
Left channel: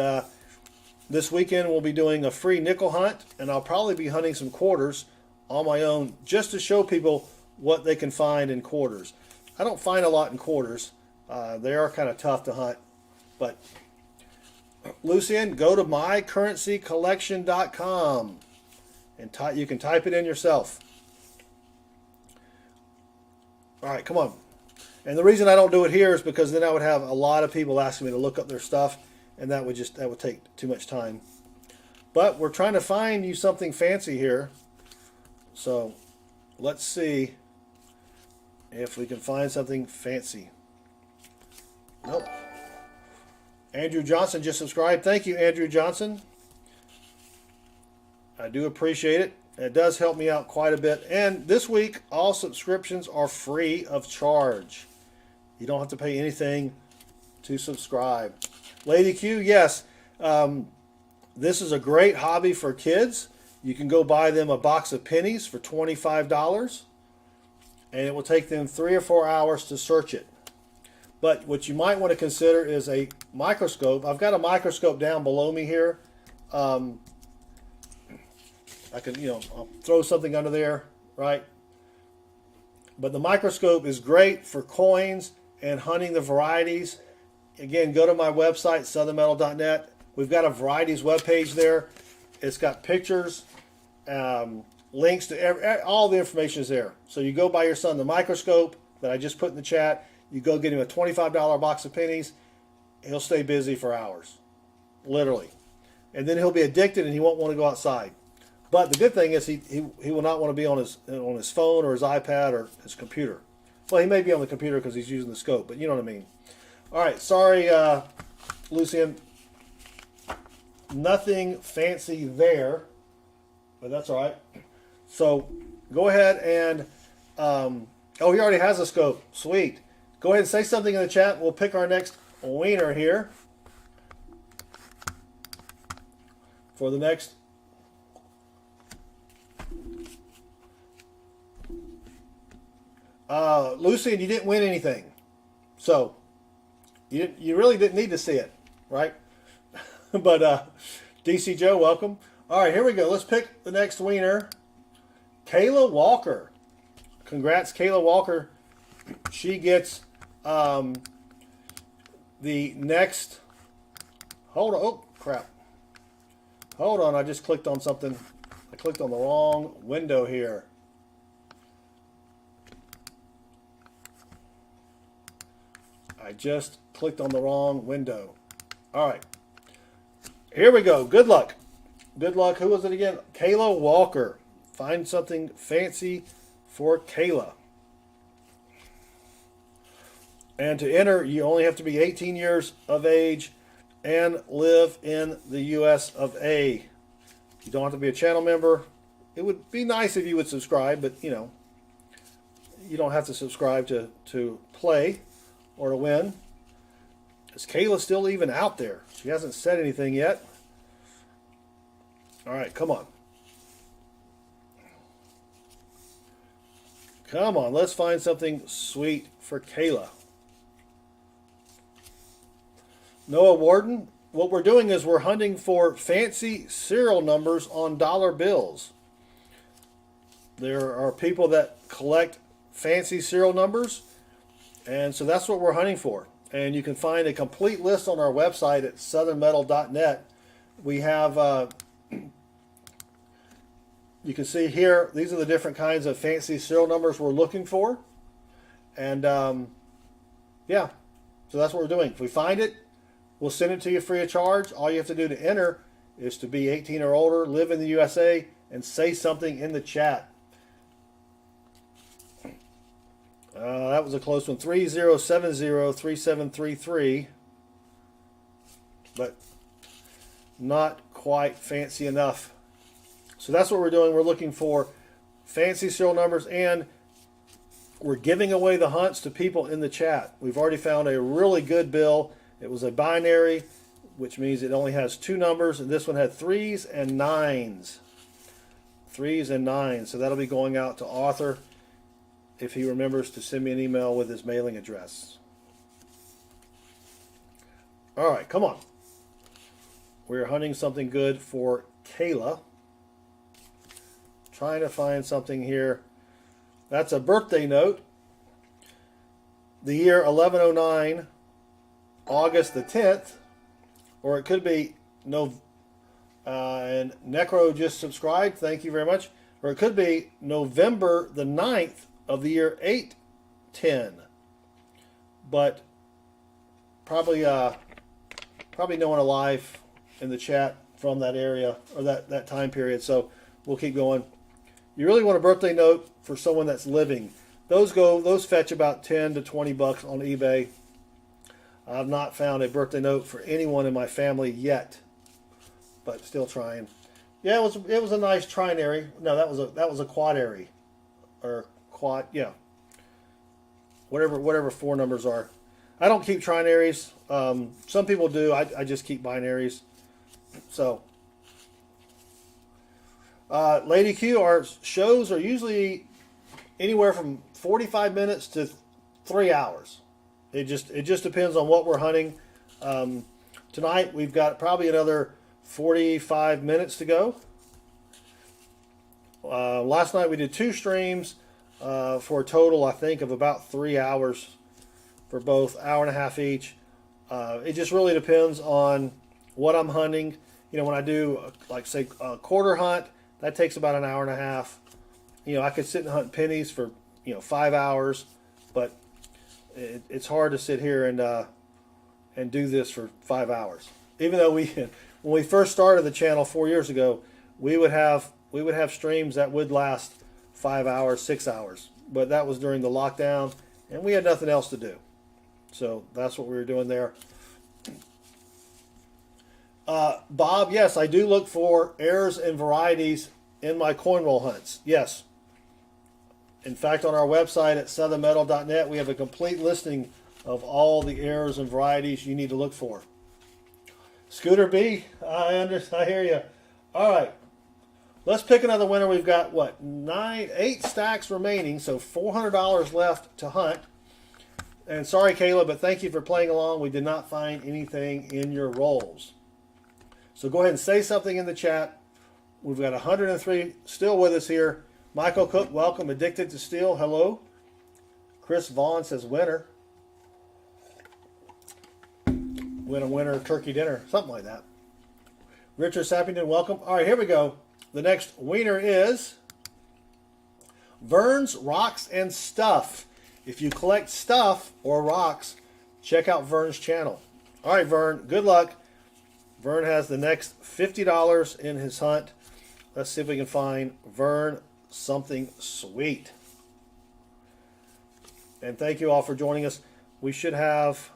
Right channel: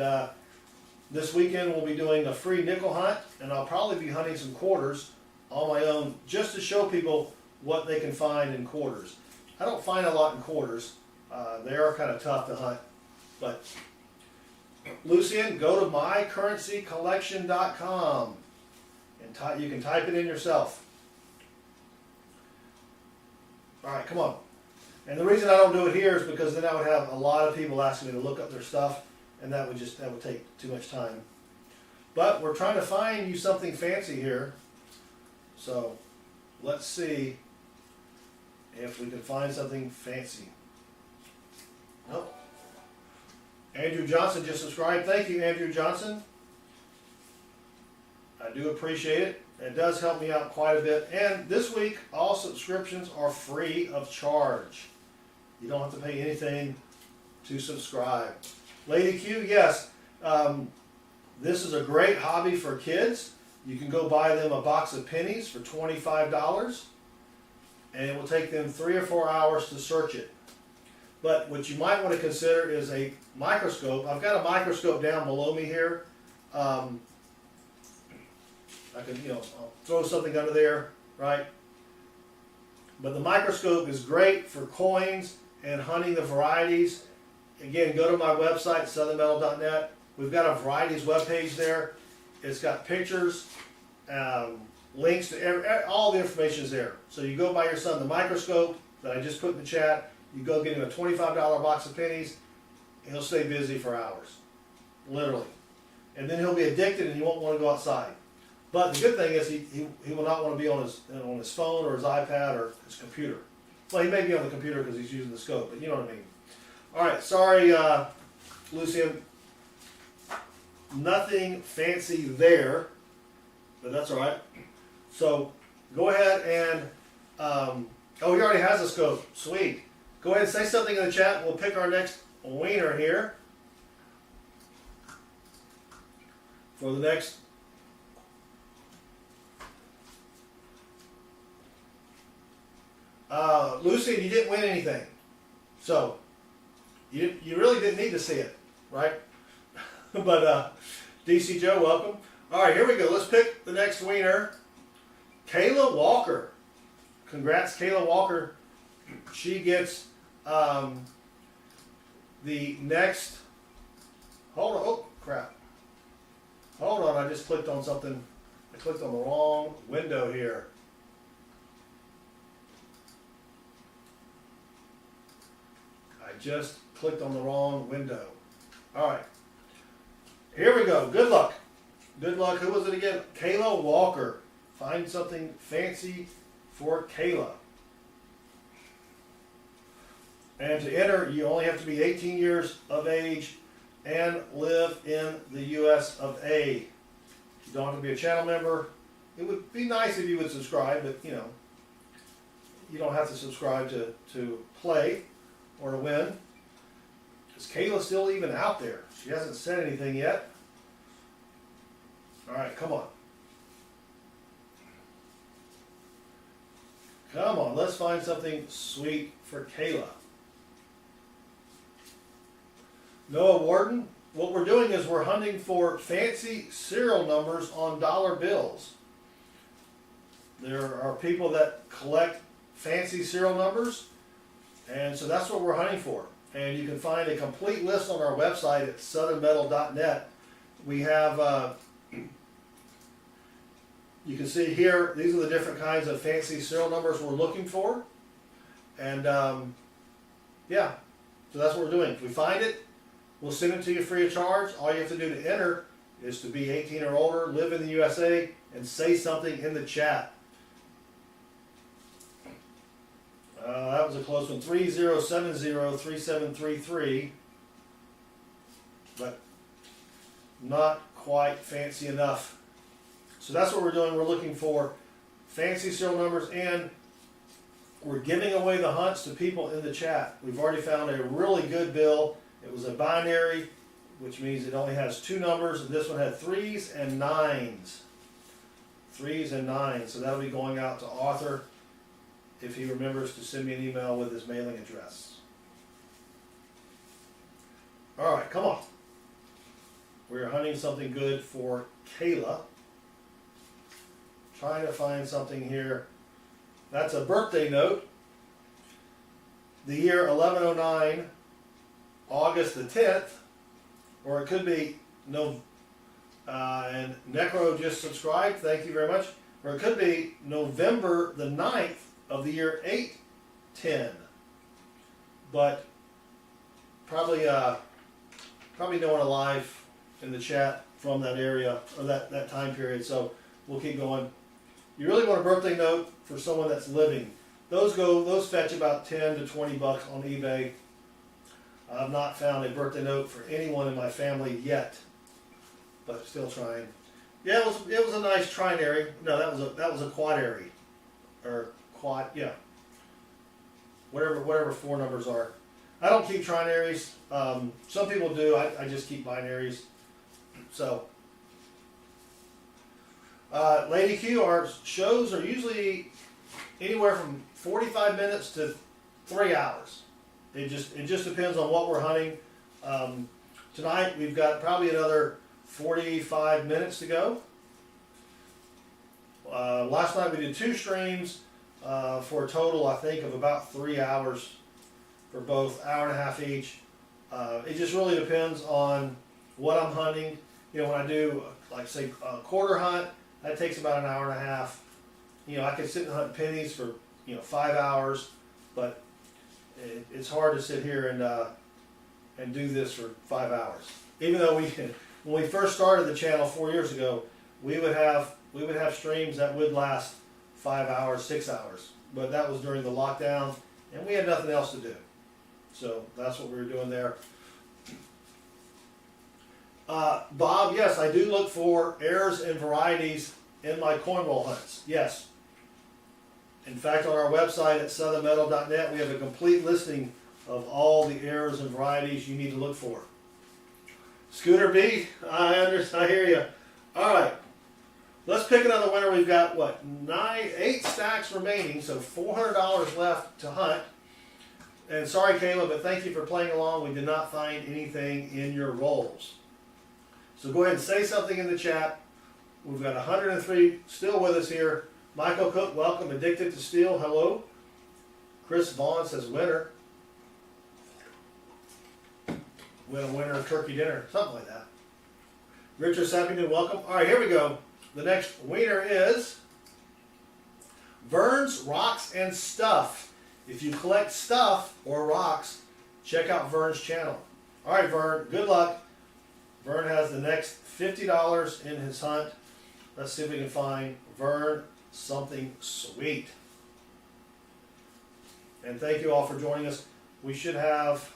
this weekend we'll be doing a free nickel hunt, and I'll probably be hunting some quarters on my own just to show people what they can find in quarters. I don't find a lot in quarters. They are kind of tough to hunt. But Lucian, go to mycurrencycollection.com and you can type it in yourself. All right, come on. And the reason I don't do it here is because then I would have a lot of people asking me to look up their stuff, and that would take too much time. But we're trying to find you something fancy here. So let's see if we can find something fancy. Nope. Andrew Johnson just subscribed. Thank you, Andrew Johnson. I do appreciate it. It does help me out quite a bit. And this week, all subscriptions are free of charge. You don't have to pay anything to subscribe. Lady Q, yes. This is a great hobby for kids. You can go buy them a box of pennies for $25, and it will take them 3 or 4 hours to search it. But what you might want to consider is a microscope. I've got a microscope down below me here. I could, I'll throw something under there, right? But the microscope is great for coins and hunting the varieties. Again, go to my website, southernmetal.net. We've got a varieties webpage there. It's got pictures, links to all the information is there. So you go buy your son the microscope that I just put in the chat. You go get him a $25 box of pennies. He'll stay busy for hours, literally. And then he'll be addicted and he won't want to go outside. But the good thing is he will not want to be on his phone or his iPad or his computer. Well, he may be on the computer because he's using the scope, but you know what I mean. All right, sorry, Lucian. Nothing fancy there, but that's all right. So go ahead and, oh, he already has a scope. Sweet. Go ahead and say something in the chat. We'll pick our next winner here for the next. Lucian, you didn't win anything. So you really didn't need to see it, right? But DC Joe, welcome. All right, here we go. Let's pick the next winner. Kayla Walker. Congrats, Kayla Walker. She gets the next. Hold on. Oh, crap. Hold on. I just clicked on something. I clicked on the wrong window here. I just clicked on the wrong window. All right. Here we go. Good luck. Good luck. Who was it again? Kayla Walker. Find something fancy for Kayla. And to enter, you only have to be 18 years of age and live in the US of A. You don't have to be a channel member. It would be nice if you would subscribe, but you don't have to subscribe to play or to win. Is Kayla still even out there? She hasn't said anything yet. All right, come on. Come on, let's find something sweet for Kayla. Noah Warden, what we're doing is we're hunting for fancy serial numbers on dollar bills. There are people that collect fancy serial numbers, and so that's what we're hunting for. And you can find a complete list on our website at southernmetal.net. We have, you can see here, these are the different kinds of fancy serial numbers we're looking for. And yeah, so that's what we're doing. If we find it, we'll send it to you free of charge. All you have to do to enter is to be 18 or older, live in the USA, and say something in the chat. That was a close one. 30703733, but not quite fancy enough. So that's what we're doing. We're looking for fancy serial numbers, and we're giving away the hunts to people in the chat. We've already found a really good bill. It was a binary, which means it only has 2 numbers, and this one had 3s and 9s. 3s and 9s. So that'll be going out to Arthur if he remembers to send me an email with his mailing address. All right, come on. We're hunting something good for Kayla. Trying to find something here. That's a birthday note. The year 1109, August the 10th, or it could be and Necro just subscribed, thank you very much. Or it could be November the 9th of the year 810. But probably no one alive in the chat from that area or that time period, so we'll keep going. You really want a birthday note for someone that's living. Those fetch about 10 to 20 bucks on eBay. I've not found a birthday note for anyone in my family yet, but still trying. Yeah, it was a nice trinary. No, that was a quadary, or quad. Yeah. whatever four numbers are. I don't keep trinaries. Some people do. I just keep binaries. So, Lady Q, our shows are usually anywhere from 45 minutes to 3 hours. It just depends on what we're hunting. Tonight we've got probably another 45 minutes to go. Last night we did 2 streams for a total, I think, of about 3 hours for both, hour and a half each. It just really depends on what I'm hunting. You know, when I do, like say, a quarter hunt, that takes about an hour and a half. You know, I could sit and hunt pennies for 5 hours, but it's hard to sit here and do this for 5 hours. Even though when we first started the channel 4 years ago, we would have streams that would last 5 hours, 6 hours, but that was during the lockdown, and we had nothing else to do. So that's what we were doing there. Bob, yes, I do look for errors and varieties in my coin roll hunts. Yes. In fact, on our website at southernmetal.net, we have a complete listing of all the errors and varieties you need to look for. Scooter B, I hear you. All right, let's pick another winner. We've got what, 8 stacks remaining, so $400 left to hunt. And sorry, Kayla, but thank you for playing along. We did not find anything in your rolls. So go ahead and say something in the chat. We've got 103 still with us here. Michael Cook, welcome. Addicted to Steel, hello. Chris Vaughn says winner. Win a winner turkey dinner, something like that. Richard Sappington, welcome. All right, here we go. The next winner is Vern's Rocks and Stuff. If you collect stuff or rocks, check out Vern's channel. All right, Vern, good luck. Vern has the next $50 in his hunt. Let's see if we can find Vern something sweet. And thank you all for joining us. We should have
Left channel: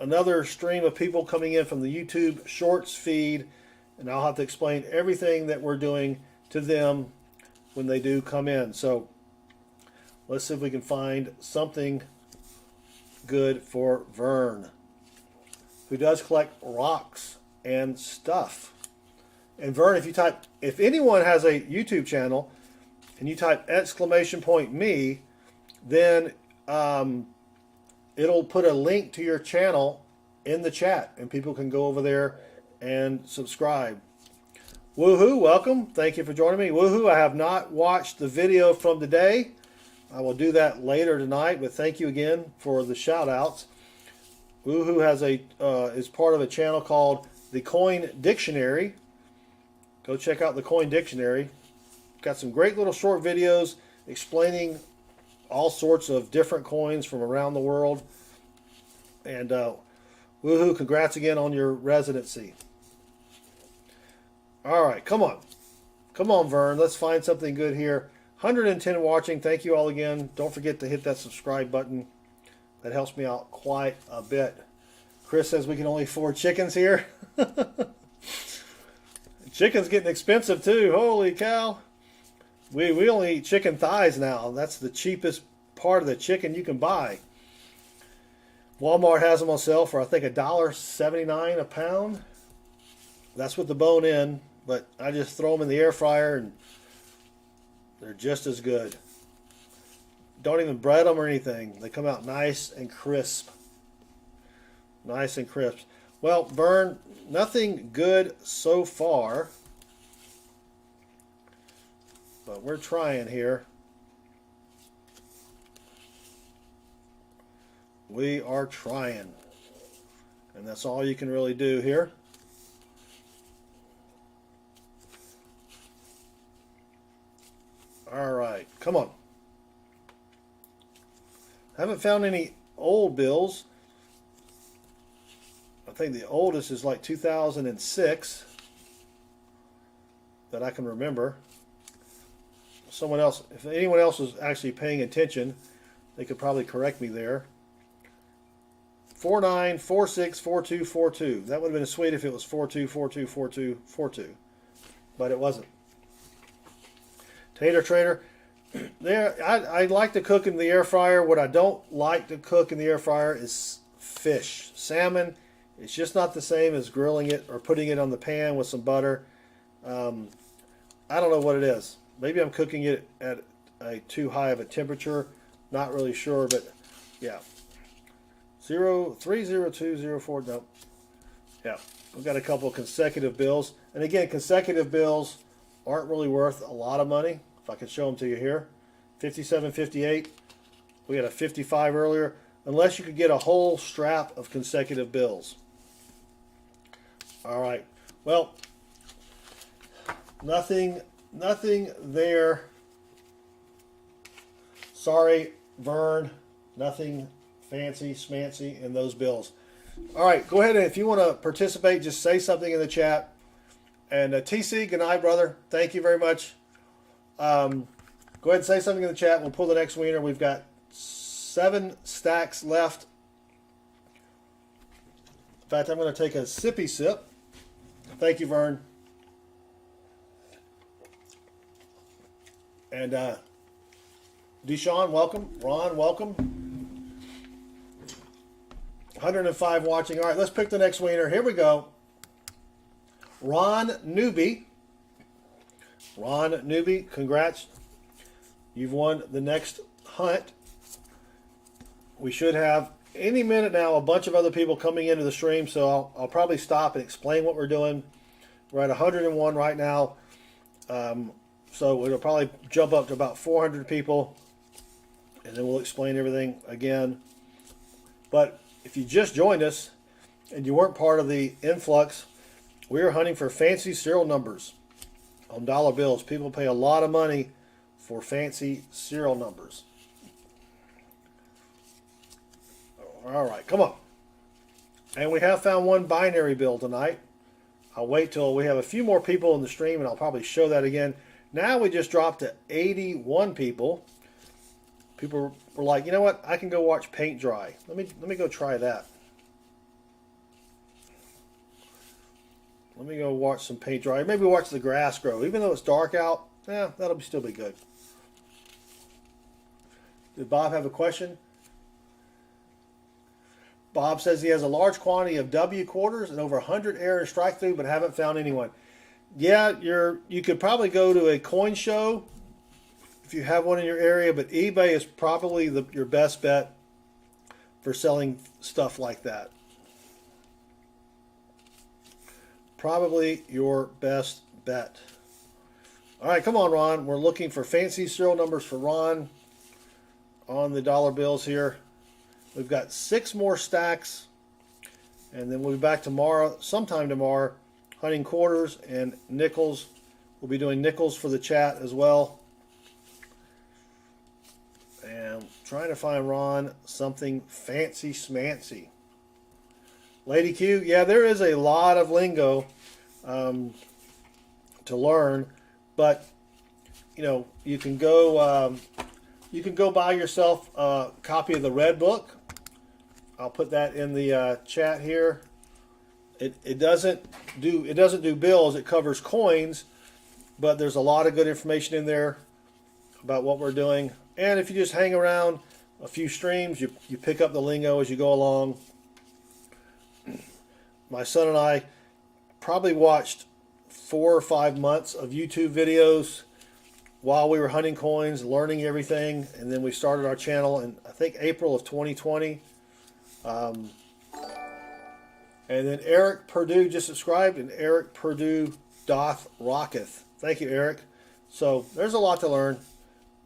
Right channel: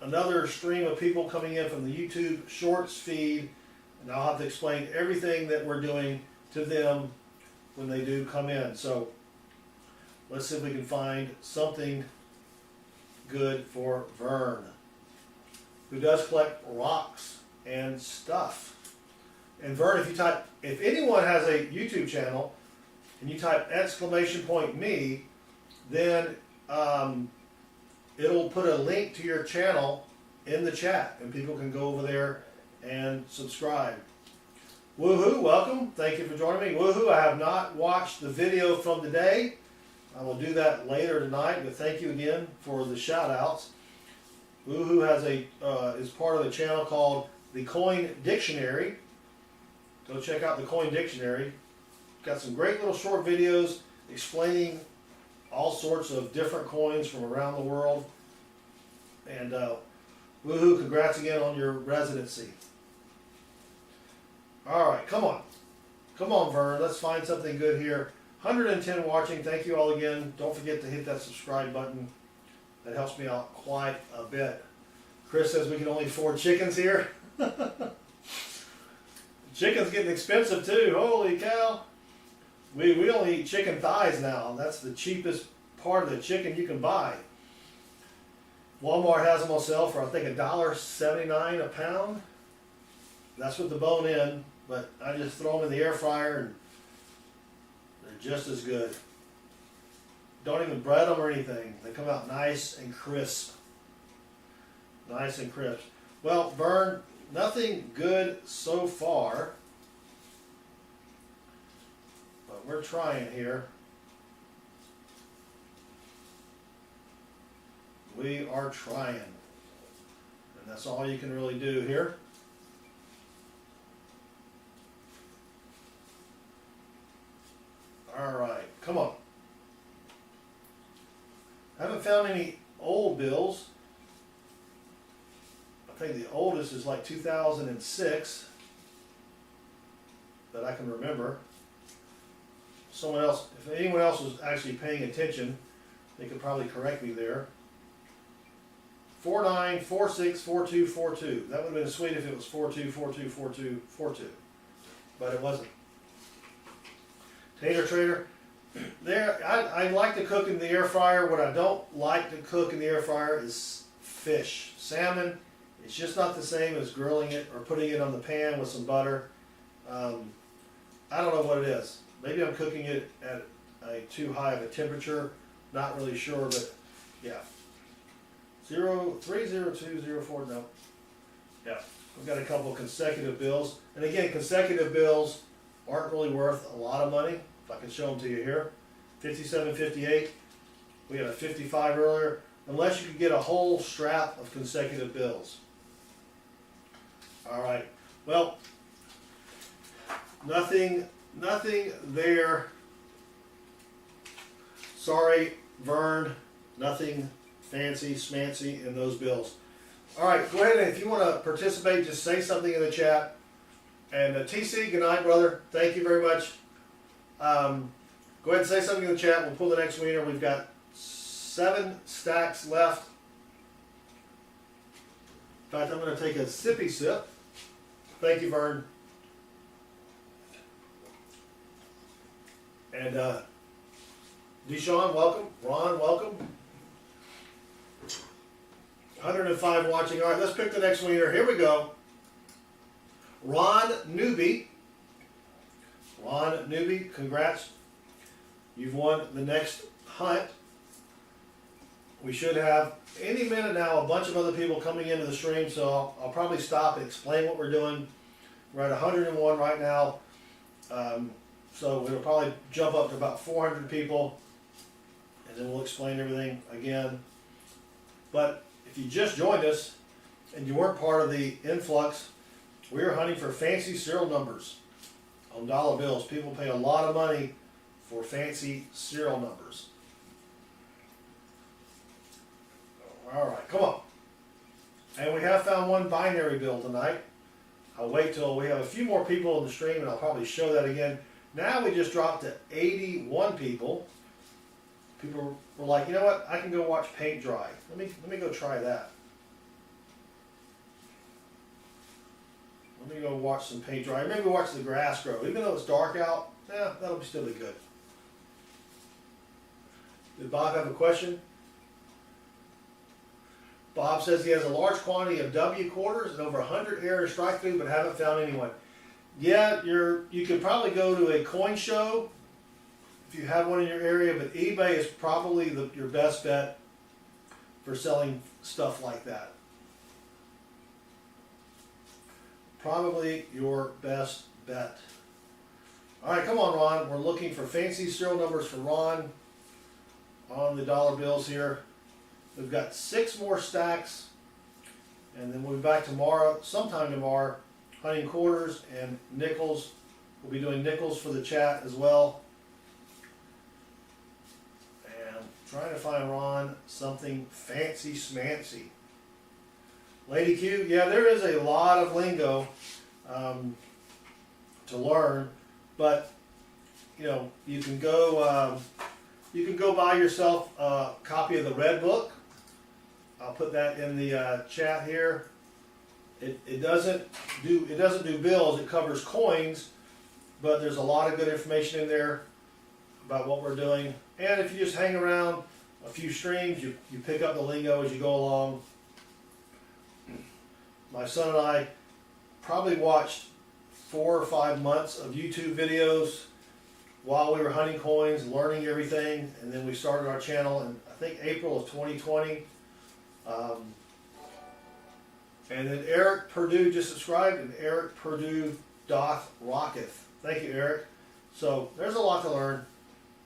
another stream of people coming in from the YouTube Shorts feed, and I'll have to explain everything that we're doing to them when they do come in. So let's see if we can find something good for Vern, who does collect rocks and stuff. And Vern, if anyone has a YouTube channel and you type !me, then it'll put a link to your channel in the chat and people can go over there and subscribe. Woohoo, welcome. Thank you for joining me. Woohoo, I have not watched the video from today. I will do that later tonight, but thank you again for the shout outs. Woohoo has is part of a channel called the Coin Dictionary. Go check out the Coin Dictionary. Got some great little short videos explaining all sorts of different coins from around the world. And woohoo, congrats again on your residency. All right, come on. Come on, Vern. Let's find something good here. 110 watching. Thank you all again. Don't forget to hit that subscribe button. That helps me out quite a bit. Chris says we can only afford chickens here. Chicken's getting expensive too. Holy cow. We only eat chicken thighs now. That's the cheapest part of the chicken you can buy. Walmart has them on sale for I think $1.79 a pound. That's with the bone in, but I just throw them in the air fryer and they're just as good. Don't even bread them or anything. They come out nice and crisp. Nice and crisp. Well, Vern, nothing good so far. But we're trying here. We are trying. And that's all you can really do here. All right, come on. Haven't found any old bills. I think the oldest is like 2006 that I can remember. Someone else, if anyone else was actually paying attention, they could probably correct me there. 49464242. That would have been sweet if it was 42424242, but it wasn't. Tater Trader, I like to cook in the air fryer. What I don't like to cook in the air fryer is fish. Salmon, it's just not the same as grilling it or putting it on the pan with some butter. I don't know what it is. Maybe I'm cooking it at a too high of a temperature. Not really sure, but yeah. 30204, no. Yeah, we've got a couple of consecutive bills. And again, consecutive bills aren't really worth a lot of money. If I could show them to you here. 57.58. We had a 55 earlier. Unless you could get a whole strap of consecutive bills. All right. Well, nothing there. Sorry, Vern. Nothing fancy schmancy in those bills. All right, go ahead and if you want to participate, just say something in the chat. And TC, good night, brother. Thank you very much. Go ahead and say something in the chat. We'll pull the next winner. We've got 7 stacks left. In fact, I'm going to take a sippy sip. Thank you, Vern. And Deshaun, welcome. Ron, welcome. 105 watching. All right, let's pick the next winner. Here we go. Ron Newby. Ron Newby, congrats. You've won the next hunt. We should have any minute now a bunch of other people coming into the stream, so I'll probably stop and explain what we're doing. We're at 101 right now, so it'll probably jump up to about 400 people, and then we'll explain everything again. But if you just joined us and you weren't part of the influx, we are hunting for fancy serial numbers on dollar bills. People pay a lot of money for fancy serial numbers. All right, come on. And we have found one binary bill tonight. I'll wait till we have a few more people in the stream and I'll probably show that again. Now we just dropped to 81 people. People were like, you know what? I can go watch paint dry. Let me go try that. Let me go watch some paint dry. Maybe watch the grass grow. Even though it's dark out, yeah, that'll still be good. Did Bob have a question? Bob says he has a large quantity of W quarters and over 100 error strike through, but haven't found anyone. Yeah, you could probably go to a coin show if you have one in your area, but eBay is probably your best bet for selling stuff like that. Probably your best bet. All right, come on, Ron. We're looking for fancy serial numbers for Ron on the dollar bills here. We've got 6 more stacks, and then we'll be back tomorrow, sometime tomorrow, hunting quarters and nickels. We'll be doing nickels for the chat as well. And trying to find Ron something fancy schmancy. Lady Q, yeah, there is a lot of lingo to learn, but you know, you can go buy yourself a copy of the Red Book. I'll put that in the chat here. It doesn't do bills. It covers coins, but there's a lot of good information in there about what we're doing. And if you just hang around a few streams, you pick up the lingo as you go along. My son and I probably watched 4 or 5 months of YouTube videos while we were hunting coins, learning everything, and then we started our channel in, I think, April of 2020. And then Eric Purdue just subscribed, and Eric Purdue doth rocketh. Thank you, Eric. So there's a lot to learn,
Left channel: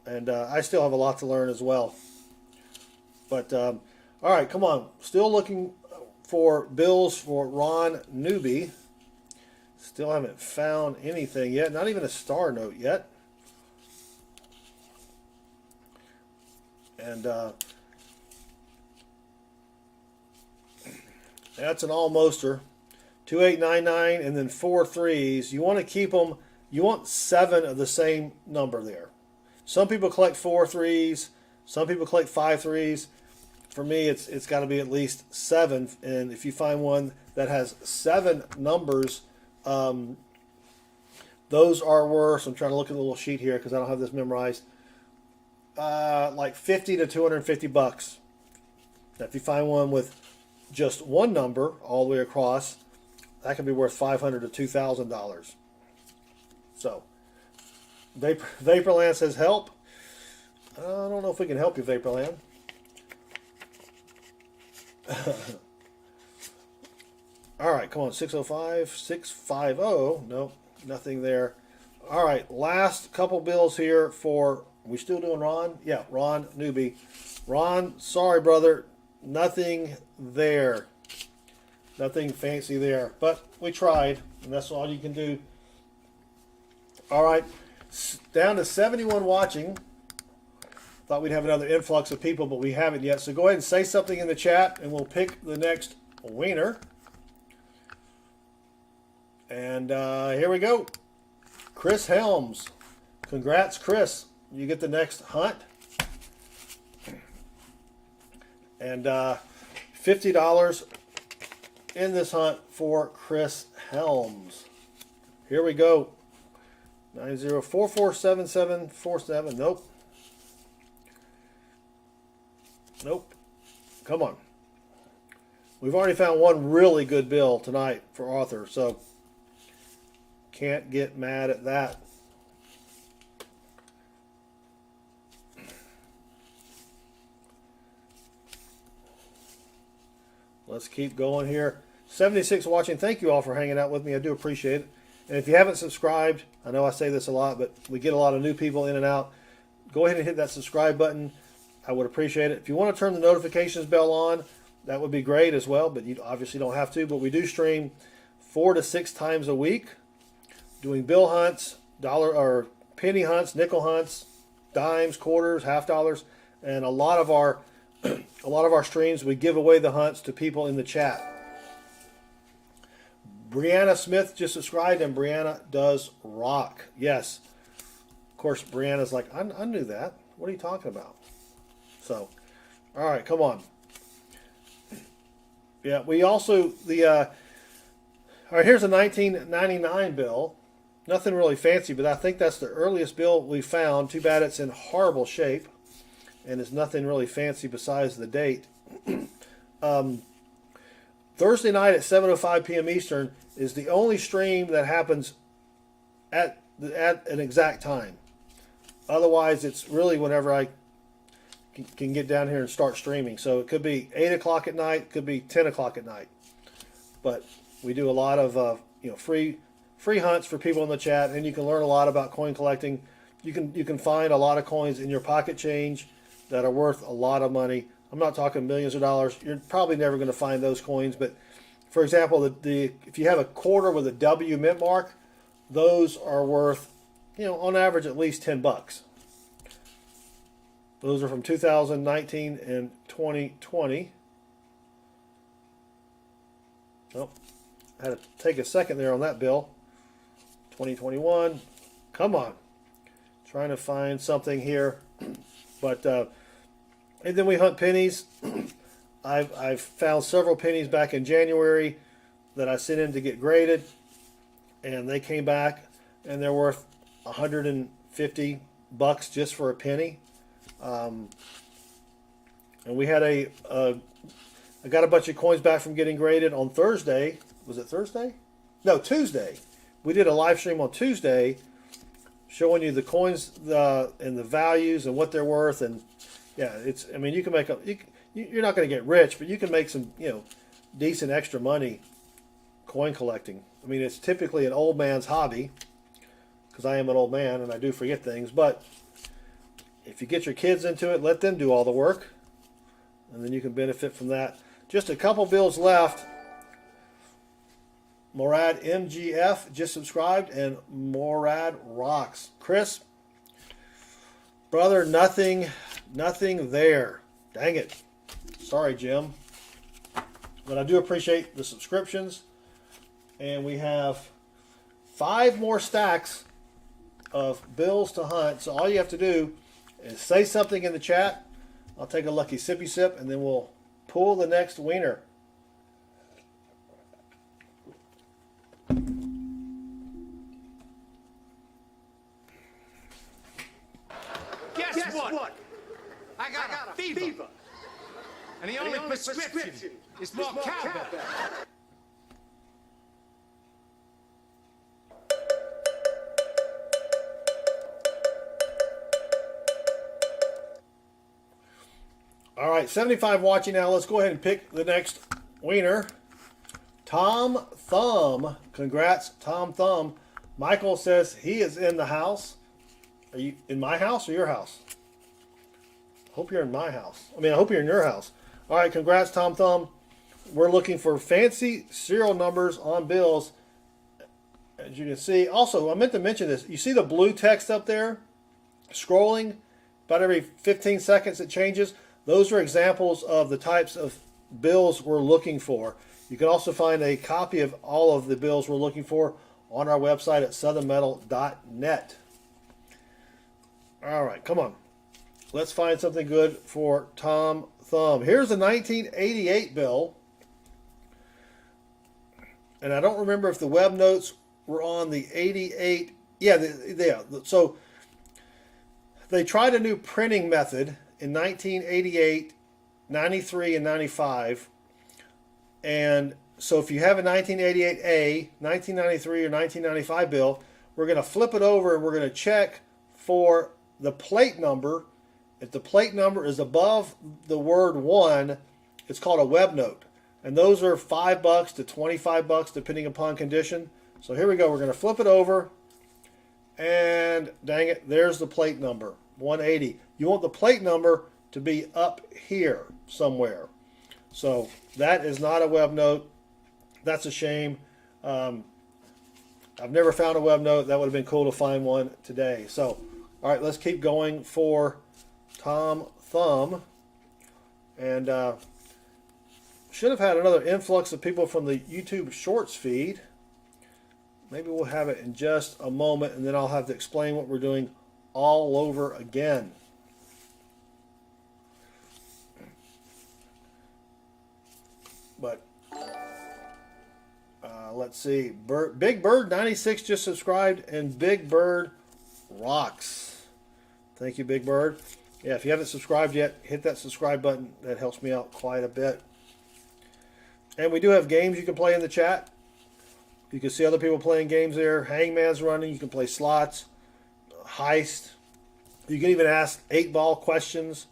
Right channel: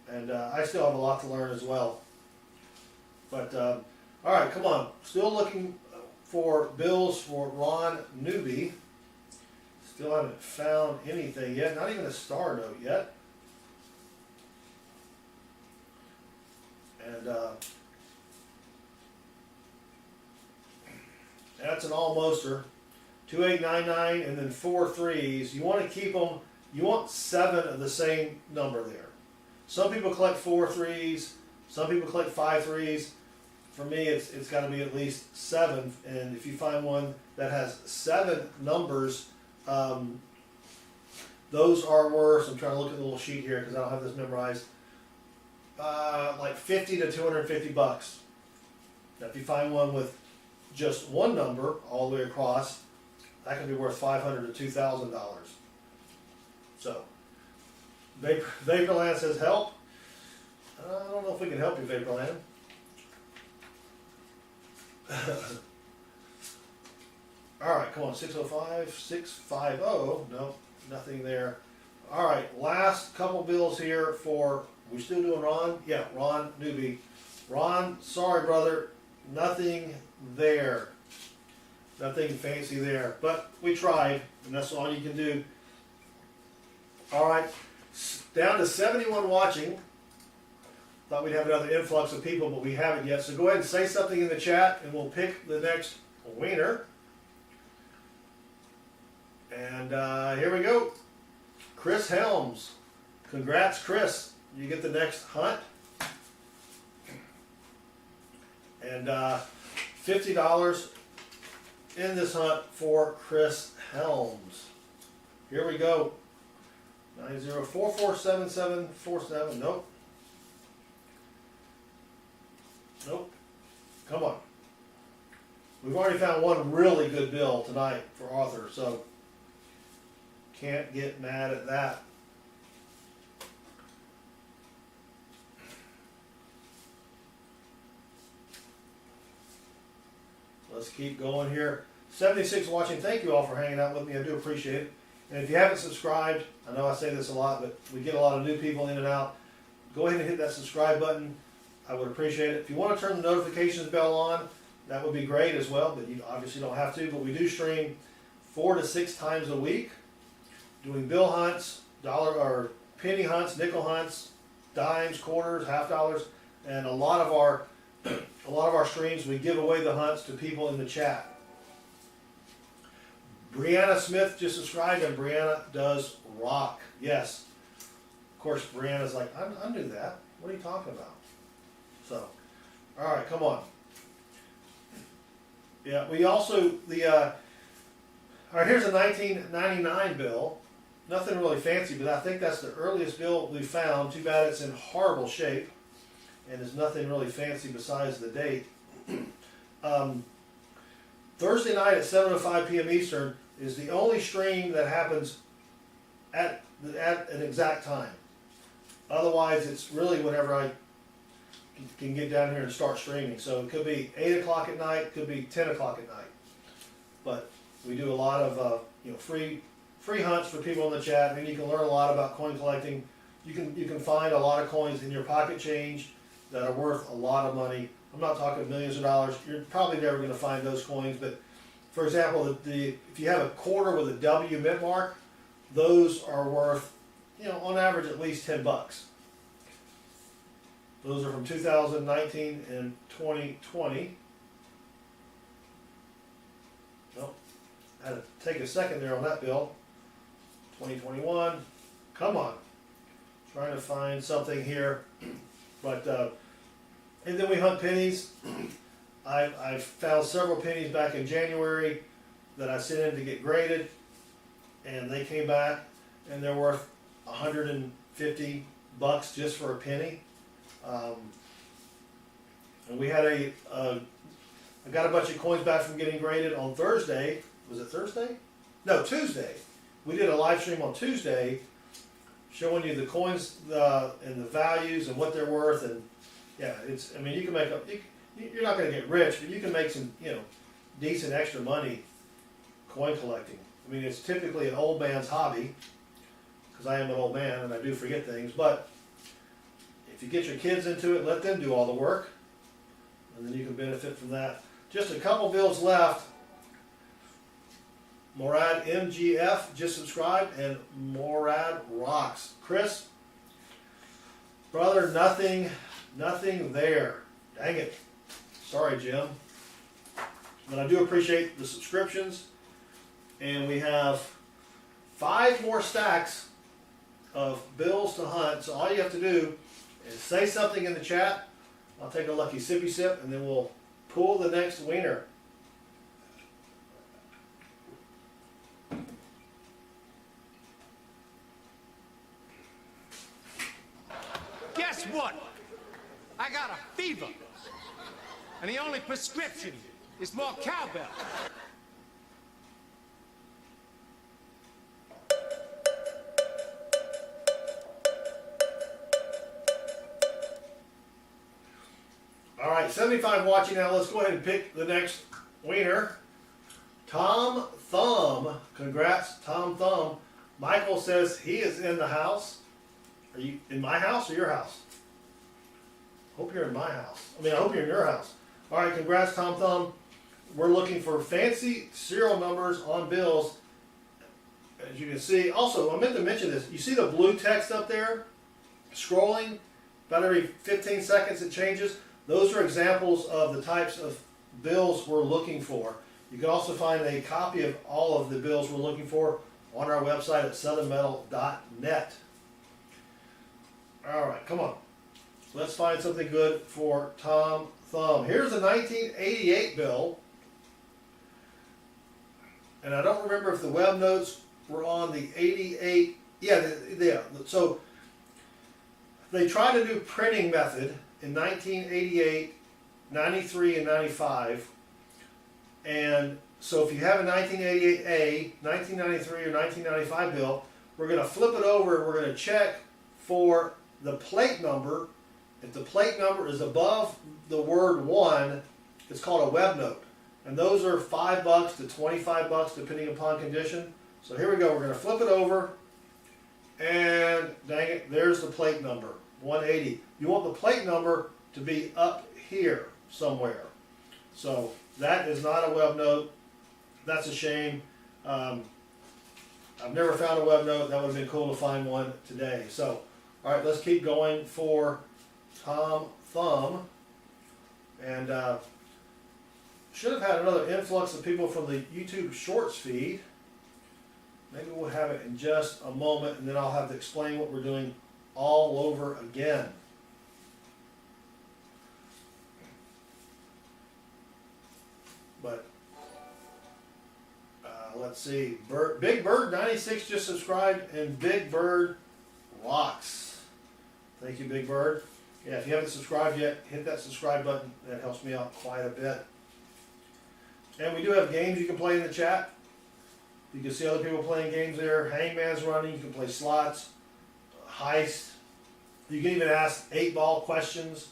and I still have a lot to learn as well. But all right, come on. Still looking for bills for Ron Newby. Still haven't found anything yet. Not even a star note yet. And that's an almoster. 2899 and then 4 threes. You want to keep them. You want 7 of the same number there. Some people collect 4 threes. Some people collect 5 threes. For me, it's got to be at least 7. And if you find one that has 7 numbers, those are worth. I'm trying to look at the little sheet here because I don't have this memorized. like 50 to 250 bucks. Now, if you find one with just one number all the way across, that can be worth $500 to $2,000. So, Vaporland says help. I don't know if we can help you, Vaporland. All right, come on, 605, 650. Nope, nothing there. All right, last couple bills here for, we still doing Ron? Yeah, Ron Newbie. Ron, sorry, brother, nothing there. Nothing fancy there, but we tried, and that's all you can do. All right, down to 71 watching. Thought we'd have another influx of people, but we haven't yet. So go ahead and say something in the chat, and we'll pick the next winner. And here we go. Chris Helms. Congrats, Chris. You get the next hunt. And $50 in this hunt for Chris Helms. Here we go. 90447747. Nope. Nope. Come on. We've already found one really good bill tonight for Arthur, so can't get mad at that. Let's keep going here. 76 watching. Thank you all for hanging out with me. I do appreciate it. And if you haven't subscribed, I know I say this a lot, but we get a lot of new people in and out. Go ahead and hit that subscribe button. I would appreciate it. If you want to turn the notifications bell on, that would be great as well, but you obviously don't have to. But we do stream 4 to 6 times a week, doing bill hunts, dollar or penny hunts, nickel hunts, dimes, quarters, half dollars, and a lot of our streams we give away the hunts to people in the chat. Brianna Smith just subscribed, and Brianna does rock. Yes, of course. Brianna's like, I knew that. What are you talking about? So, all right, come on. Yeah, we also all right, here's a 1999 bill. Nothing really fancy, but I think that's the earliest bill we found. Too bad it's in horrible shape, and there's nothing really fancy besides the date. Thursday night at 7:05 p.m. Eastern is the only stream that happens at an exact time. Otherwise, it's really whenever I can get down here and start streaming. So it could be 8 o'clock at night, could be 10 o'clock at night. But we do a lot of free hunts for people in the chat, and you can learn a lot about coin collecting. You can find a lot of coins in your pocket change that are worth a lot of money. I'm not talking millions of dollars. You're probably never going to find those coins, but for example, if you have a quarter with a W mint mark, those are worth, on average at least $10. Those are from 2019 and 2020. Oh, I had to take a second there on that bill. 2021. Come on. Trying to find something here. But, and then we hunt pennies. I've found several pennies back in January that I sent in to get graded. And they came back and they're worth $150 just for a penny. And we had I got a bunch of coins back from getting graded on Thursday. Was it Thursday? No, Tuesday. We did a live stream on Tuesday showing you the coins and the values and what they're worth. And yeah, you can make you're not going to get rich, but you can make some, decent extra money coin collecting. I mean, it's typically an old man's hobby because I am an old man and I do forget things, but if you get your kids into it, let them do all the work, and then you can benefit from that. Just a couple bills left. Morad MGF just subscribed, and Morad rocks. Chris, brother, nothing there. Dang it. Sorry, Jim. But I do appreciate the subscriptions, and we have 5 more stacks of bills to hunt. So all you have to do is say something in the chat. I'll take a lucky sippy sip, and then we'll pull the next winner. Guess what? I got a fever. And the only prescription is more cowbell. All right, 75 watching now. Let's go ahead and pick the next winner. Tom Thumb. Congrats, Tom Thumb. Michael says he is in the house. Are you in my house or your house? Hope you're in my house. I mean, I hope you're in your house. All right, congrats, Tom Thumb. We're looking for fancy serial numbers on bills. As you can see, also, I meant to mention this. You see the blue text up there? Scrolling. About every 15 seconds it changes. Those are examples of the types of bills we're looking for. You can also find a copy of all of the bills we're looking for on our website at southernmetal.net. All right, come on. Let's find something good for Tom Thumb. Here's a 1988 bill. And I don't remember if the web notes were on the 88. Yeah, so they tried a new printing method in 1988, 93, and 95. And so if you have a 1988A, 1993, or 1995 bill, we're going to flip it over and we're going to check for the plate number. If the plate number is above the word 1, it's called a web note. And those are $5 to $25 depending upon condition. So here we go. We're going to flip it over. And dang it, there's the plate number, 180. You want the plate number to be up here somewhere. So that is not a web note. That's a shame. I've never found a web note. That would have been cool to find one today. So, all right, let's keep going for Tom Thumb. And should have had another influx of people from the YouTube Shorts feed. Maybe we'll have it in just a moment, and then I'll have to explain what we're doing all over again. But let's see. Big Bird 96 just subscribed, and Big Bird rocks. Thank you, Big Bird. Yeah, if you haven't subscribed yet, hit that subscribe button. That helps me out quite a bit. And we do have games you can play in the chat. You can see other people playing games there. Hangman's running. You can play slots, heist. You can even ask 8-ball questions.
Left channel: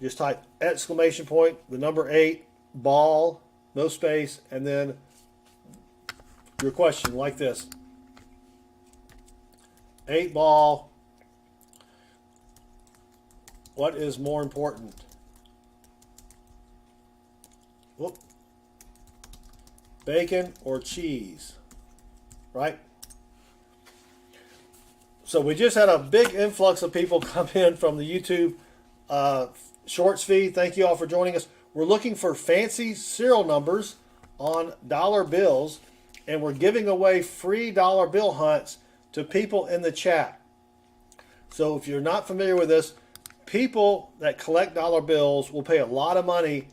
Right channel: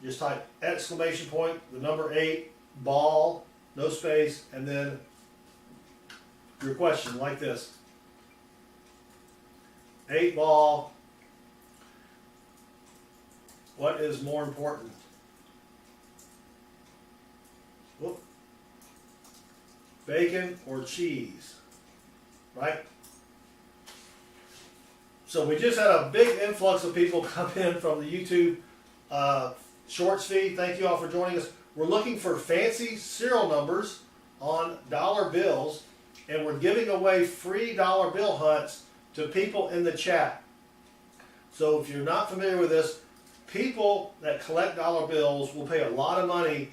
Just type exclamation point, the number 8, ball, no space, and then your question like this. 8-ball. What is more important? Whoop. Bacon or cheese? Right? So we just had a big influx of people come in from the YouTube Shorts feed. Thank you all for joining us. We're looking for fancy serial numbers on dollar bills, and we're giving away free dollar bill hunts to people in the chat. So if you're not familiar with this, people that collect dollar bills will pay a lot of money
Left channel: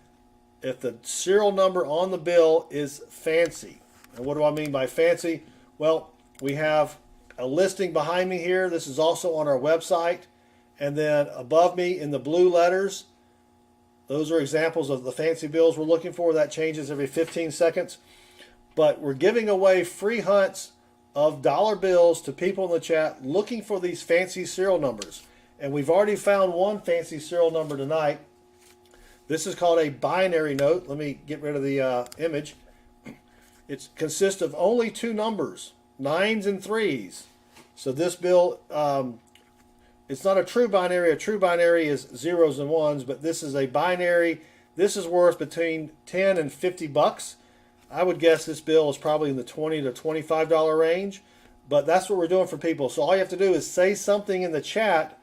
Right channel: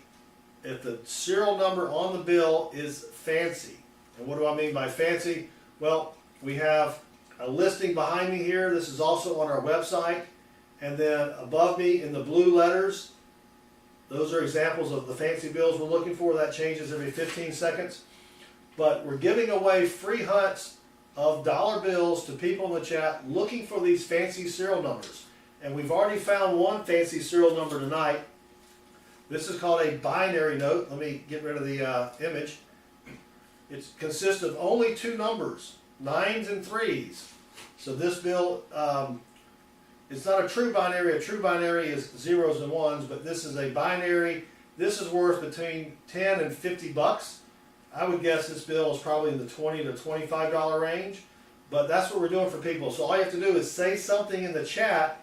if the serial number on the bill is fancy. And what do I mean by fancy? Well, we have a listing behind me here. This is also on our website. And then above me in the blue letters, those are examples of the fancy bills we're looking for. That changes every 15 seconds. But we're giving away free hunts of dollar bills to people in the chat looking for these fancy serial numbers. And we've already found one fancy serial number tonight. This is called a binary note. Let me get rid of the image. It consists of only 2 numbers, 9s and 3s. So this bill, it's not a true binary. A true binary is 0s and 1s, but this is a binary. This is worth between 10 and 50 bucks. I would guess this bill is probably in the $20 to $25 range, but that's what we're doing for people. So all you have to do is say something in the chat.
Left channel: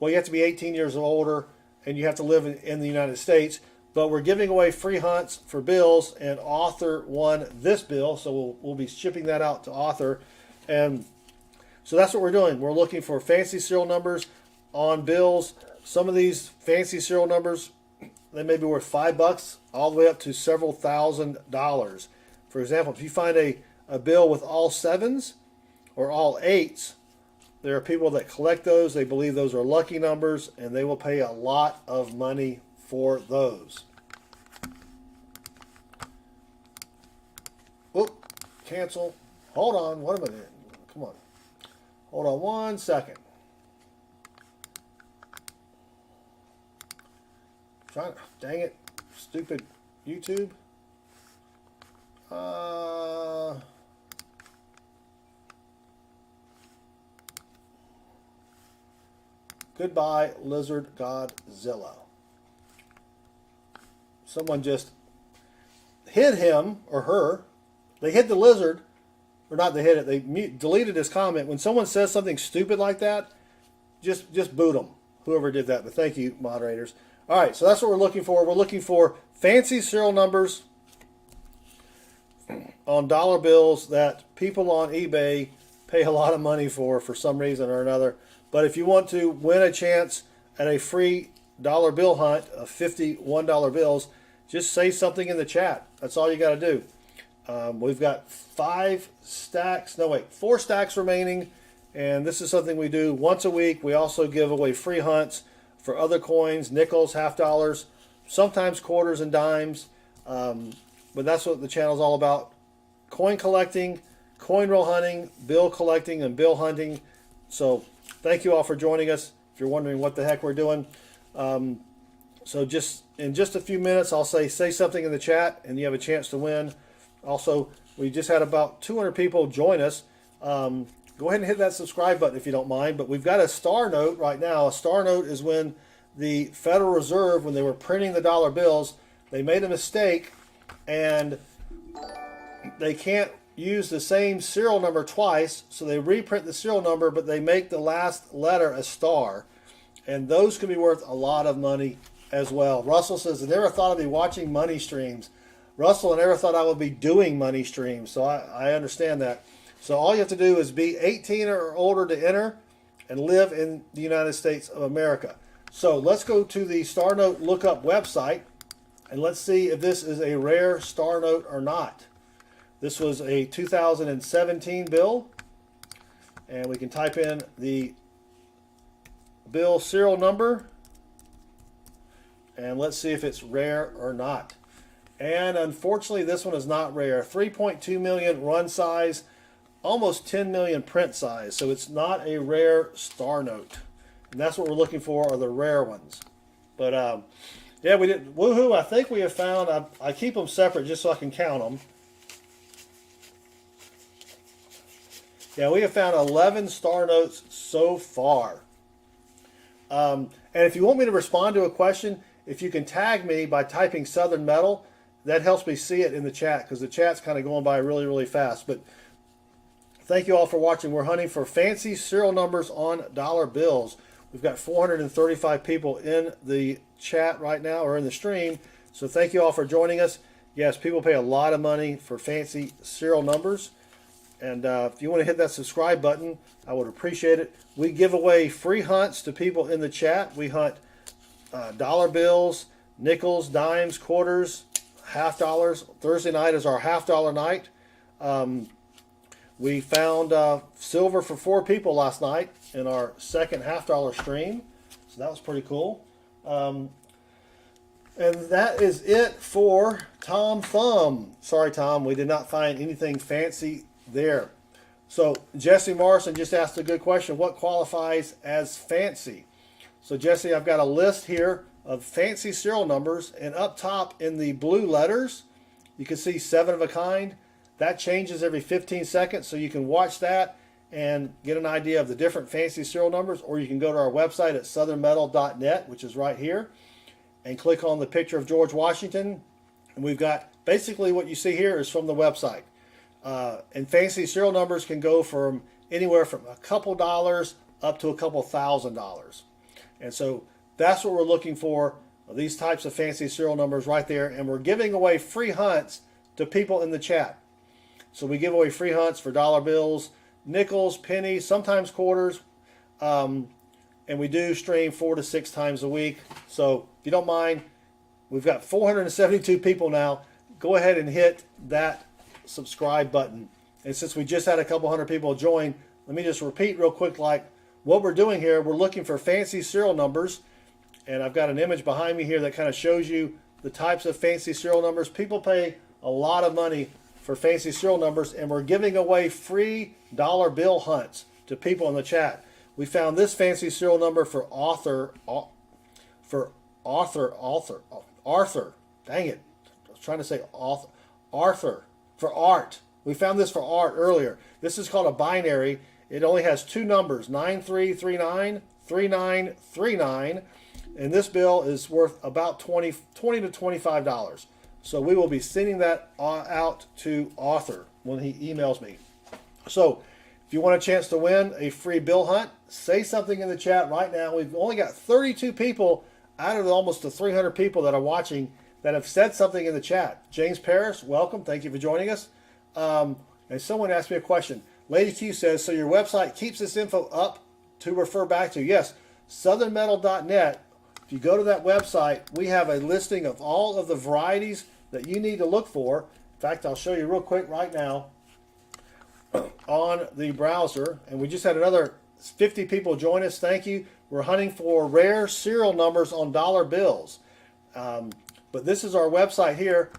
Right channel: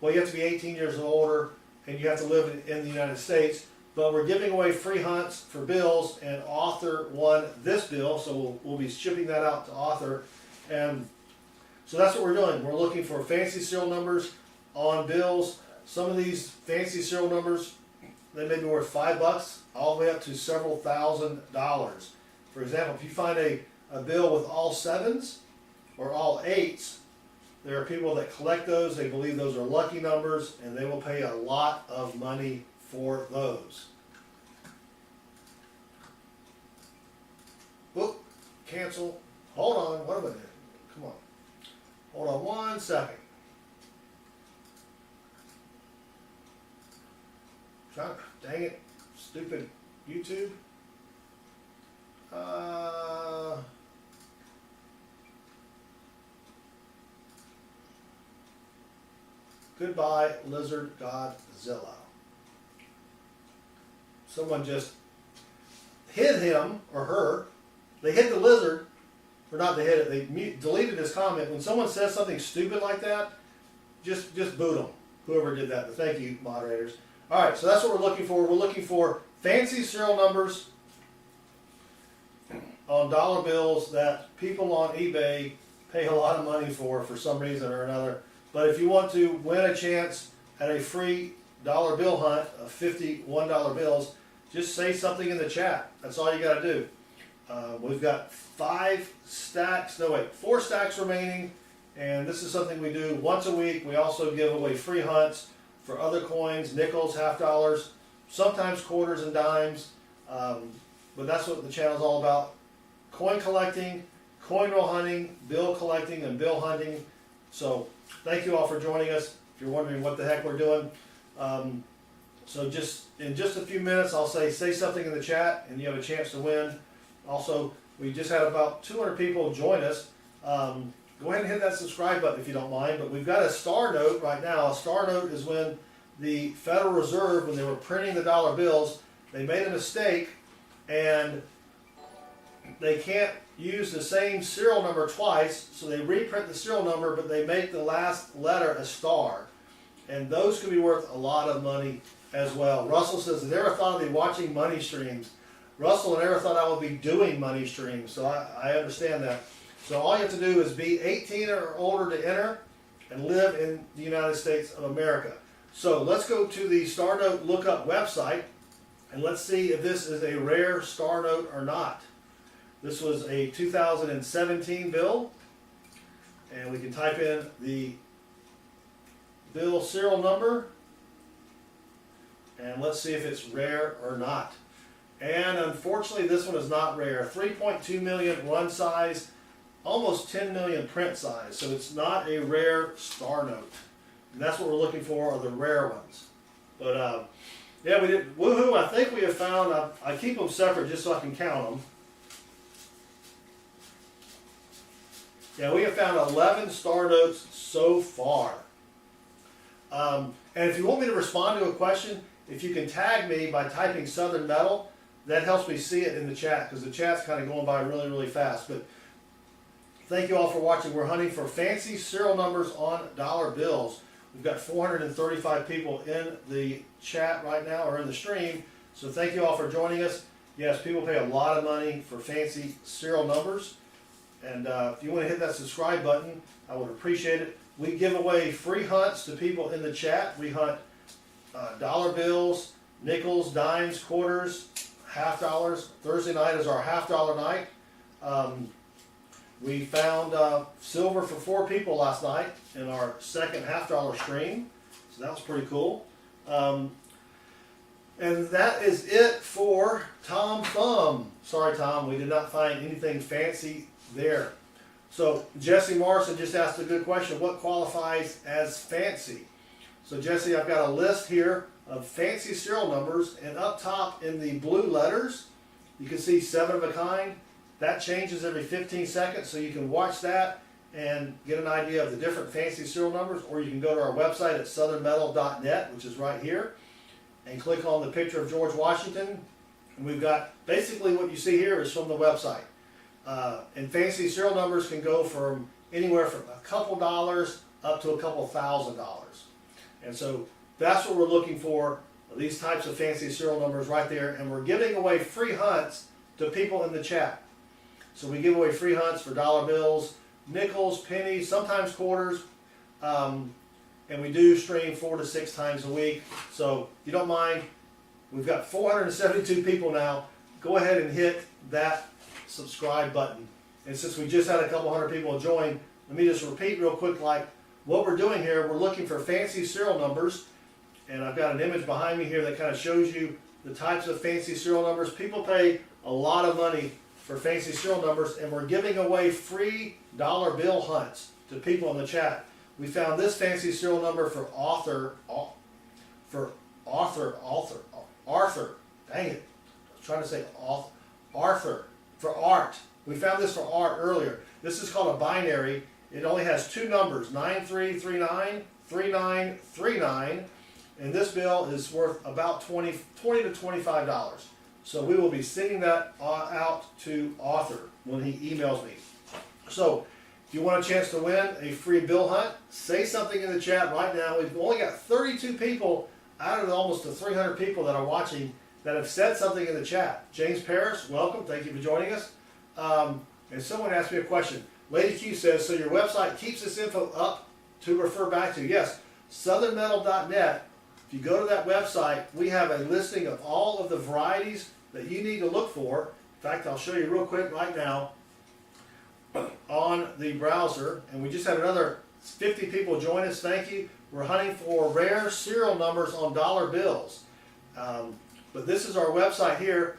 Well, you have to be 18 years or older, and you have to live in the United States. But we're giving away free hunts for bills, and Author won this bill, so we'll be shipping that out to Author. And so that's what we're doing. We're looking for fancy serial numbers on bills. Some of these fancy serial numbers, they may be worth $5 all the way up to several $1,000s. For example, if you find a bill with all 7s or all 8s, There are people that collect those. They believe those are lucky numbers, and they will pay a lot of money for those. Oop, cancel. Hold on, what am I doing? Come on. Hold on 1 second. Dang it, stupid YouTube. Goodbye, Lizard Godzilla. Someone just hid him or her. They hid the lizard, or not they hid it, they deleted his comment. When someone says something stupid like that, just boot them, whoever did that. But thank you, moderators. All right, so that's what we're looking for. We're looking for fancy serial numbers on dollar bills that people on eBay pay a lot of money for some reason or another. But if you want to win a chance at a free dollar bill hunt of 50 $1 bills, just say something in the chat. That's all you got to do. We've got 4 stacks remaining, and this is something we do once a week. We also give away free hunts for other coins, nickels, half dollars, sometimes quarters and dimes, but that's what the channel is all about. Coin collecting, coin roll hunting, bill collecting, and bill hunting. So thank you all for joining us. If you're wondering what the heck we're doing, so just in just a few minutes, I'll say something in the chat, and you have a chance to win. Also, we just had about 200 people join us. Go ahead and hit that subscribe button if you don't mind. But we've got a star note right now. A star note is when the Federal Reserve, when they were printing the dollar bills, they made a mistake, and they can't use the same serial number twice, so they reprint the serial number, but they make the last letter a star, and those can be worth a lot of money as well. Russell says, I never thought I'd be watching money streams. Russell, I never thought I would be doing money streams, so I understand that. So all you have to do is be 18 or older to enter and live in the United States of America. So let's go to the Star Note Lookup website, and let's see if this is a rare Star Note or not. This was a 2017 bill, and we can type in the bill serial number, and let's see if it's rare or not. And unfortunately, this one is not rare. 3.2 million run size, almost 10 million print size, so it's not a rare Star Note. And that's what we're looking for, are the rare ones. But yeah, we did. Woohoo! I think we have found. I keep them separate just so I can count them. Yeah, we have found 11 Star Notes so far. And if you want me to respond to a question, if you can tag me by typing Southern Metal, that helps me see it in the chat, because the chat's kind of going by really, really fast. But thank you all for watching. We're hunting for fancy serial numbers on dollar bills. We've got 435 people in the chat right now, or in the stream. So thank you all for joining us. Yes, people pay a lot of money for fancy serial numbers. And if you want to hit that subscribe button, I would appreciate it. We give away free hunts to people in the chat. We hunt dollar bills, nickels, dimes, quarters, half dollars. Thursday night is our half dollar night. We found silver for 4 people last night in our second half dollar stream. So that was pretty cool. And that is it for Tom Thumb. Sorry, Tom, we did not find anything fancy there. So Jesse Morrison just asked a good question. What qualifies as fancy? So Jesse, I've got a list here of fancy serial numbers, and up top in the blue letters, you can see 7 of a kind. That changes every 15 seconds, so you can watch that and get an idea of the different fancy serial numbers, or you can go to our website at southernmetal.net, which is right here, and click on the picture of George Washington. And we've got basically what you see here is from the website. And fancy serial numbers can go from anywhere from a couple dollars up to a couple $1,000. And so that's what we're looking for, these types of fancy serial numbers right there. And we're giving away free hunts to people in the chat. So we give away free hunts for dollar bills, nickels, pennies, sometimes quarters. And we do stream 4 to 6 times a week. So if you don't mind, we've got 472 people now. Go ahead and hit that subscribe button. And since we just had a couple hundred people join, let me just repeat real quick like what we're doing here, we're looking for fancy serial numbers, and I've got an image behind me here that kind of shows you the types of fancy serial numbers. People pay a lot of money for fancy serial numbers, and we're giving away free dollar bill hunts to people in the chat. We found this fancy serial number for Arthur. Dang it. I was trying to say Arthur. For art. We found this for art earlier. This is called a binary. It only has two numbers, 9339, 3939. And this bill is worth about $20 to $25. So we will be sending that out to Arthur when he emails me. So if you want a chance to win a free bill hunt, say something in the chat right now. We've only got 32 people out of the almost the 300 people that are watching that have said something in the chat. James Paris, welcome. Thank you for joining us. And someone asked me a question. Lady Q says, so your website keeps this info up to refer back to? Yes, southernmetal.net. If you go to that website, we have a listing of all of the varieties that you need to look for. In fact, I'll show you real quick right now on the browser. And we just had another 50 people join us. Thank you. We're hunting for rare serial numbers on dollar bills. But this is our website here,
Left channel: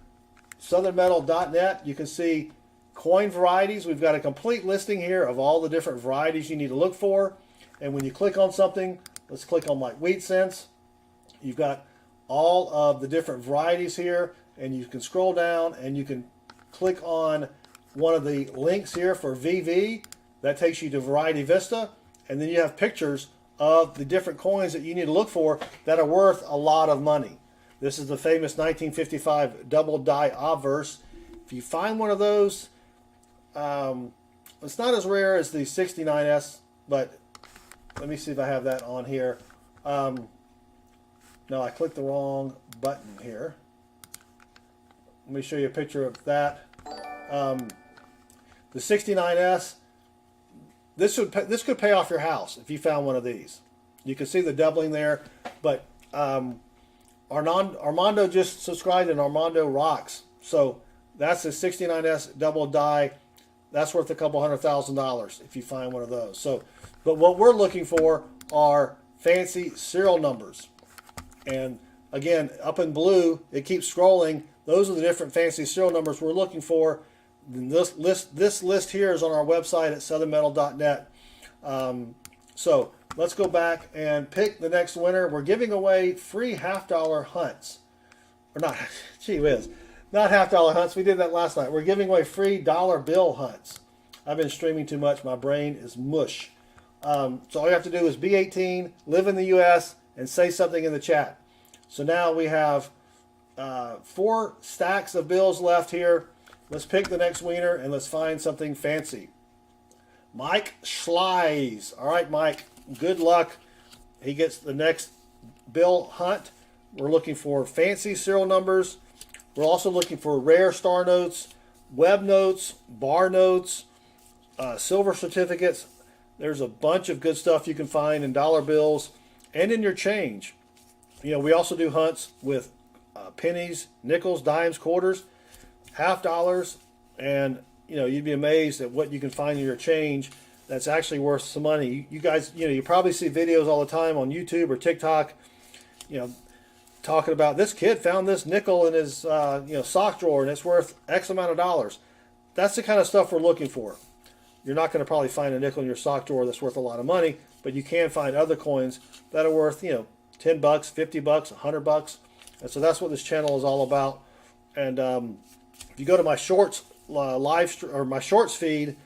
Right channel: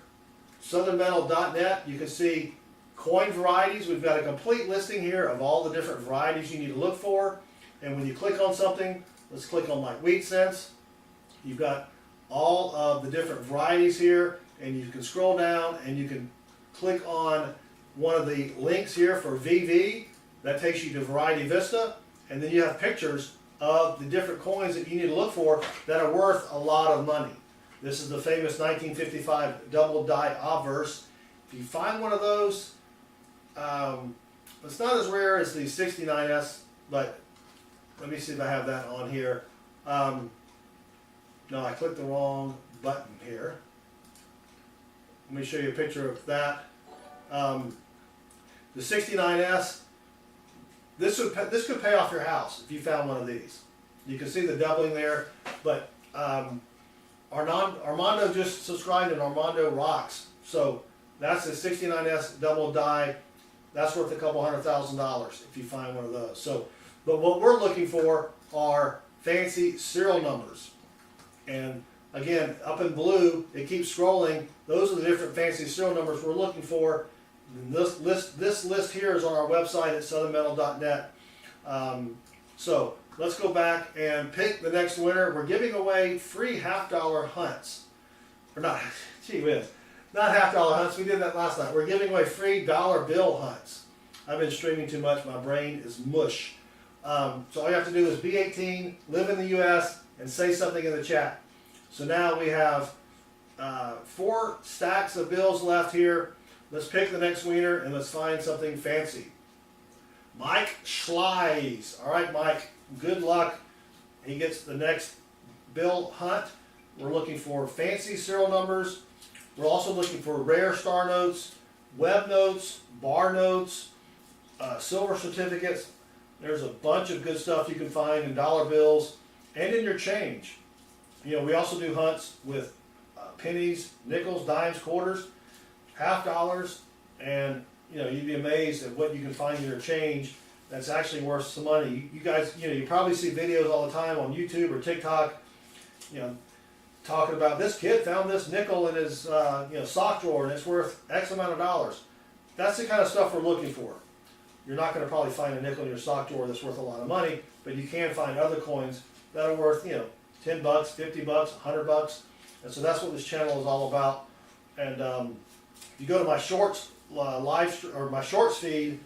southernmetal.net. You can see coin varieties. We've got a complete listing here of all the different varieties you need to look for. And when you click on something, let's click on like wheat cents. You've got all of the different varieties here, and you can scroll down and you can click on one of the links here for VV. That takes you to Variety Vista, and then you have pictures of the different coins that you need to look for that are worth a lot of money. This is the famous 1955 double die obverse. If you find one of those, it's not as rare as the 69S, but let me see if I have that on here. No, I clicked the wrong button here. Let me show you a picture of that. The 69S, this could pay off your house if you found one of these. You can see the doubling there, but Armando just subscribed, and Armando rocks. So that's a 69S double die. That's worth a couple $100,000 if you find one of those. So, but what we're looking for are fancy serial numbers. And again, up in blue, it keeps scrolling. Those are the different fancy serial numbers we're looking for. And this list here is on our website at southernmetal.net. So let's go back and pick the next winner. We're giving away free $half hunts. Or not, gee whiz, not $half hunts. We did that last night. We're giving away free dollar bill hunts. I've been streaming too much. My brain is mush. So all you have to do is be 18, live in the U.S., and say something in the chat. So now we have 4 stacks of bills left here. Let's pick the next winner and let's find something fancy. Mike Schleis. All right, Mike, good luck. He gets the next bill hunt. We're looking for fancy serial numbers. We're also looking for rare star notes, web notes, bar notes, silver certificates. There's a bunch of good stuff you can find in dollar bills and in your change. You know, we also do hunts with pennies, nickels, dimes, quarters, $half, and you know, you'd be amazed at what you can find in your change that's actually worth some money. You guys, you know, you probably see videos all the time on YouTube or TikTok, you know, talking about this kid found this nickel in his you know, sock drawer and it's worth X amount of dollars. That's the kind of stuff we're looking for. You're not going to probably find a nickel in your sock drawer that's worth a lot of money, but you can find other coins that are worth, you know, $10, $50, $100, and so that's what this channel is all about. And if you go to my shorts my shorts feed,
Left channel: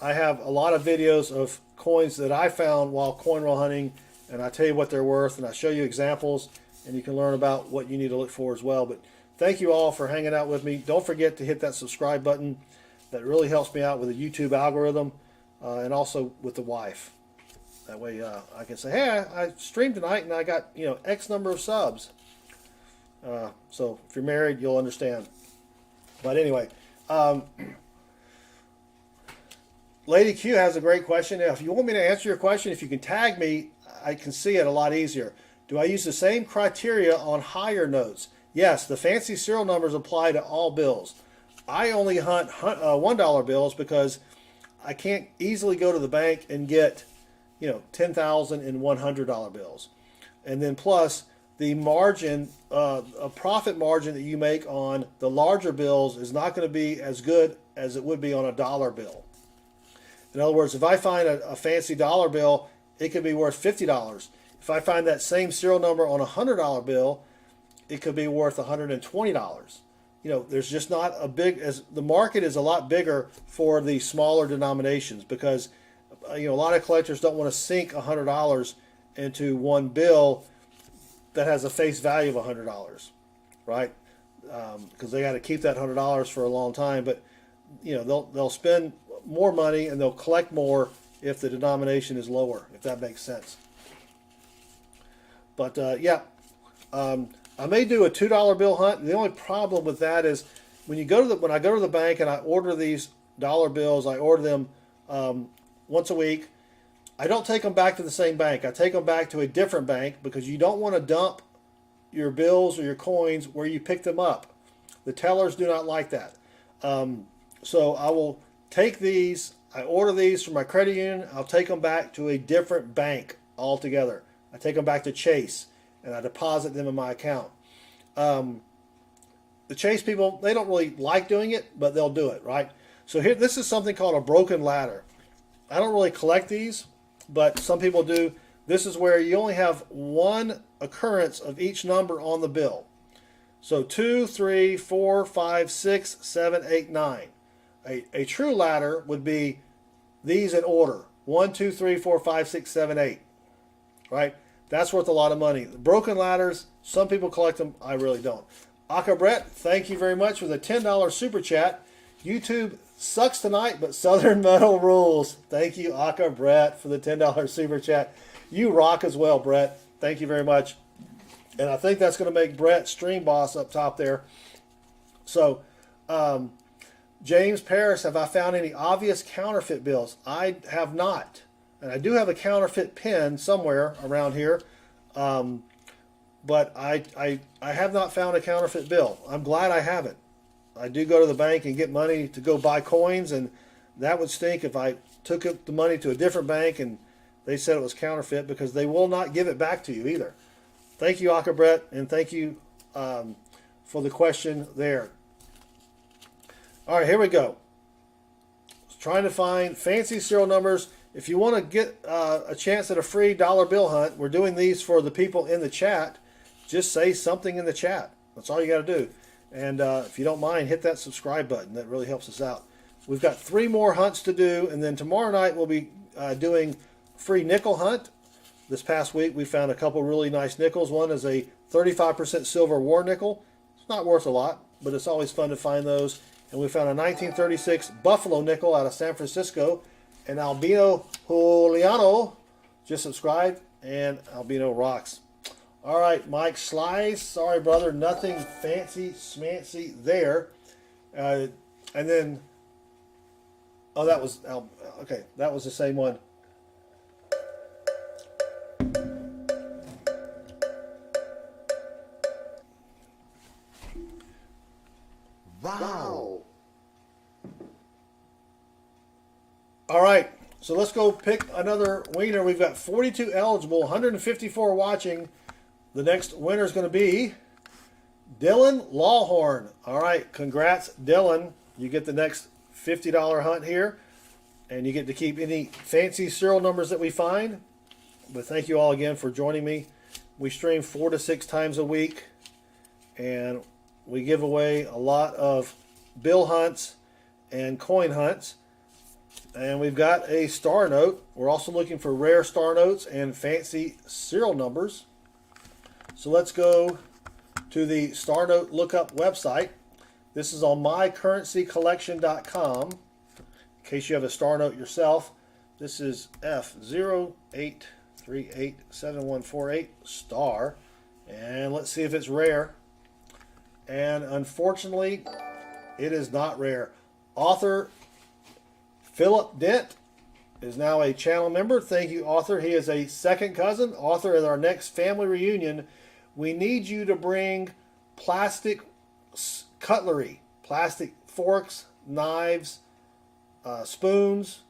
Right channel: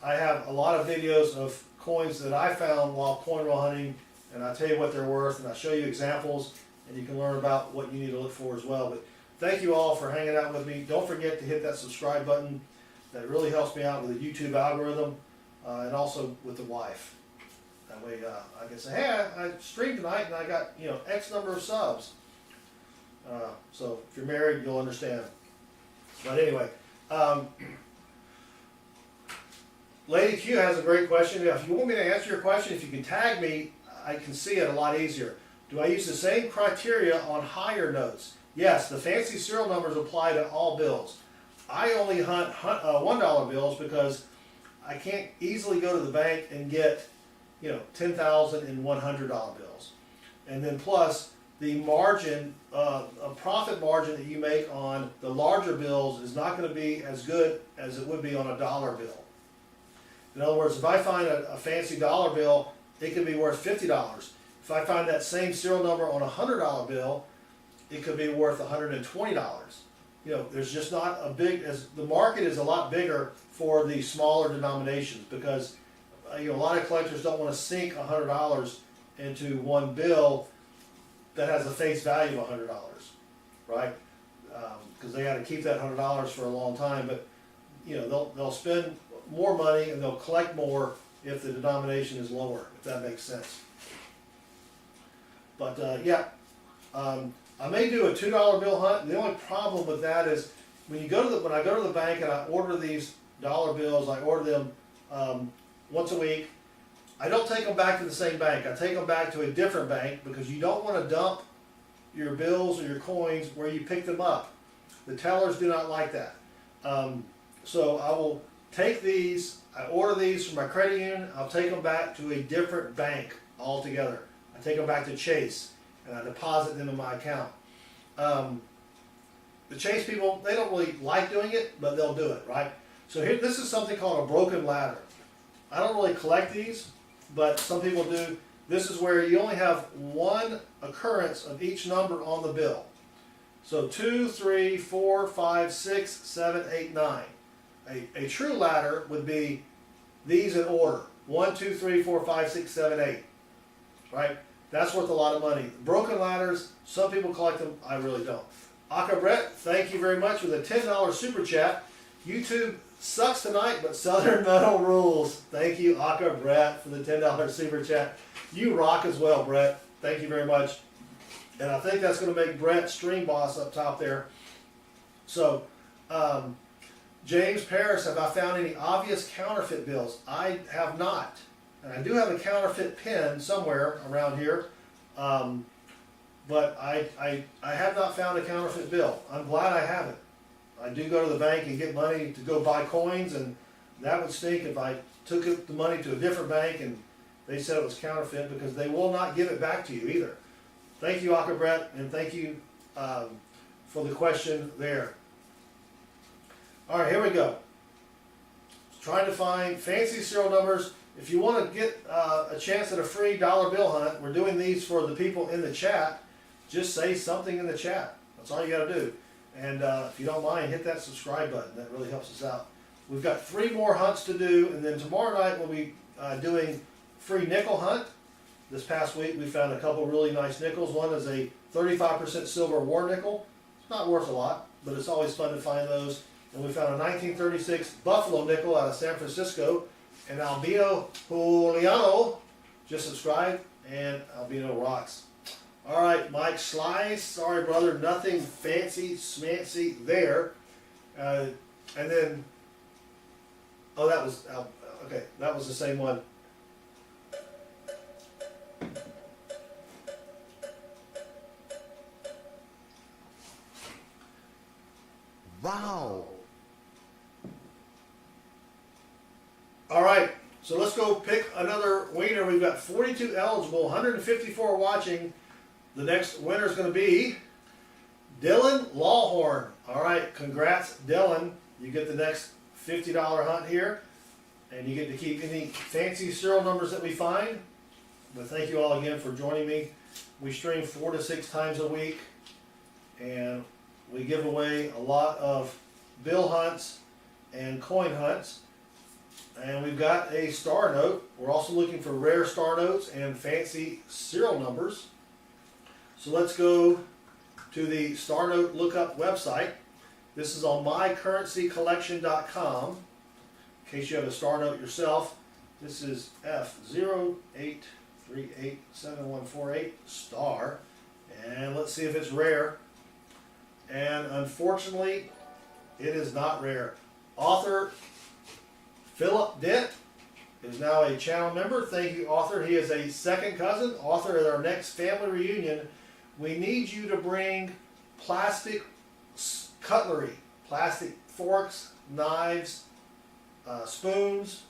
I have a lot of videos of coins that I found while coin roll hunting, and I tell you what they're worth, and I show you examples, and you can learn about what you need to look for as well. But thank you all for hanging out with me. Don't forget to hit that subscribe button. That really helps me out with the YouTube algorithm, and also with the wife. That way I can say, hey, I streamed tonight and I got, you know, X number of subs. So if you're married, you'll understand. But anyway, Lady Q has a great question. Now, if you want me to answer your question, if you can tag me, I can see it a lot easier. Do I use the same criteria on higher notes? Yes, the fancy serial numbers apply to all bills. I only hunt $1 bills because I can't easily go to the bank and get, $10,000 and $100 bills. And then plus the margin, a profit margin that you make on the larger bills is not going to be as good as it would be on a dollar bill. In other words, if I find a fancy dollar bill, it could be worth $50. If I find that same serial number on a $100 bill, it could be worth $120. There's just not a big, as the market is a lot bigger for the smaller denominations, because a lot of collectors don't want to sink $100 into one bill that has a face value of $100, right? Because they got to keep that $100 for a long time. But they'll spend more money and they'll collect more if the denomination is lower, if that makes sense. But I may do a $2 bill hunt. The only problem with that is when I go to the bank and I order these dollar bills, I order them once a week. I don't take them back to the same bank. I take them back to a different bank, because you don't want to dump your bills or your coins where you pick them up. The tellers do not like that. So I will take these, I order these from my credit union, I'll take them back to a different bank altogether. I take them back to Chase and I deposit them in my account. The Chase people, they don't really like doing it, but they'll do it, right? So here, this is something called a broken ladder. I don't really collect these, but some people do. This is where you only have one occurrence of each number on the bill. So 2, 3, 4, 5, 6, 7, 8, 9. A true ladder would be these in order. 1, 2, 3, 4, 5, 6, 7, 8. Right? That's worth a lot of money. The broken ladders, some people collect them. I really don't. Aka Brett, thank you very much for the $10 super chat. YouTube sucks tonight, but Southern Metal rules. Thank you, Aka Brett, for the $10 super chat. You rock as well, Brett. Thank you very much. And I think that's going to make Brett stream boss up top there. So, James Paris, have I found any obvious counterfeit bills? I have not. And I do have a counterfeit pen somewhere around here. But I have not found a counterfeit bill. I'm glad I haven't. I do go to the bank and get money to go buy coins, and that would stink if I took the money to a different bank and they said it was counterfeit, because they will not give it back to you either. Thank you, Aka Brett, and thank you for the question there. All right, here we go. Trying to find fancy serial numbers. If you want to get a chance at a free dollar bill hunt, we're doing these for the people in the chat. Just say something in the chat. That's all you got to do. And if you don't mind, hit that subscribe button. That really helps us out. We've got 3 more hunts to do, and then tomorrow night we'll be doing free nickel hunt. This past week we found a couple really nice nickels. One is a 35% silver war nickel. It's not worth a lot, but it's always fun to find those. And we found a 1936 Buffalo nickel out of San Francisco. And Albino Juliano just subscribed, and Albino rocks. All right, Mike Slice. Sorry, brother, nothing fancy smancy there. And then, oh, that was okay. That was the same one. Wow. All right, so let's go pick another winner. We've got 42 eligible, 154 watching. The next winner is going to be Dylan Lawhorn. All right, congrats, Dylan. You get the next $50 hunt here, and you get to keep any fancy serial numbers that we find. But thank you all again for joining me. We stream 4 to 6 times a week, and we give away a lot of bill hunts and coin hunts. And we've got a star note. We're also looking for rare star notes and fancy serial numbers. So let's go to the star note lookup website. This is on mycurrencycollection.com. In case you have a star note yourself, this is F08387148 star. And let's see if it's rare. And unfortunately, it is not rare. Author Philip Dent is now a channel member. Thank you, author. He is a second cousin. Author, at our next family reunion, we need you to bring plastic cutlery, plastic forks, knives, spoons,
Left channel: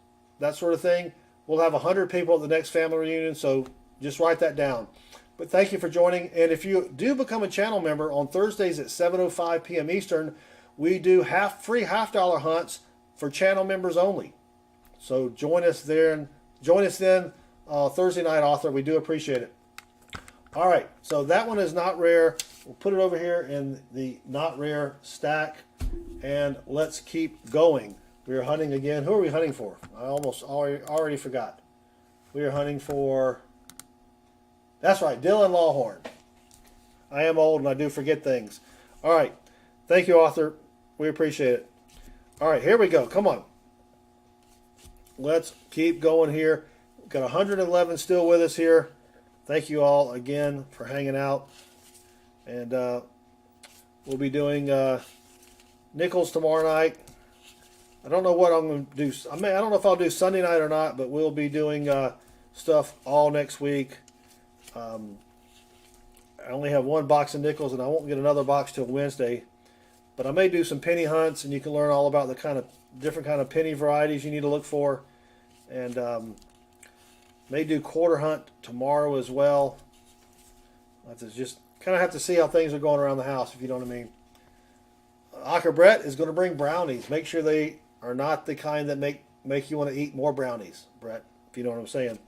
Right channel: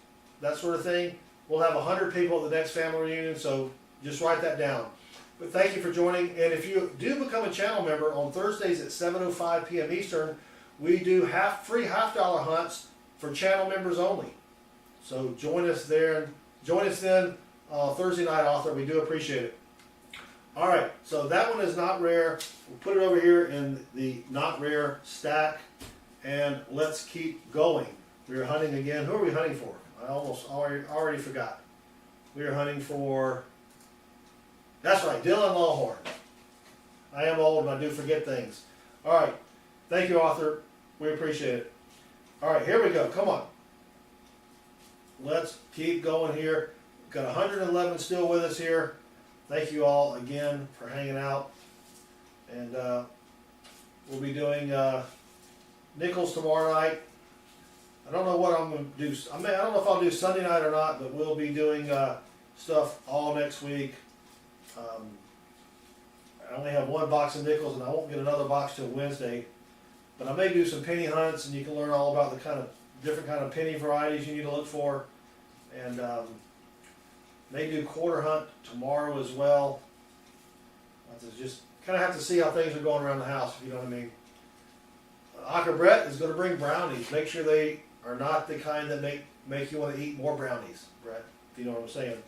that sort of thing. we'll have 100 people at the next family reunion, so just write that down. But thank you for joining, and if you do become a channel member, on Thursdays at 7:05 p.m. Eastern, we do free half-dollar hunts for channel members only. So join us there. Join us then Thursday night, author. We do appreciate it. All right, so that one is not rare. We'll put it over here in the not rare stack, and let's keep going. We are hunting again. Who are we hunting for? I almost already forgot. We are hunting for, that's right, Dylan Lawhorn. I am old and I do forget things. All right, thank you, author. We appreciate it. All right, here we go. Come on. Let's keep going here. We've got 111 still with us here. Thank you all again for hanging out. And we'll be doing nickels tomorrow night. I don't know what I'm going to do. I don't know if I'll do Sunday night or not, but we'll be doing stuff all next week. I only have one box of nickels, and I won't get another box till Wednesday. But I may do some penny hunts, and you can learn all about the different kind of penny varieties you need to look for. And may do quarter hunt tomorrow as well. I just kind of have to see how things are going around the house, if you know what I mean. Acker Brett is going to bring brownies. Make sure they are not the kind that make you want to eat more brownies, Brett, if you know what I'm saying.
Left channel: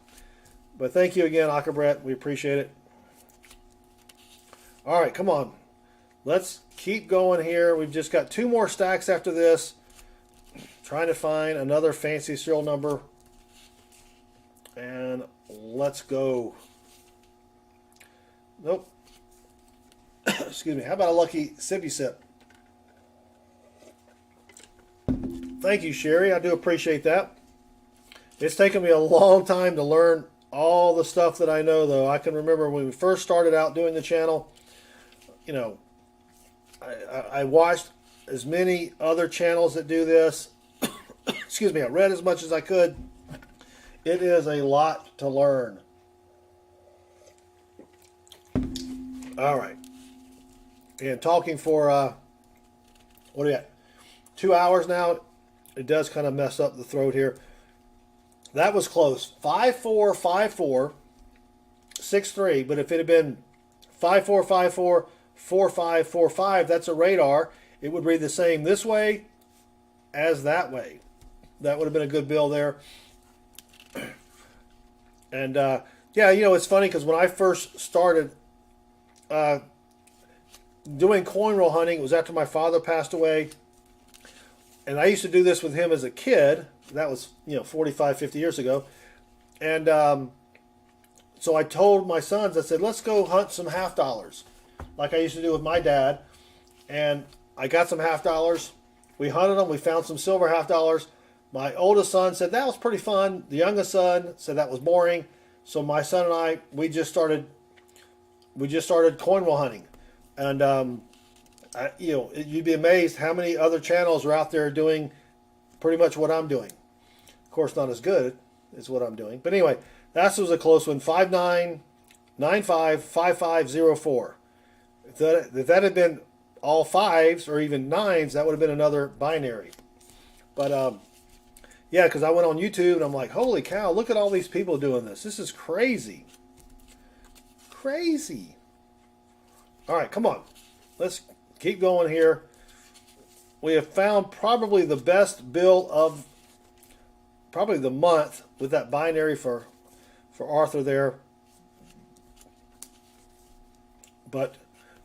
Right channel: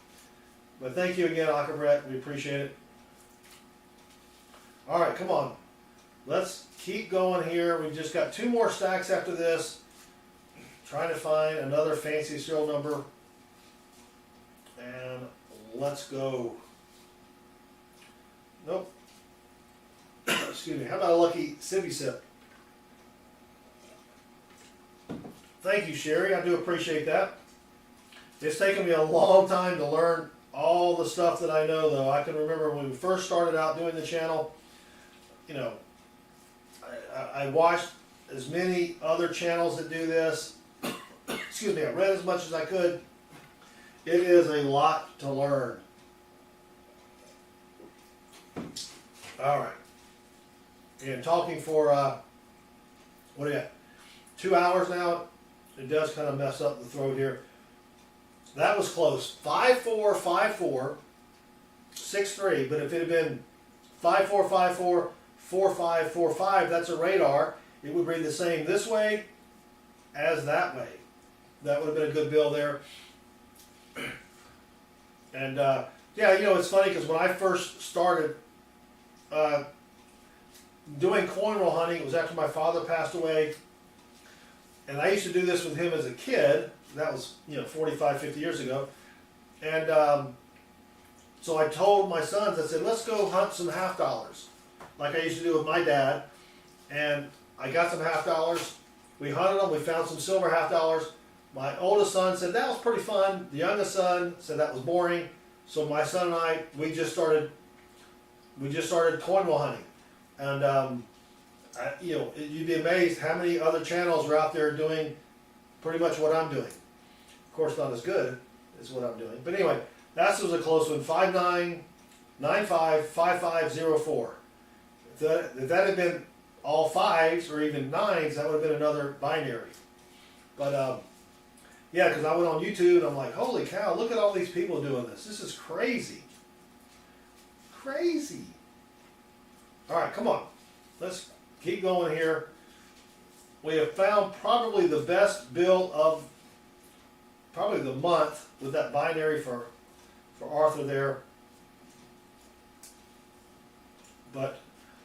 But thank you again, Acker Brett. We appreciate it. All right, come on. Let's keep going here. We've just got 2 more stacks after this. Trying to find another fancy serial number. And let's go. Nope. Excuse me. How about a lucky sippy sip? Thank you, Sherry. I do appreciate that. It's taken me a long time to learn all the stuff that I know, though. I can remember when we first started out doing the channel, you know, I watched as many other channels that do this. Excuse me. I read as much as I could. It is a lot to learn. All right. And talking for, what do you got? 2 hours now. It does kind of mess up the throat here. That was close. 5-4, 5-4, 6-3. But if it had been 5-4, 5-4, 4-5, 4-5, that's a radar. It would read the same this way as that way. That would have been a good bill there. And yeah, you know, it's funny because when I first started doing coin roll hunting, it was after my father passed away. And I used to do this with him as a kid. That was, 45, 50 years ago. And so I told my sons, I said, let's go hunt some $half, like I used to do with my dad. And I got some $half. We hunted them. We found some silver $half. My oldest son said that was pretty fun. The youngest son said that was boring. So my son and I, we just started coin roll hunting. And you'd be amazed how many other channels are out there doing pretty much what I'm doing. Of course, not as good as what I'm doing. But anyway, that was a close one. 5-9, 9-5, 5-5, 0-4. If that had been all 5s or even 9s, that would have been another binary. But yeah, because I went on YouTube and I'm like, holy cow, look at all these people doing this. This is crazy. Crazy. All right, come on. Let's keep going here. We have found probably the best bill of probably the month with that binary for Arthur there. But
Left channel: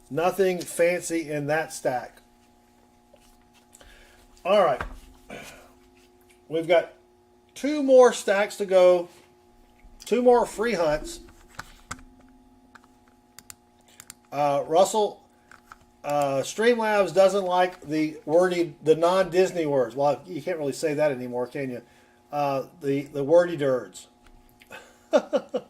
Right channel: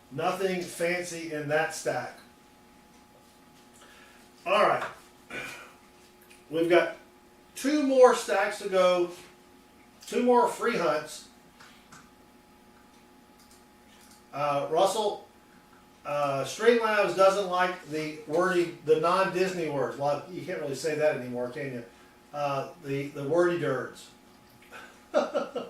nothing fancy in that stack. All right. We've got 2 more stacks to go. 2 more free hunts. Russell, Streamlabs doesn't like the non-Disney words. Well, you can't really say that anymore, can you? The wordy dirds. But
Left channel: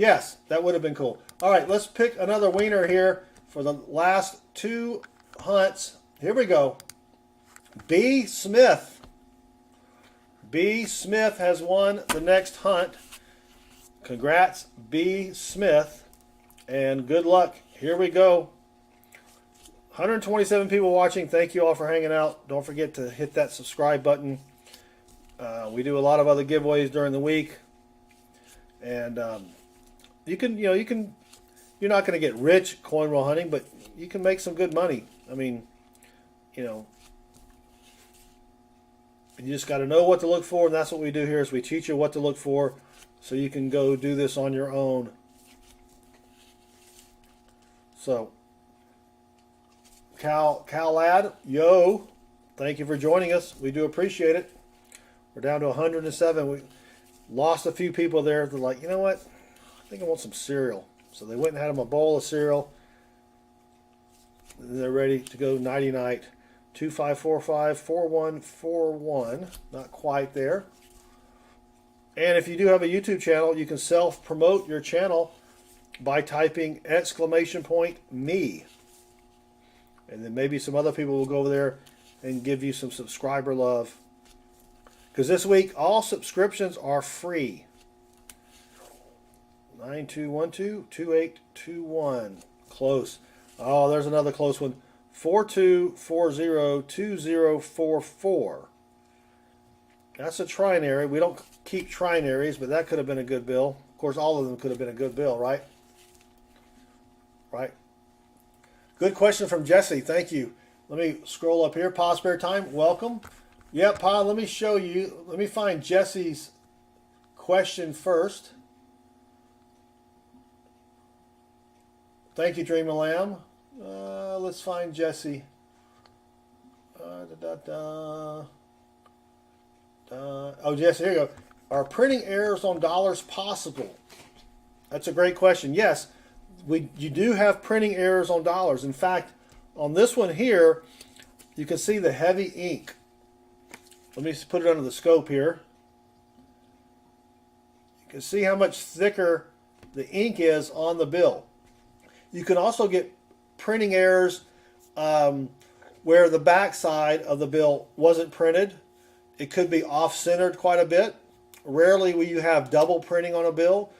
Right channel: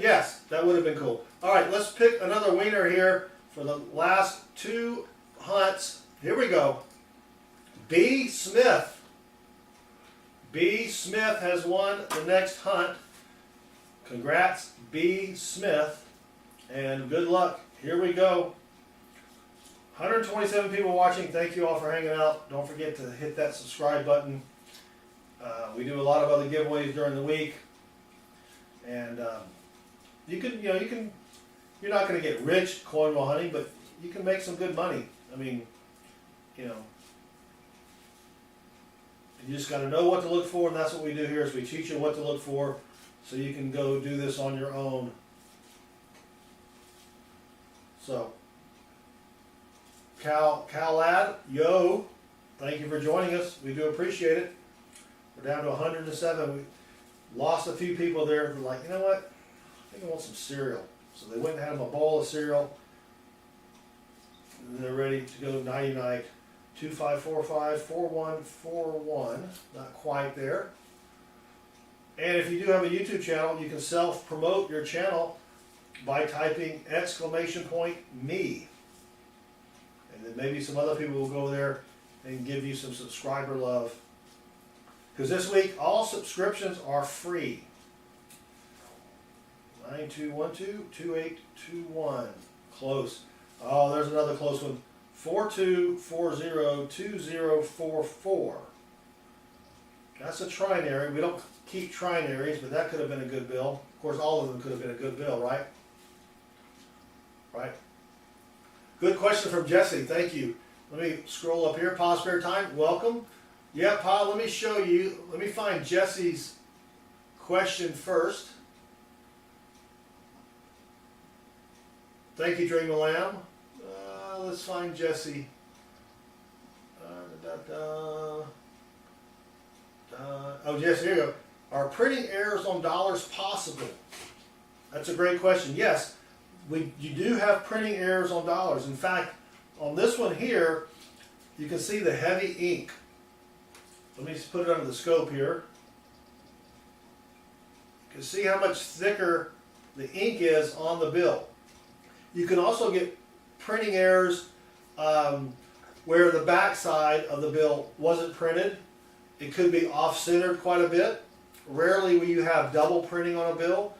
yes, that would have been cool. All right, let's pick another wiener here for the last 2 hunts. Here we go. B. Smith. B. Smith has won the next hunt. Congrats, B. Smith. And good luck. Here we go. 127 people watching. Thank you all for hanging out. Don't forget to hit that subscribe button. We do a lot of other giveaways during the week, and you're not going to get rich coin roll hunting, but you can make some good money. I mean, you just got to know what to look for, and that's what we do here is we teach you what to look for so you can go do this on your own. So, Lad, yo, thank you for joining us. We do appreciate it. We're down to 107. We lost a few people there. They're like, you know what? I think I want some cereal. So they went and had them a bowl of cereal. They're ready to go nighty-night. 2545-4141. Not quite there. And if you do have a YouTube channel, you can self-promote your channel by typing !me. And then maybe some other people will go over there and give you some subscriber love. Because this week, all subscriptions are free. 9212-2821. Close. Oh, there's another close one. 4240-2044. That's a trinary. We don't keep trinaries, but that could have been a good bill. Of course, all of them could have been a good bill, right? Right. Good question from Jesse. Thank you. Let me scroll up here. Pa Spare Time, welcome. Yeah, Pa, let me show you. Let me find Jesse's question first. Thank you, Dream of Lamb. Let's find Jesse. Oh, Jesse, here you go. Are printing errors on dollars possible? That's a great question. Yes, you do have printing errors on dollars. In fact, on this one here, you can see the heavy ink. Let me just put it under the scope here. You can see how much thicker the ink is on the bill. You can also get printing errors where the back side of the bill wasn't printed. It could be off-centered quite a bit. Rarely will you have double printing on a bill.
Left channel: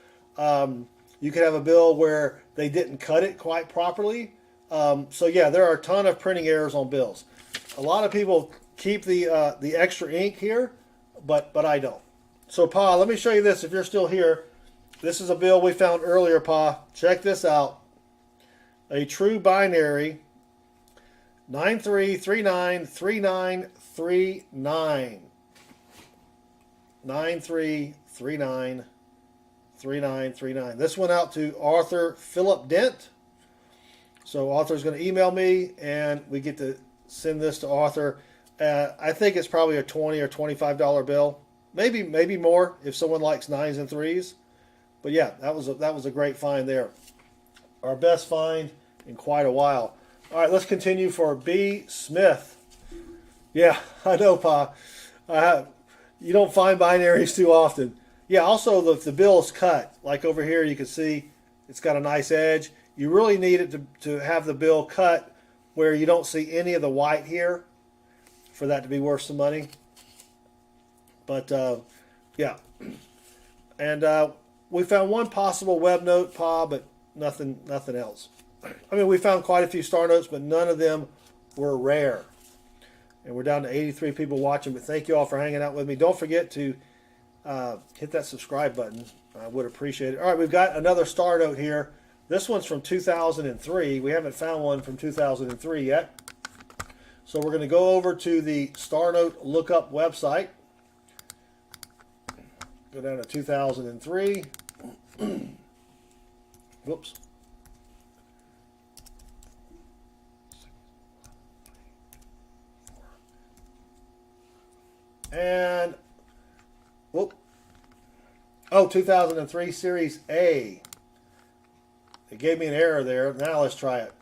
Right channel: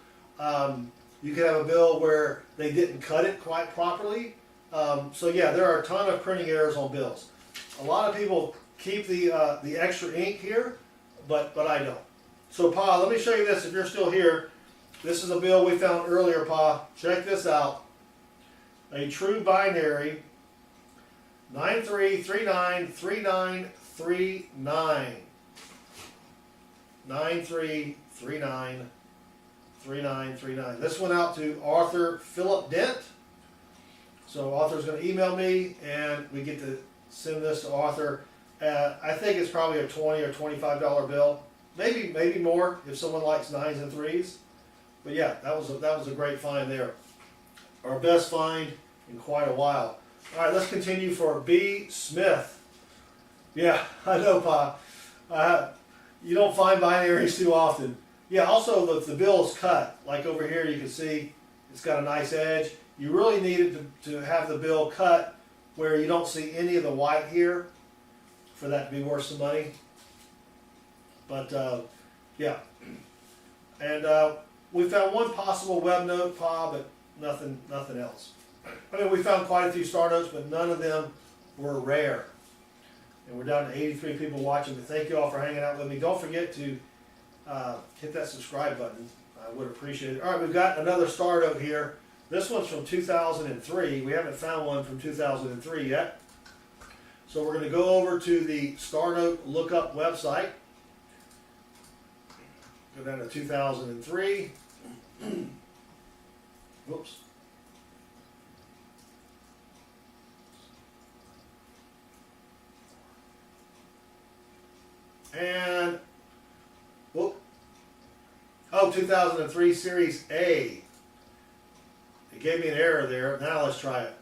You could have a bill where they didn't cut it quite properly. So yeah, there are a ton of printing errors on bills. A lot of people keep the extra ink here, but I don't. So Pa, let me show you this if you're still here. This is a bill we found earlier, Pa. Check this out. A true binary 93393939. 93393939. This went out to Arthur Philip Dent. So Arthur's going to email me, and we get to send this to Arthur. I think it's probably a $20 or $25 bill, maybe more if someone likes 9s and 3s. But yeah, that was a great find there. Our best find in quite a while. All right, let's continue for B. Smith. Yeah, I know, Pa. You don't find binaries too often. Yeah, also the bill is cut. Like over here, you can see it's got a nice edge. You really need it to have the bill cut where you don't see any of the white here for that to be worth some money. But yeah, and we found one possible web note, Pa, but nothing else. I mean, we found quite a few star notes, but none of them were rare. And we're down to 83 people watching, but thank you all for hanging out with me. Don't forget to hit that subscribe button. I would appreciate it. All right, we've got another star note here. This one's from 2003. We haven't found one from 2003 yet. So we're going to go over to the Star Note Lookup website. Go down to 2003. Whoops. And, whoop. Oh, 2003 Series A. It gave me an error there. Now let's try it.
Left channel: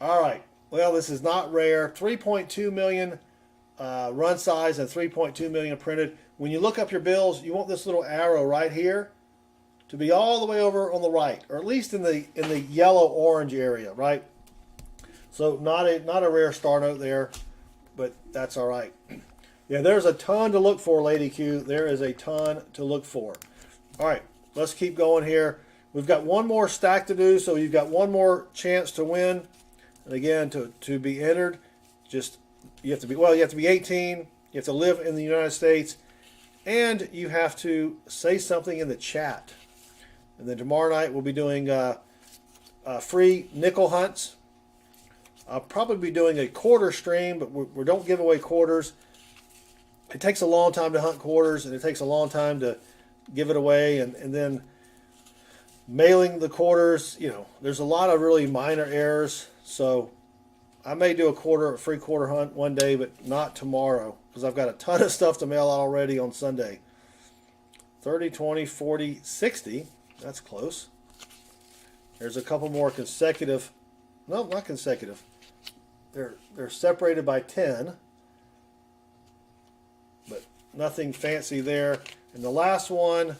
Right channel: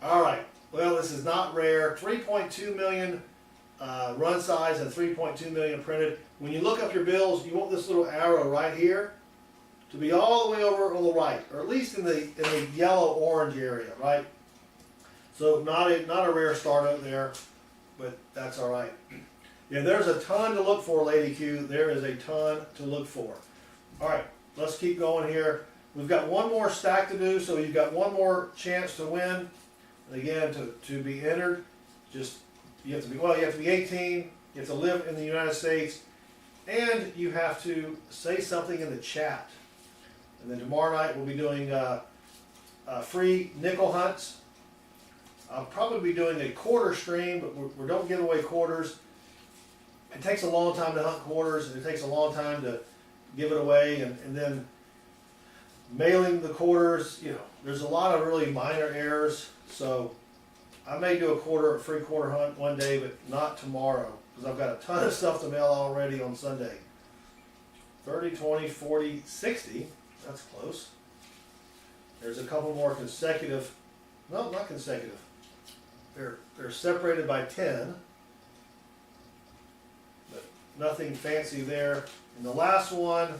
All right. Well, this is not rare. 3.2 million run size and 3.2 million printed. When you look up your bills, you want this little arrow right here to be all the way over on the right, or at least in the yellow-orange area, right? So not a rare star note there, but that's all right. Yeah, there's a ton to look for, Lady Q. There is a ton to look for. All right, let's keep going here. We've got one more stack to do, so you've got one more chance to win. And again, to be entered, you have to be 18, you have to live in the United States, And you have to say something in the chat. And then tomorrow night we'll be doing free nickel hunts. I'll probably be doing a quarter stream, but we don't give away quarters. It takes a long time to hunt quarters, and it takes a long time to give it away, and then mailing the quarters, you know, there's a lot of really minor errors. So I may do a free quarter hunt one day, but not tomorrow, because I've got a ton of stuff to mail already on Sunday. 30, 20, 40, 60. That's close. There's a couple more consecutive. No, not consecutive. They're separated by 10. But nothing fancy there. And the last one,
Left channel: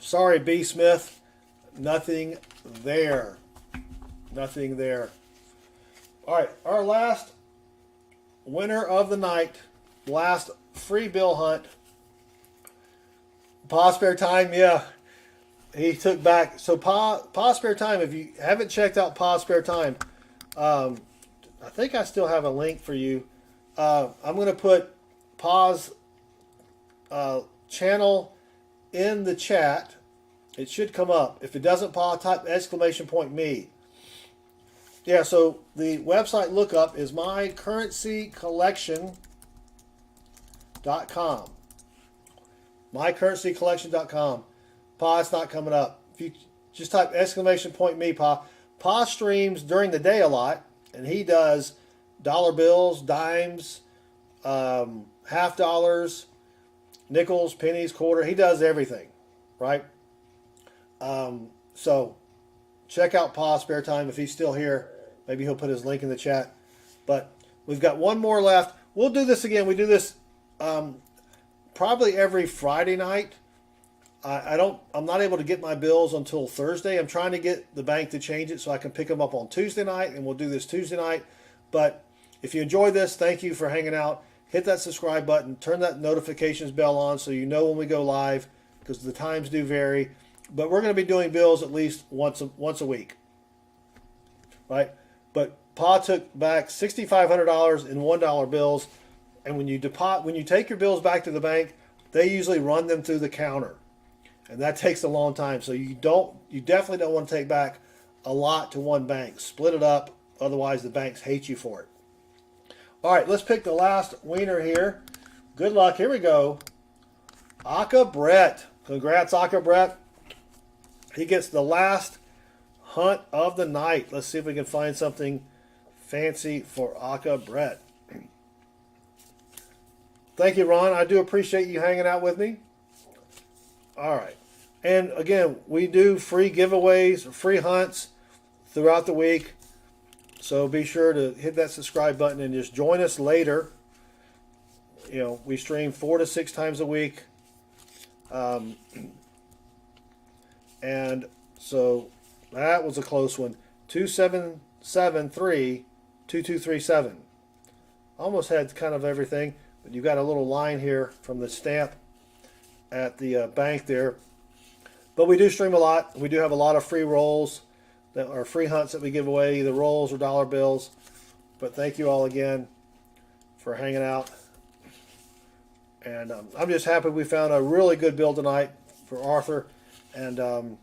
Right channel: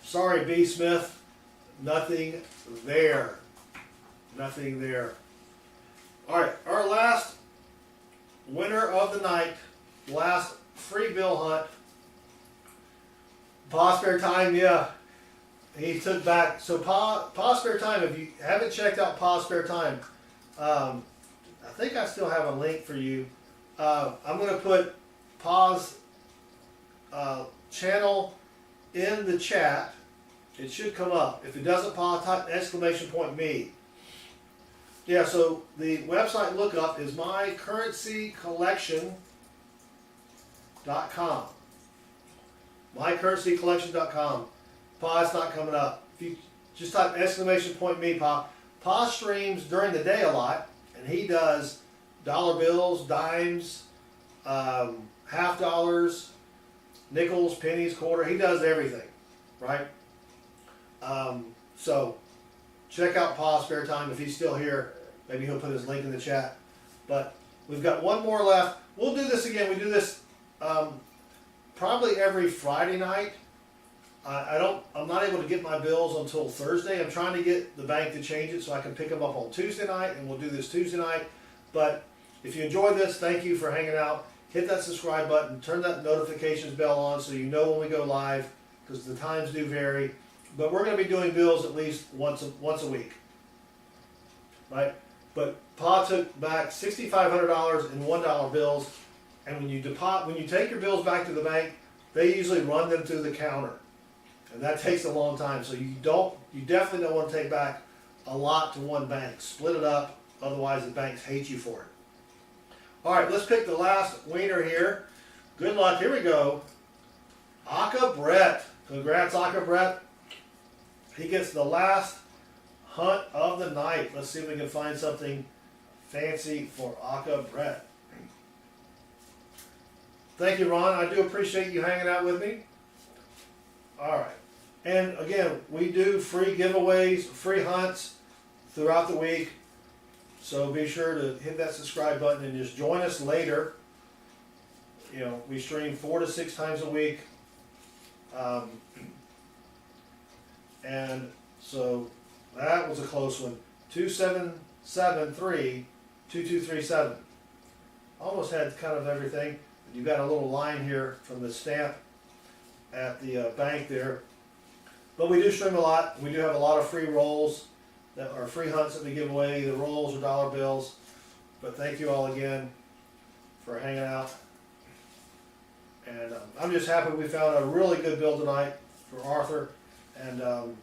sorry, B. Smith, nothing there. Nothing there. All right, our last winner of the night, last free bill hunt. Pa Spare Time, yeah. He took back. So Pa Spare Time, if you haven't checked out Pa Spare Time, I think I still have a link for you. I'm going to put Pa's channel in the chat. It should come up. If it doesn't, Pa, type !me. Yeah, so the website lookup is mycurrencycollection.com. mycurrencycollection.com. Pa, it's not coming up. If you just type !me, Pa. Pa streams during the day a lot, and he does dollar bills, dimes, half dollars, nickels, pennies, quarter. He does everything, right? So check out Pa's Spare Time if he's still here. Maybe he'll put his link in the chat. But we've got one more left. We'll do this again. We do this probably every Friday night. I'm not able to get my bills until Thursday. I'm trying to get the bank to change it so I can pick them up on Tuesday night, and we'll do this Tuesday night. But if you enjoy this, thank you for hanging out. Hit that subscribe button. Turn that notifications bell on so you know when we go live, because the times do vary. But we're going to be doing bills at least once a week, right? But Pa took back $6,500 in $1 bills, and when you take your bills back to the bank, they usually run them through the counter, and that takes a long time. So you definitely don't want to take back a lot to one bank. Split it up, otherwise the banks hate you for it. All right, let's pick the last wiener here. Good luck. Here we go. Aka Brett. Congrats, Aka Brett. He gets the last hunt of the night. Let's see if we can find something fancy for Aka Brett. Thank you, Ron. I do appreciate you hanging out with me. All right. And again, we do free giveaways, free hunts throughout the week. So be sure to hit that subscribe button and just join us later. You know, we stream 4 to 6 times a week. And so that was a close one. 2773-2237. Almost had kind of everything. But you've got a little line here from the stamp at the bank there. But we do stream a lot. We do have a lot of free rolls that are free hunts that we give away, either rolls or dollar bills. But thank you all again for hanging out. And I'm just happy we found a really good bill tonight for Arthur. And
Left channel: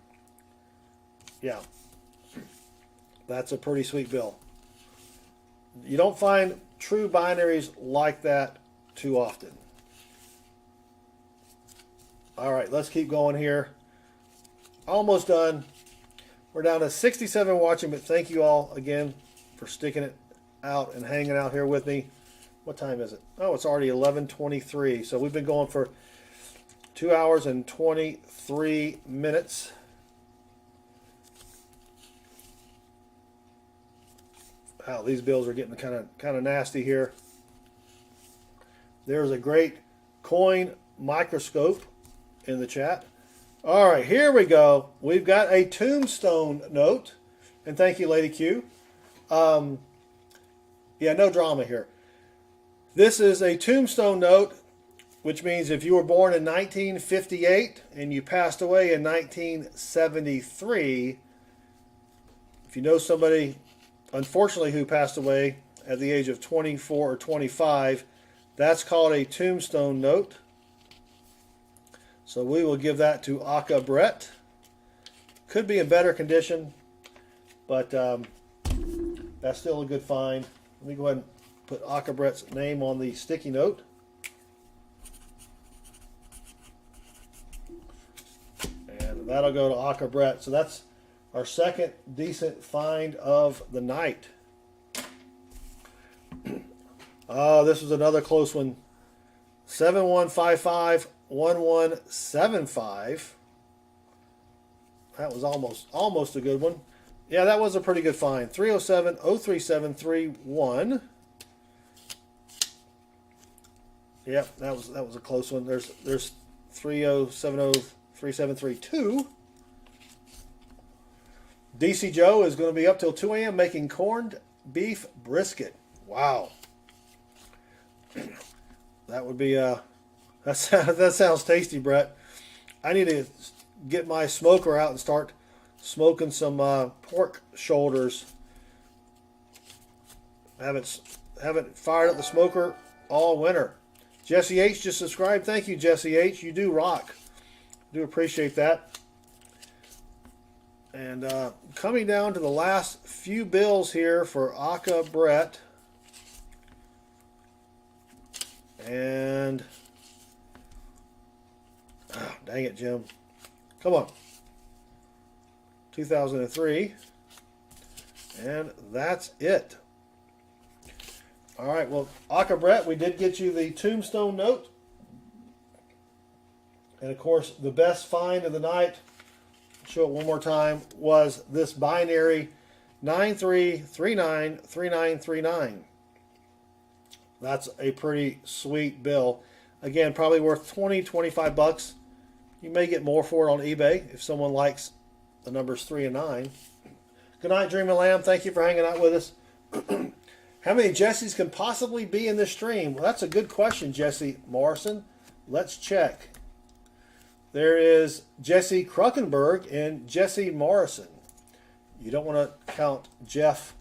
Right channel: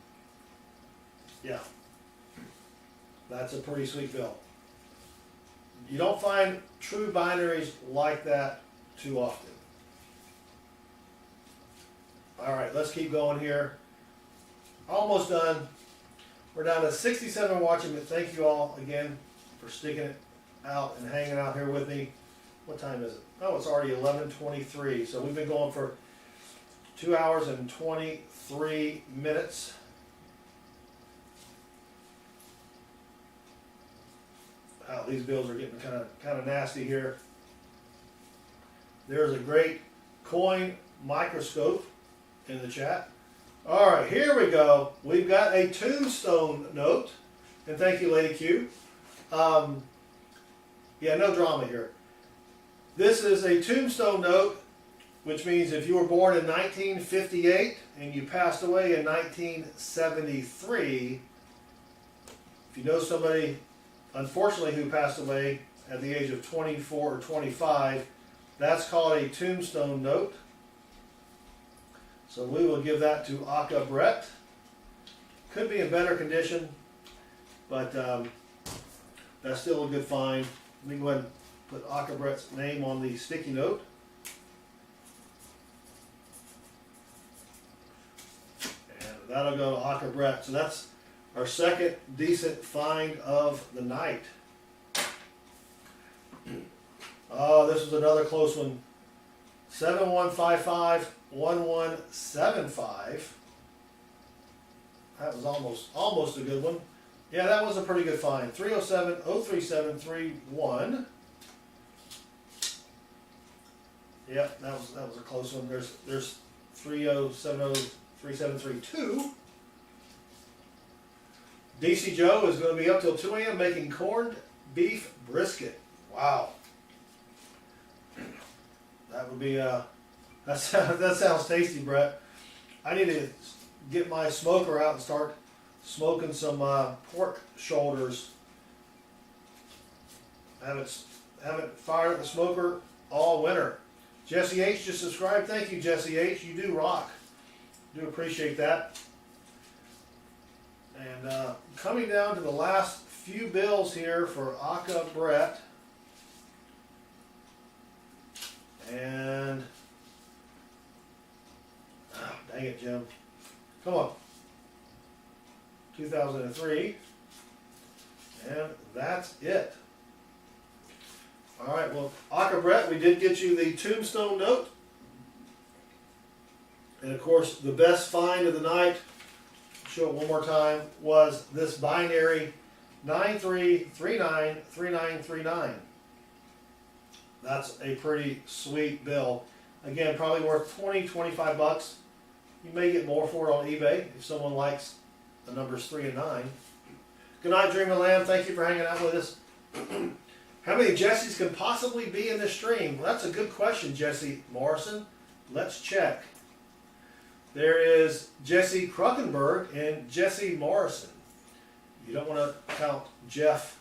yeah, that's a pretty sweet bill. You don't find true binaries like that too often. All right, let's keep going here. Almost done. We're down to 67 watching, but thank you all again for sticking it out and hanging out here with me. What time is it? Oh, it's already 11:23. So we've been going for 2 hours and 23 minutes. Wow, these bills are getting kind of nasty here. There's a great coin microscope in the chat. All right, here we go. We've got a tombstone note, and thank you, Lady Q. Yeah, no drama here. This is a tombstone note, which means if you were born in 1958 and you passed away in 1973, if you know somebody, unfortunately, who passed away at the age of 24 or 25, That's called a tombstone note. So we will give that to Aka Brett. Could be in better condition, but that's still a good find. Let me go ahead and put Aka Brett's name on the sticky note. And that'll go to Aka Brett. So that's our second decent find of the night. Oh, this was another close one. 71551175. That was almost a good one. Yeah, that was a pretty good find. 307-03731. Yep, that was a close one. There's 30703732. DC Joe is going to be up till 2 a.m. making corned beef brisket. Wow. That would be that sounds tasty, Brett. I need to get my smoker out and start smoking some pork shoulders. Haven't fired up the smoker all winter. Jesse H just subscribed. Thank you, Jesse H. You do rock. Do appreciate that. And coming down to the last few bills here for Aka Brett. And dang it, Jim. Come on. 2003. And that's it. All right, well, Aka Brett, we did get you the tombstone note. And of course, the best find of the night, show it one more time, was this binary 93393939. That's a pretty sweet bill. Again, probably worth 20-25 bucks. You may get more for it on eBay if someone likes the numbers 3 and 9. Good night, Dream of Lamb. Thank you for hanging out with us. How many Jessies can possibly be in this stream? Well, that's a good question, Jesse Morrison. Let's check. There is Jesse Kruckenberg and Jesse Morrison. You don't want to count Jeff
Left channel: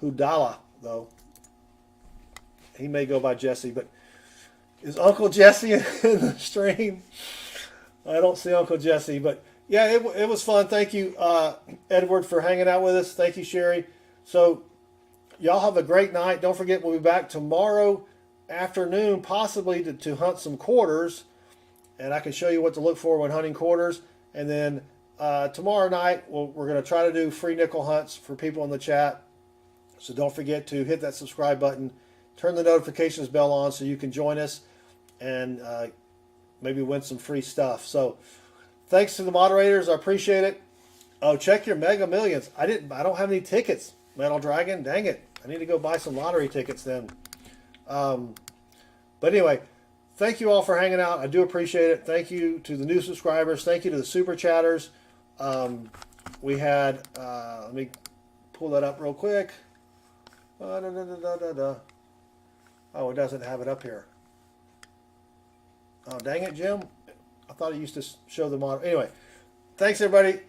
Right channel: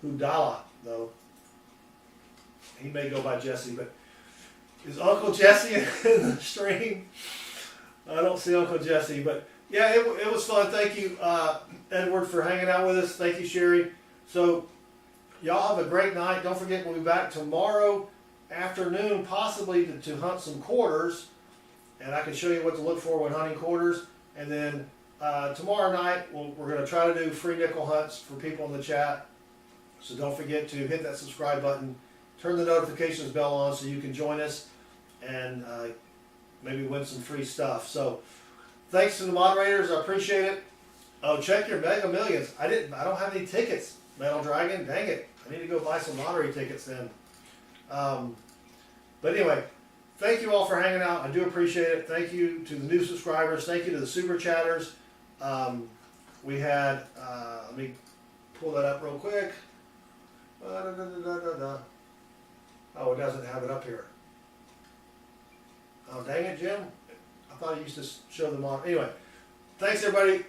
Hudala, though. He may go by Jesse, but is Uncle Jesse in the stream? I don't see Uncle Jesse, but yeah, it was fun. Thank you, Edward, for hanging out with us. Thank you, Sherry. So y'all have a great night. Don't forget, we'll be back tomorrow afternoon, possibly to hunt some quarters, and I can show you what to look for when hunting quarters. And then tomorrow night, we're going to try to do free nickel hunts for people in the chat. So don't forget to hit that subscribe button. Turn the notifications bell on so you can join us and maybe win some free stuff. So thanks to the moderators. I appreciate it. Oh, check your Mega Millions. I don't have any tickets, Metal Dragon. Dang it. I need to go buy some lottery tickets then. But anyway, thank you all for hanging out. I do appreciate it. Thank you to the new subscribers. Thank you to the super chatters. We had, let me pull that up real quick. Oh, it doesn't have it up here. Oh, dang it, Jim. I thought I used to show the model. Anyway, thanks, everybody.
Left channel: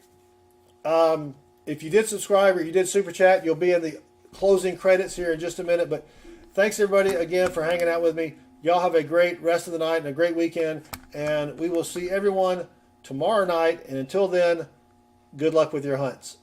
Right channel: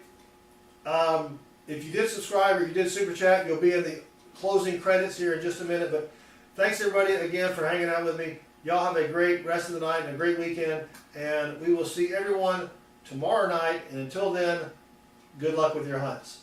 If you did subscribe or you did super chat, you'll be in the closing credits here in just a minute. But thanks, everybody, again, for hanging out with me. Y'all have a great rest of the night and a great weekend. And we will see everyone tomorrow night. And until then, good luck with your hunts.